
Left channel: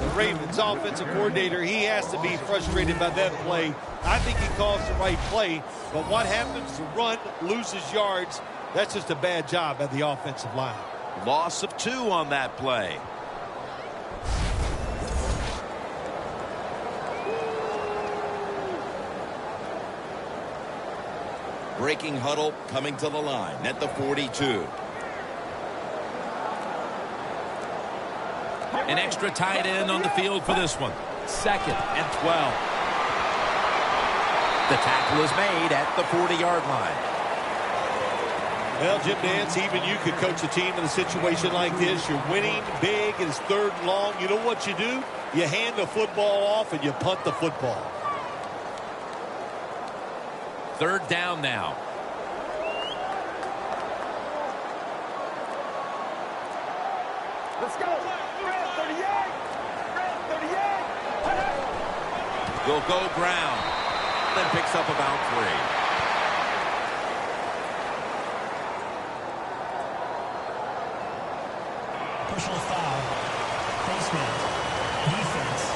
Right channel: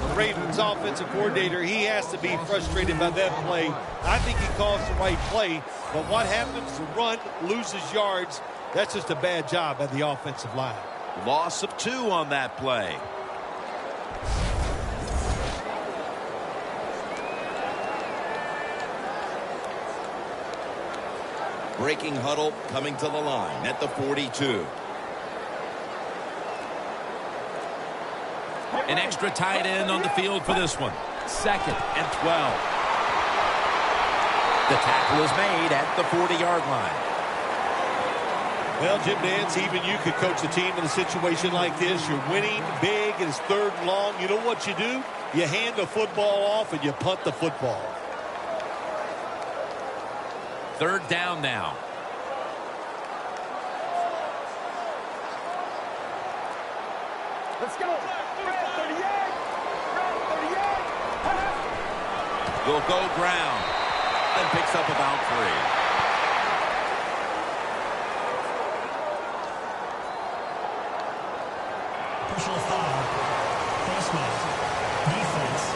The Ravens offensive coordinator, he has to be frustrated by that play. I think he calls the right play, but what happens? The run loses yards. That's just a bad job by the offensive line. Loss of 2 on that play. Breaking huddle coming to the line at the 42. An extra tight end on the field for this one. 2nd and 12. The tackle is made at the 40-yard line. Well, Jim Nantz, even you could coach a team in a situation like this. You're winning big, it's 3rd and long. You know what you do? You hand the football off and you punt the football. 3rd down now. Let's go. 38. 38. Will go ground. Then picks up about 3. Personal foul, face mask, defense.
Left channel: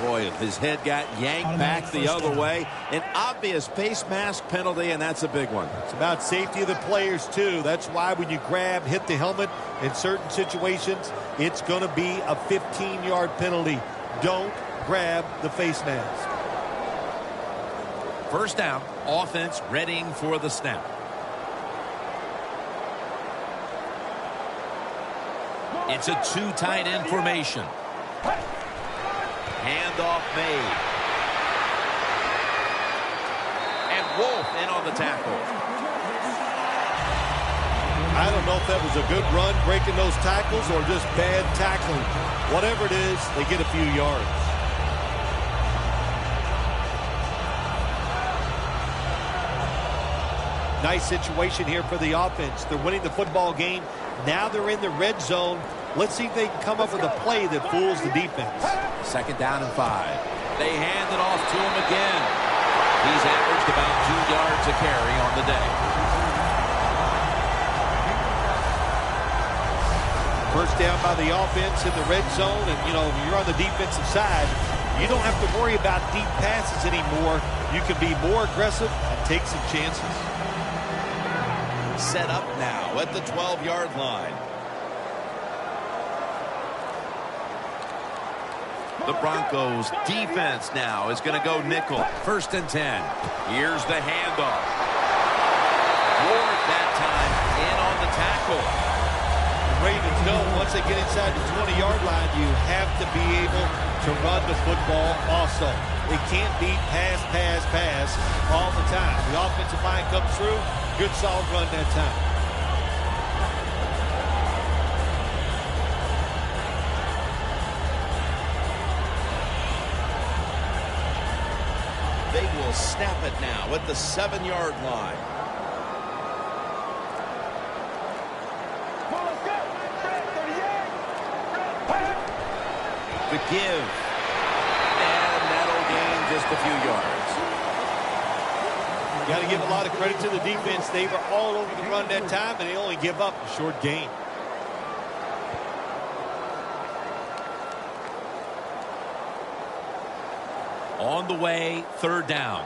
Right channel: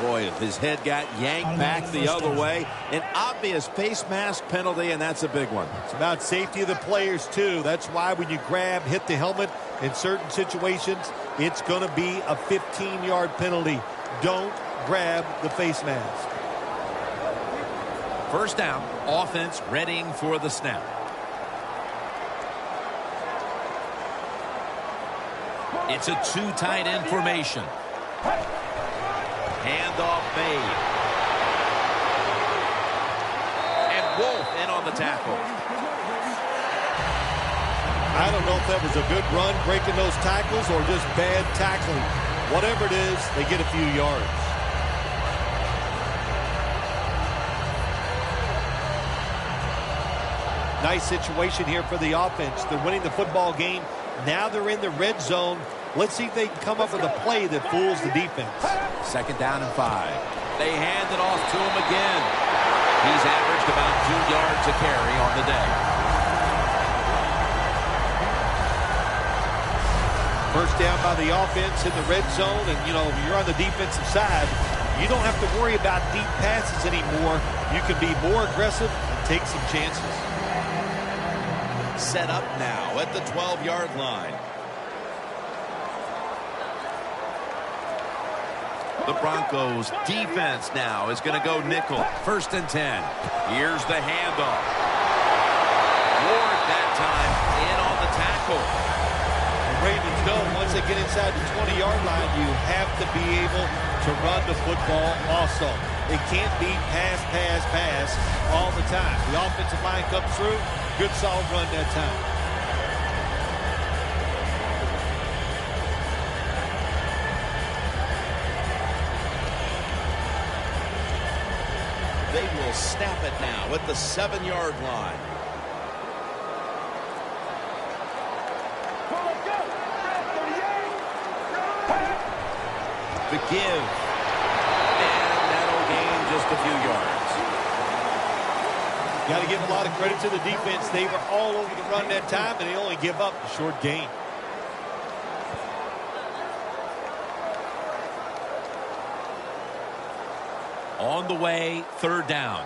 Boy, if his head got yanked back the other way, an obvious face mask penalty, and that's a big one. It's about safety of the players, too. That's why when you hit the helmet in certain situations, it's going to be a 15-yard penalty. Don't grab the face mask. 1st down, offense readying for the snap. It's a 2 tight end formation. Handoff made. And Wolf in on the tackle. I don't know if that was a good run breaking those tackles or just bad tackling. Whatever it is, they get a few yards. Nice situation here for the offense. They're winning the football game. Now they're in the red zone. Let's see if they can come up with a play that fools the defense. 2nd down and 5. They hand it off to him again. He's averaged about 2 yards a carry on the day. 1st down by the offense in the red zone. And, you're on the defensive side. You don't have to worry about deep passes anymore. You can be more aggressive and take some chances. Set up now at the 12-yard line. The Broncos defense now is going to go nickel. 1st and 10. Here's the handoff. Ward that time in on the tackle. The Ravens know once they get inside the 20-yard line, you have to be able to run the football also. It can't be pass, pass, pass all the time. The offensive line comes through. Good solid run that time. They will snap it now at the 7-yard line. The give. And that'll gain just a few yards. You got to give a lot of credit to the defense. They were all over the run that time, and they only give up a short gain. On the way, 3rd down.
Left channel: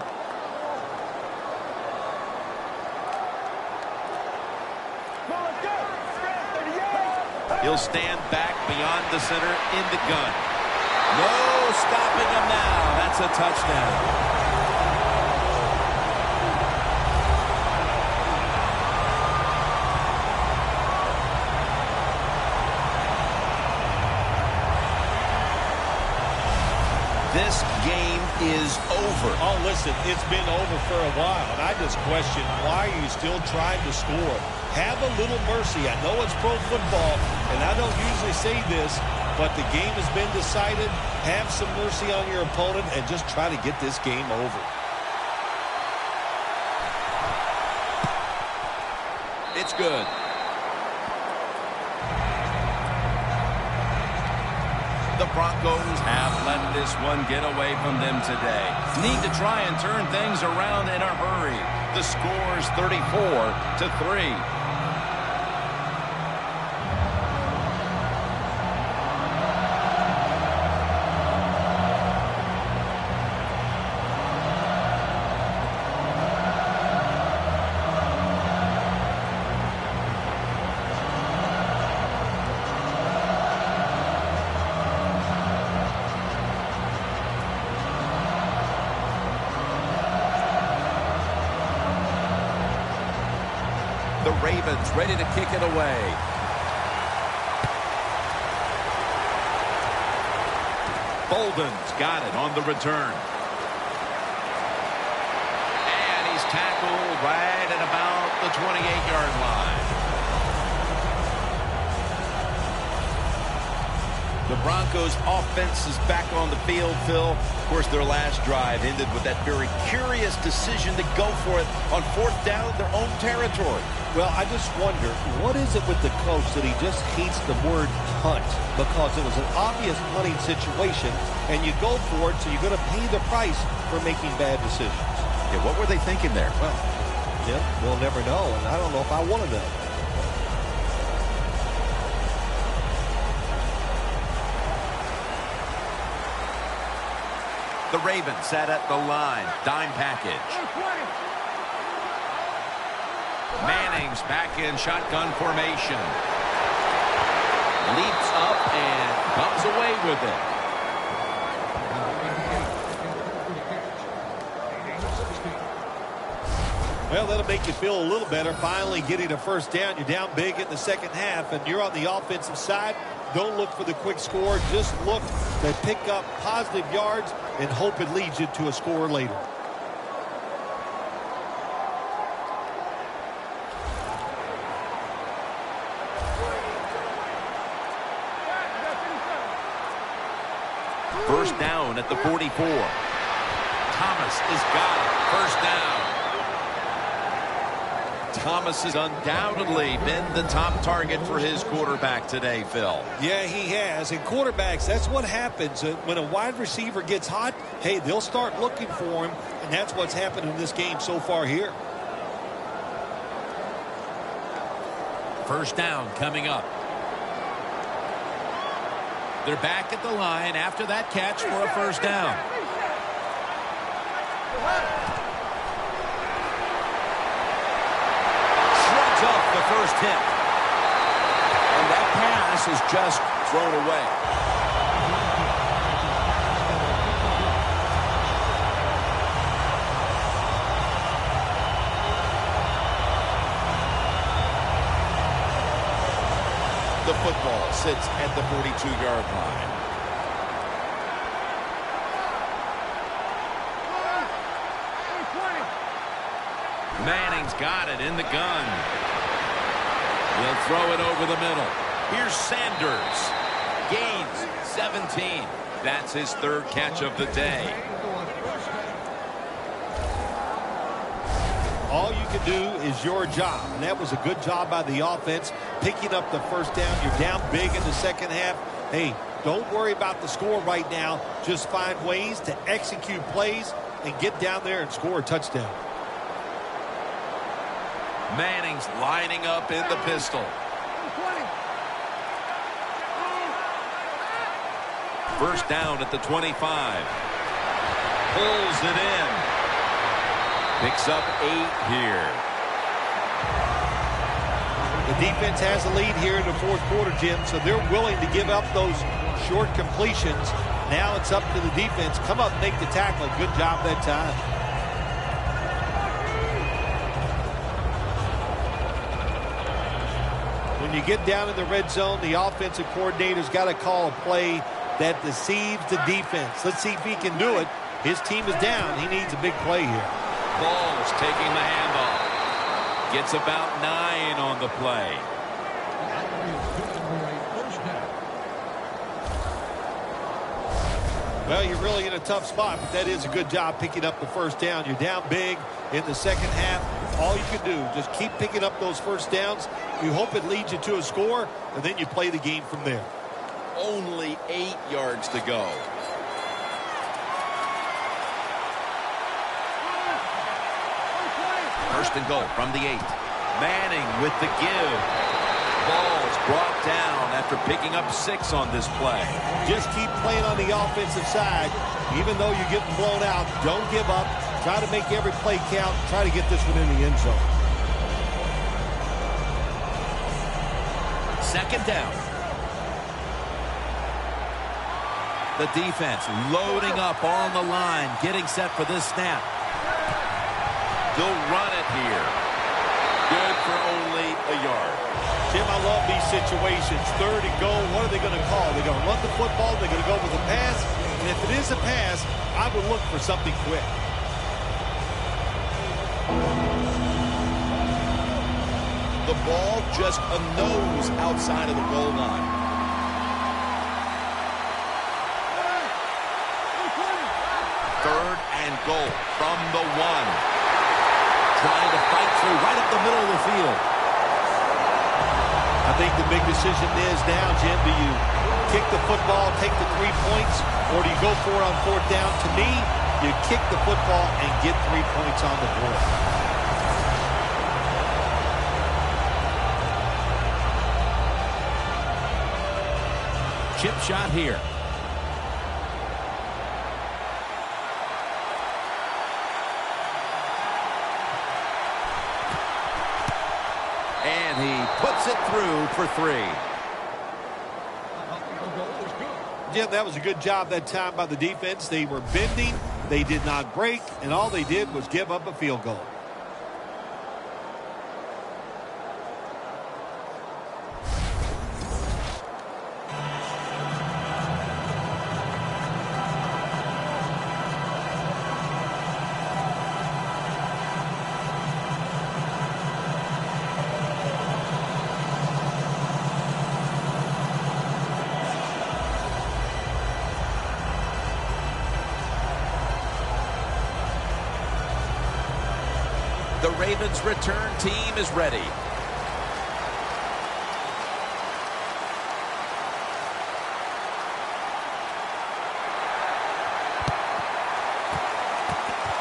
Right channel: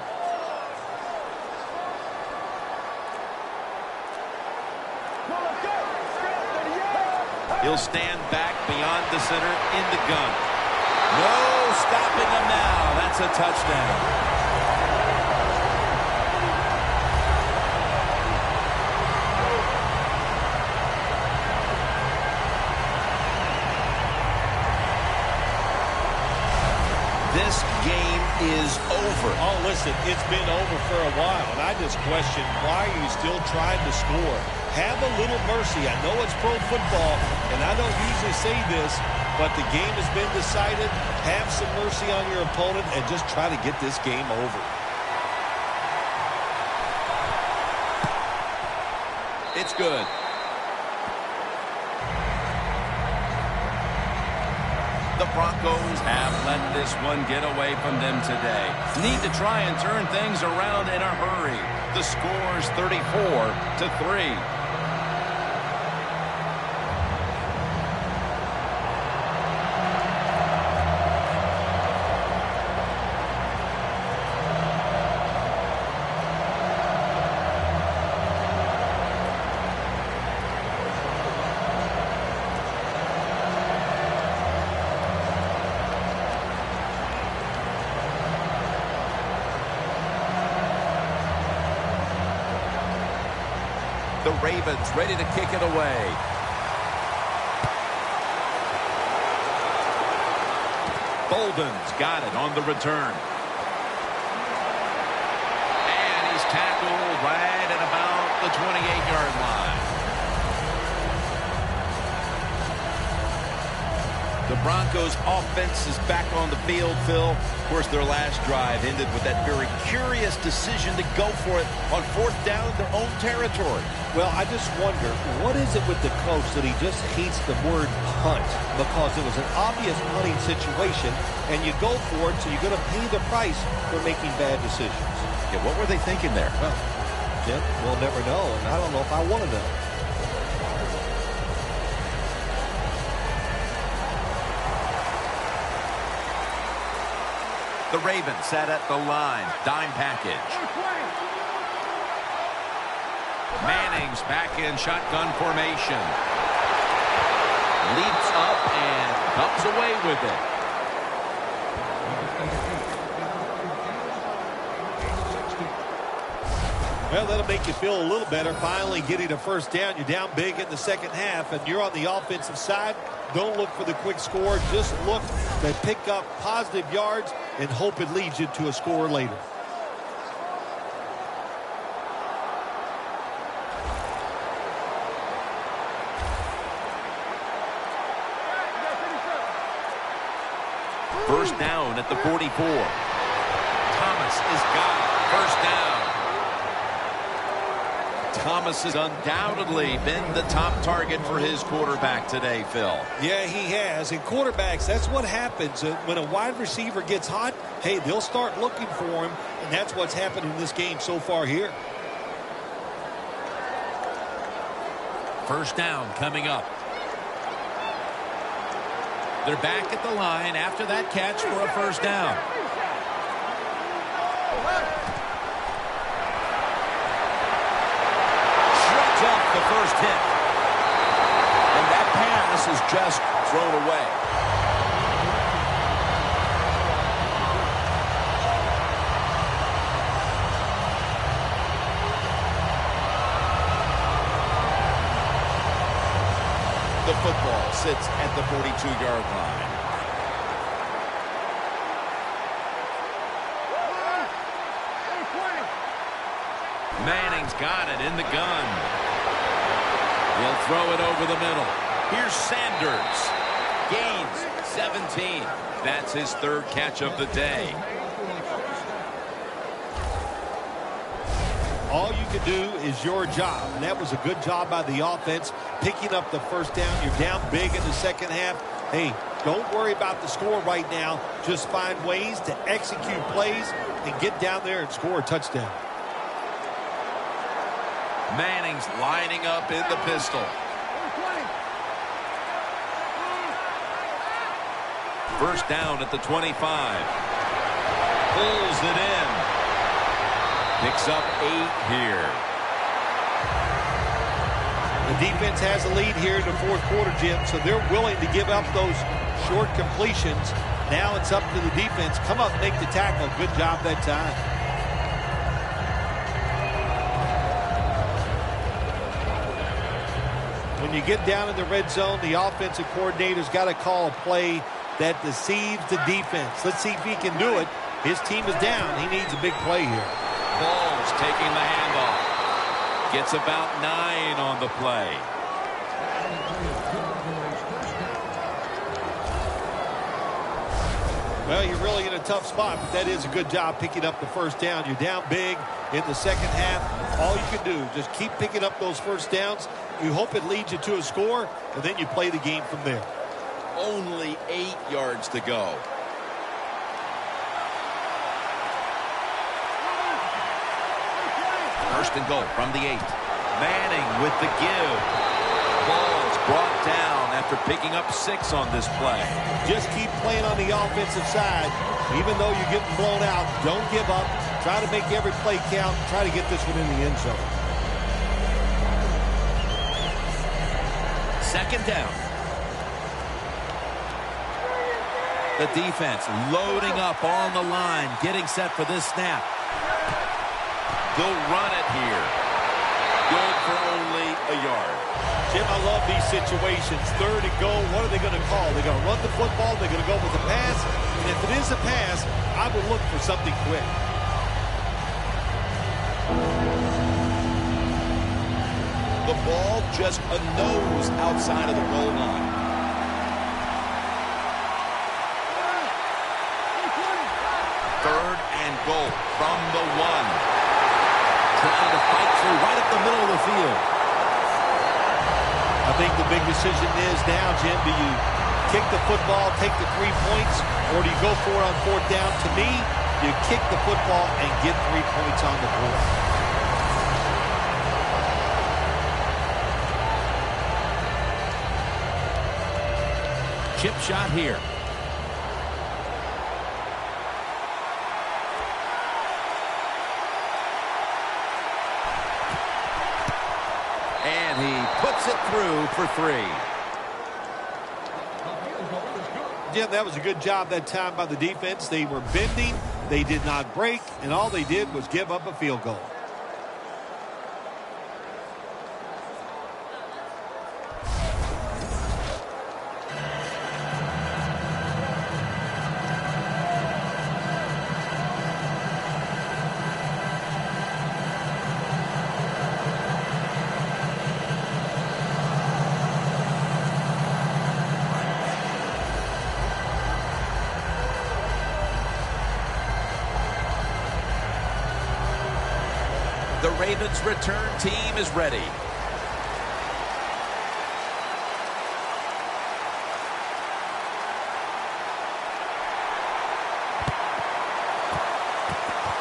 He'll stand back beyond the center in the gun. No stopping him now. That's a touchdown. this game is over. Oh, listen, it's been over for a while, and I just question, why are you still trying to score? Have a little mercy. I know it's pro football, and I don't usually say this, but the game has been decided. Have some mercy on your opponent and just try to get this game over. It's good. The Broncos have let this one get away from them today. Need to try and turn things around in a hurry. The score's 34-3. The Ravens ready to kick it away. Bolden's got it on the return. And he's tackled right at about the 28-yard line. The Broncos offense is back on the field, Phil. Of course, their last drive ended with that very curious decision to go for it on 4th down in their own territory. Well, I just wonder, what is it with the coach that he just hates the word punt? Because it was an obvious punting situation, and you go for it, so you're going to pay the price for making bad decisions. Yeah, what were they thinking there? Well, Jim, we'll never know, and I don't know if I want to know. The Ravens set at the line. Dime package. Manning's back in shotgun formation. Leaps up and comes away with it. Well, that'll make you feel a little better. Finally getting a first down. You're down big in the second half, and you're on the offensive side. Don't look for the quick score. Just look to pick up positive yards and hope it leads you to a score later. First down at the 44. Thomas has got it. First down. Thomas has undoubtedly been the top target for his quarterback today, Phil. Yeah, he has. And quarterbacks, that's what happens. When a wide receiver gets hot, hey, they'll start looking for him, and that's what's happened in this game so far here. First down coming up. They're back at the line after that catch for a first down. Shreds off the first hit. And that pass is just thrown away. The football sits at the 42-yard line. Manning's got it in the gun. He'll throw it over the middle. Here's Sanders. Gains 17. That's his third catch of the day. All you can do is your job, and that was a good job by the offense, picking up the first down. You're down big in the second half. Hey, don't worry about the score right now. Just find ways to execute plays and get down there and score a touchdown. Manning's lining up in the pistol. First down at the 25. Pulls it in. Picks up 8 here. The defense has a lead here in the fourth quarter, Jim, so they're willing to give up those short completions. Now it's up to the defense. Come up and make the tackle. Good job that time. When you get down in the red zone, the offensive coordinator's got to call a play that deceives the defense. Let's see if he can do it. His team is down. He needs a big play here. Ball's taking the handoff. Gets about 9 on the play. Well, you're really in a tough spot, but that is a good job picking up the first down. You're down big in the second half. All you can do, just keep picking up those first downs. You hope it leads you to a score, and then you play the game from there. Only 8 yards to go. First and goal from the 8. Manning with the give. Ball's brought down after picking up 6 on this play. Just keep playing on the offensive side. Even though you're getting blown out, don't give up. Try to make every play count. Try to get this one in the end zone. Second down. The defense loading up on the line, getting set for this snap. They'll run it here. Good for only a yard. Jim, I love these situations. Third and goal, what are they going to call? They're going to run the football, they're going to go with a pass, and if it is a pass, I would look for something quick. The ball just a nose outside of the goal line. Third and goal from the 1. Trying to fight through right up the middle of the field. I think the big decision is now, Jim, do you kick the football, take the 3 points, or do you go for it on fourth down? To me, you kick the football and get 3 points on the board. Chip shot here. And he puts it through for 3. Jim, that was a good job that time by the defense. They were bending, they did not break, and all they did was give up a field goal. The Ravens' return team is ready.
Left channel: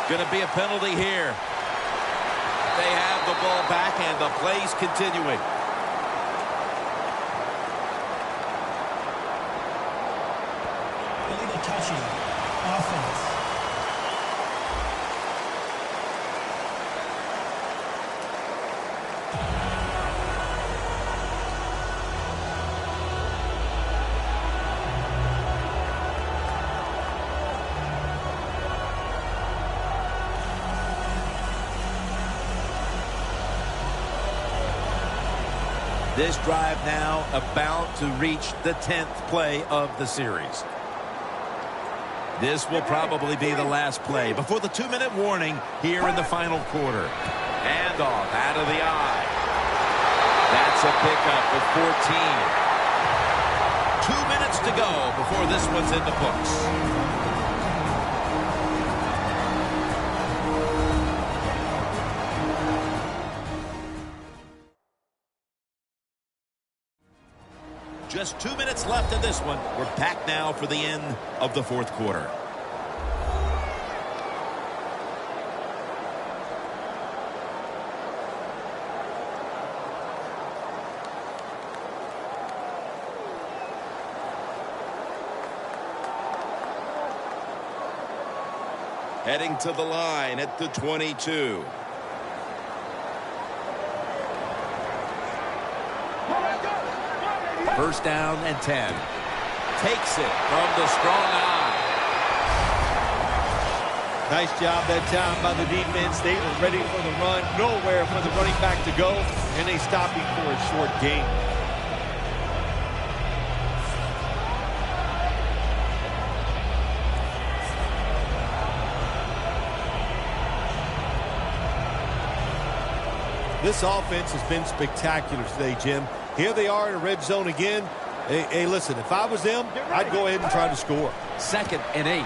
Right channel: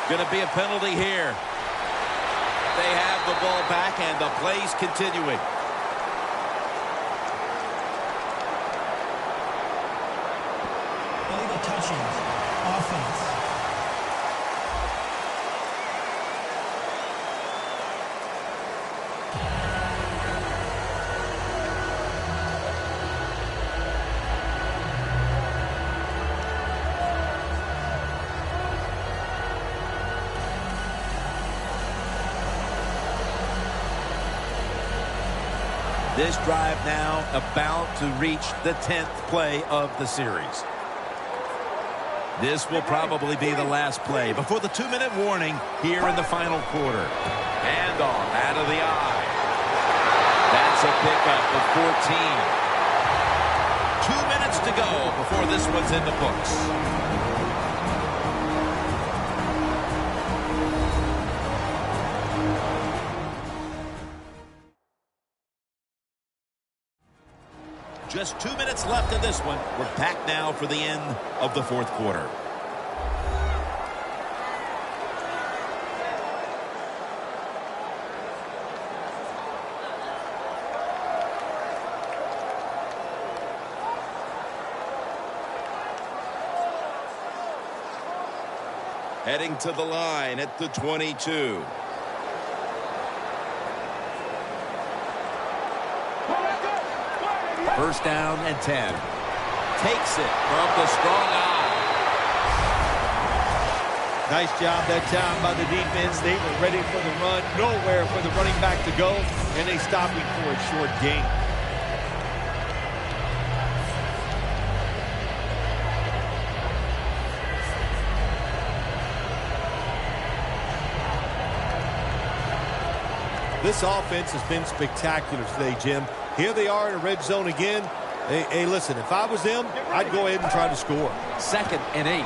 Going to be a penalty here. They have the ball back and the play's continuing. Illegal touching. Offense. This drive now about to reach the 10th play of the series. This will probably be the last play before the 2-minute warning here in the final quarter. Handoff out of the eye. That's a pickup of 14. 2 minutes to go before this one's in the books. Just 2 minutes left in this one. We're back now for the end of the fourth quarter. Heading to the line at the 22. First down and 10. Takes it from the strong eye. Nice job that time by the defense. They were ready for the run. Nowhere for the running back to go. And they stopped him for a short gain. This offense has been spectacular today, Jim. Here they are in the red zone again. Hey, listen, if I was them, I'd go ahead and try to score. 2nd and 8.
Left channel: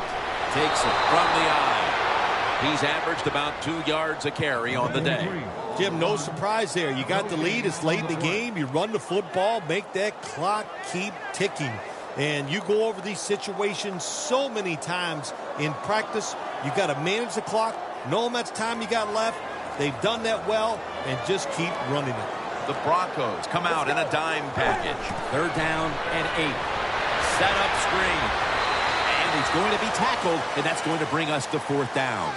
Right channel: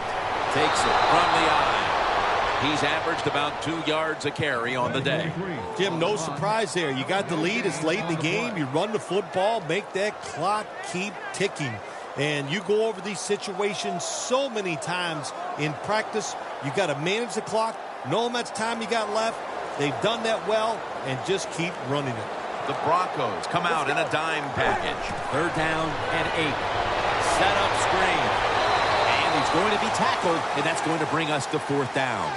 Takes it from the eye. He's averaged about 2 yards a carry on the day. Jim, no surprise there. You got the lead. It's late in the game. You run the football, make that clock keep ticking. And you go over these situations so many times in practice. You got to manage the clock, know how much time you got left. They've done that well, and just keep running it. The Broncos come out in a dime package. 3rd down and 8. Set up screen. And he's going to be tackled, and that's going to bring us to 4th down.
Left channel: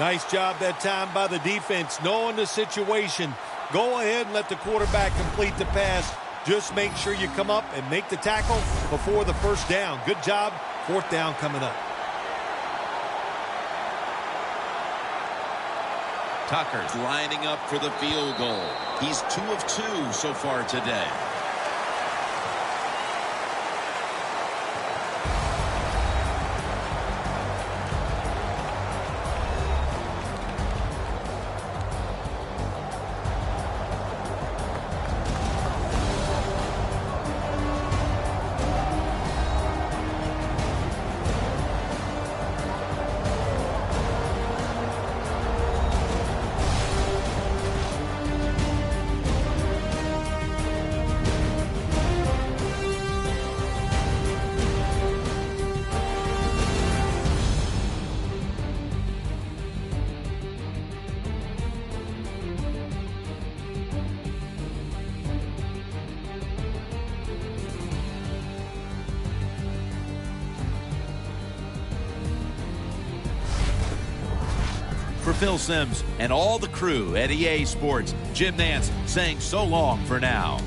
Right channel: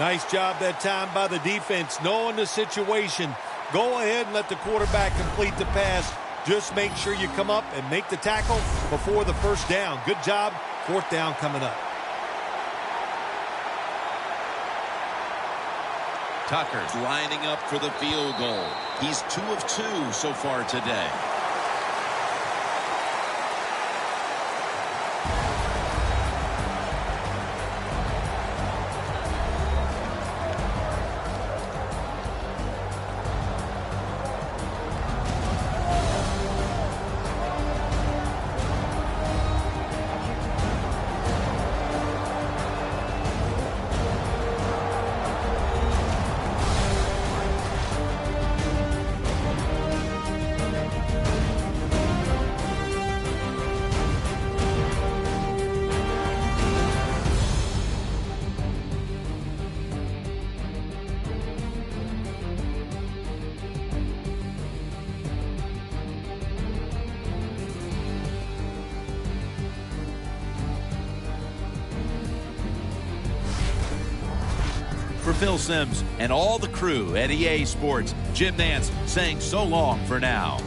Nice job that time by the defense, knowing the situation. Go ahead and let the quarterback complete the pass. Just make sure you come up and make the tackle before the 1st down. Good job. 4th down coming up. Tucker's lining up for the field goal. He's 2 of 2 so far today. For Phil Simms and all the crew at EA Sports, Jim Nantz saying so long for now.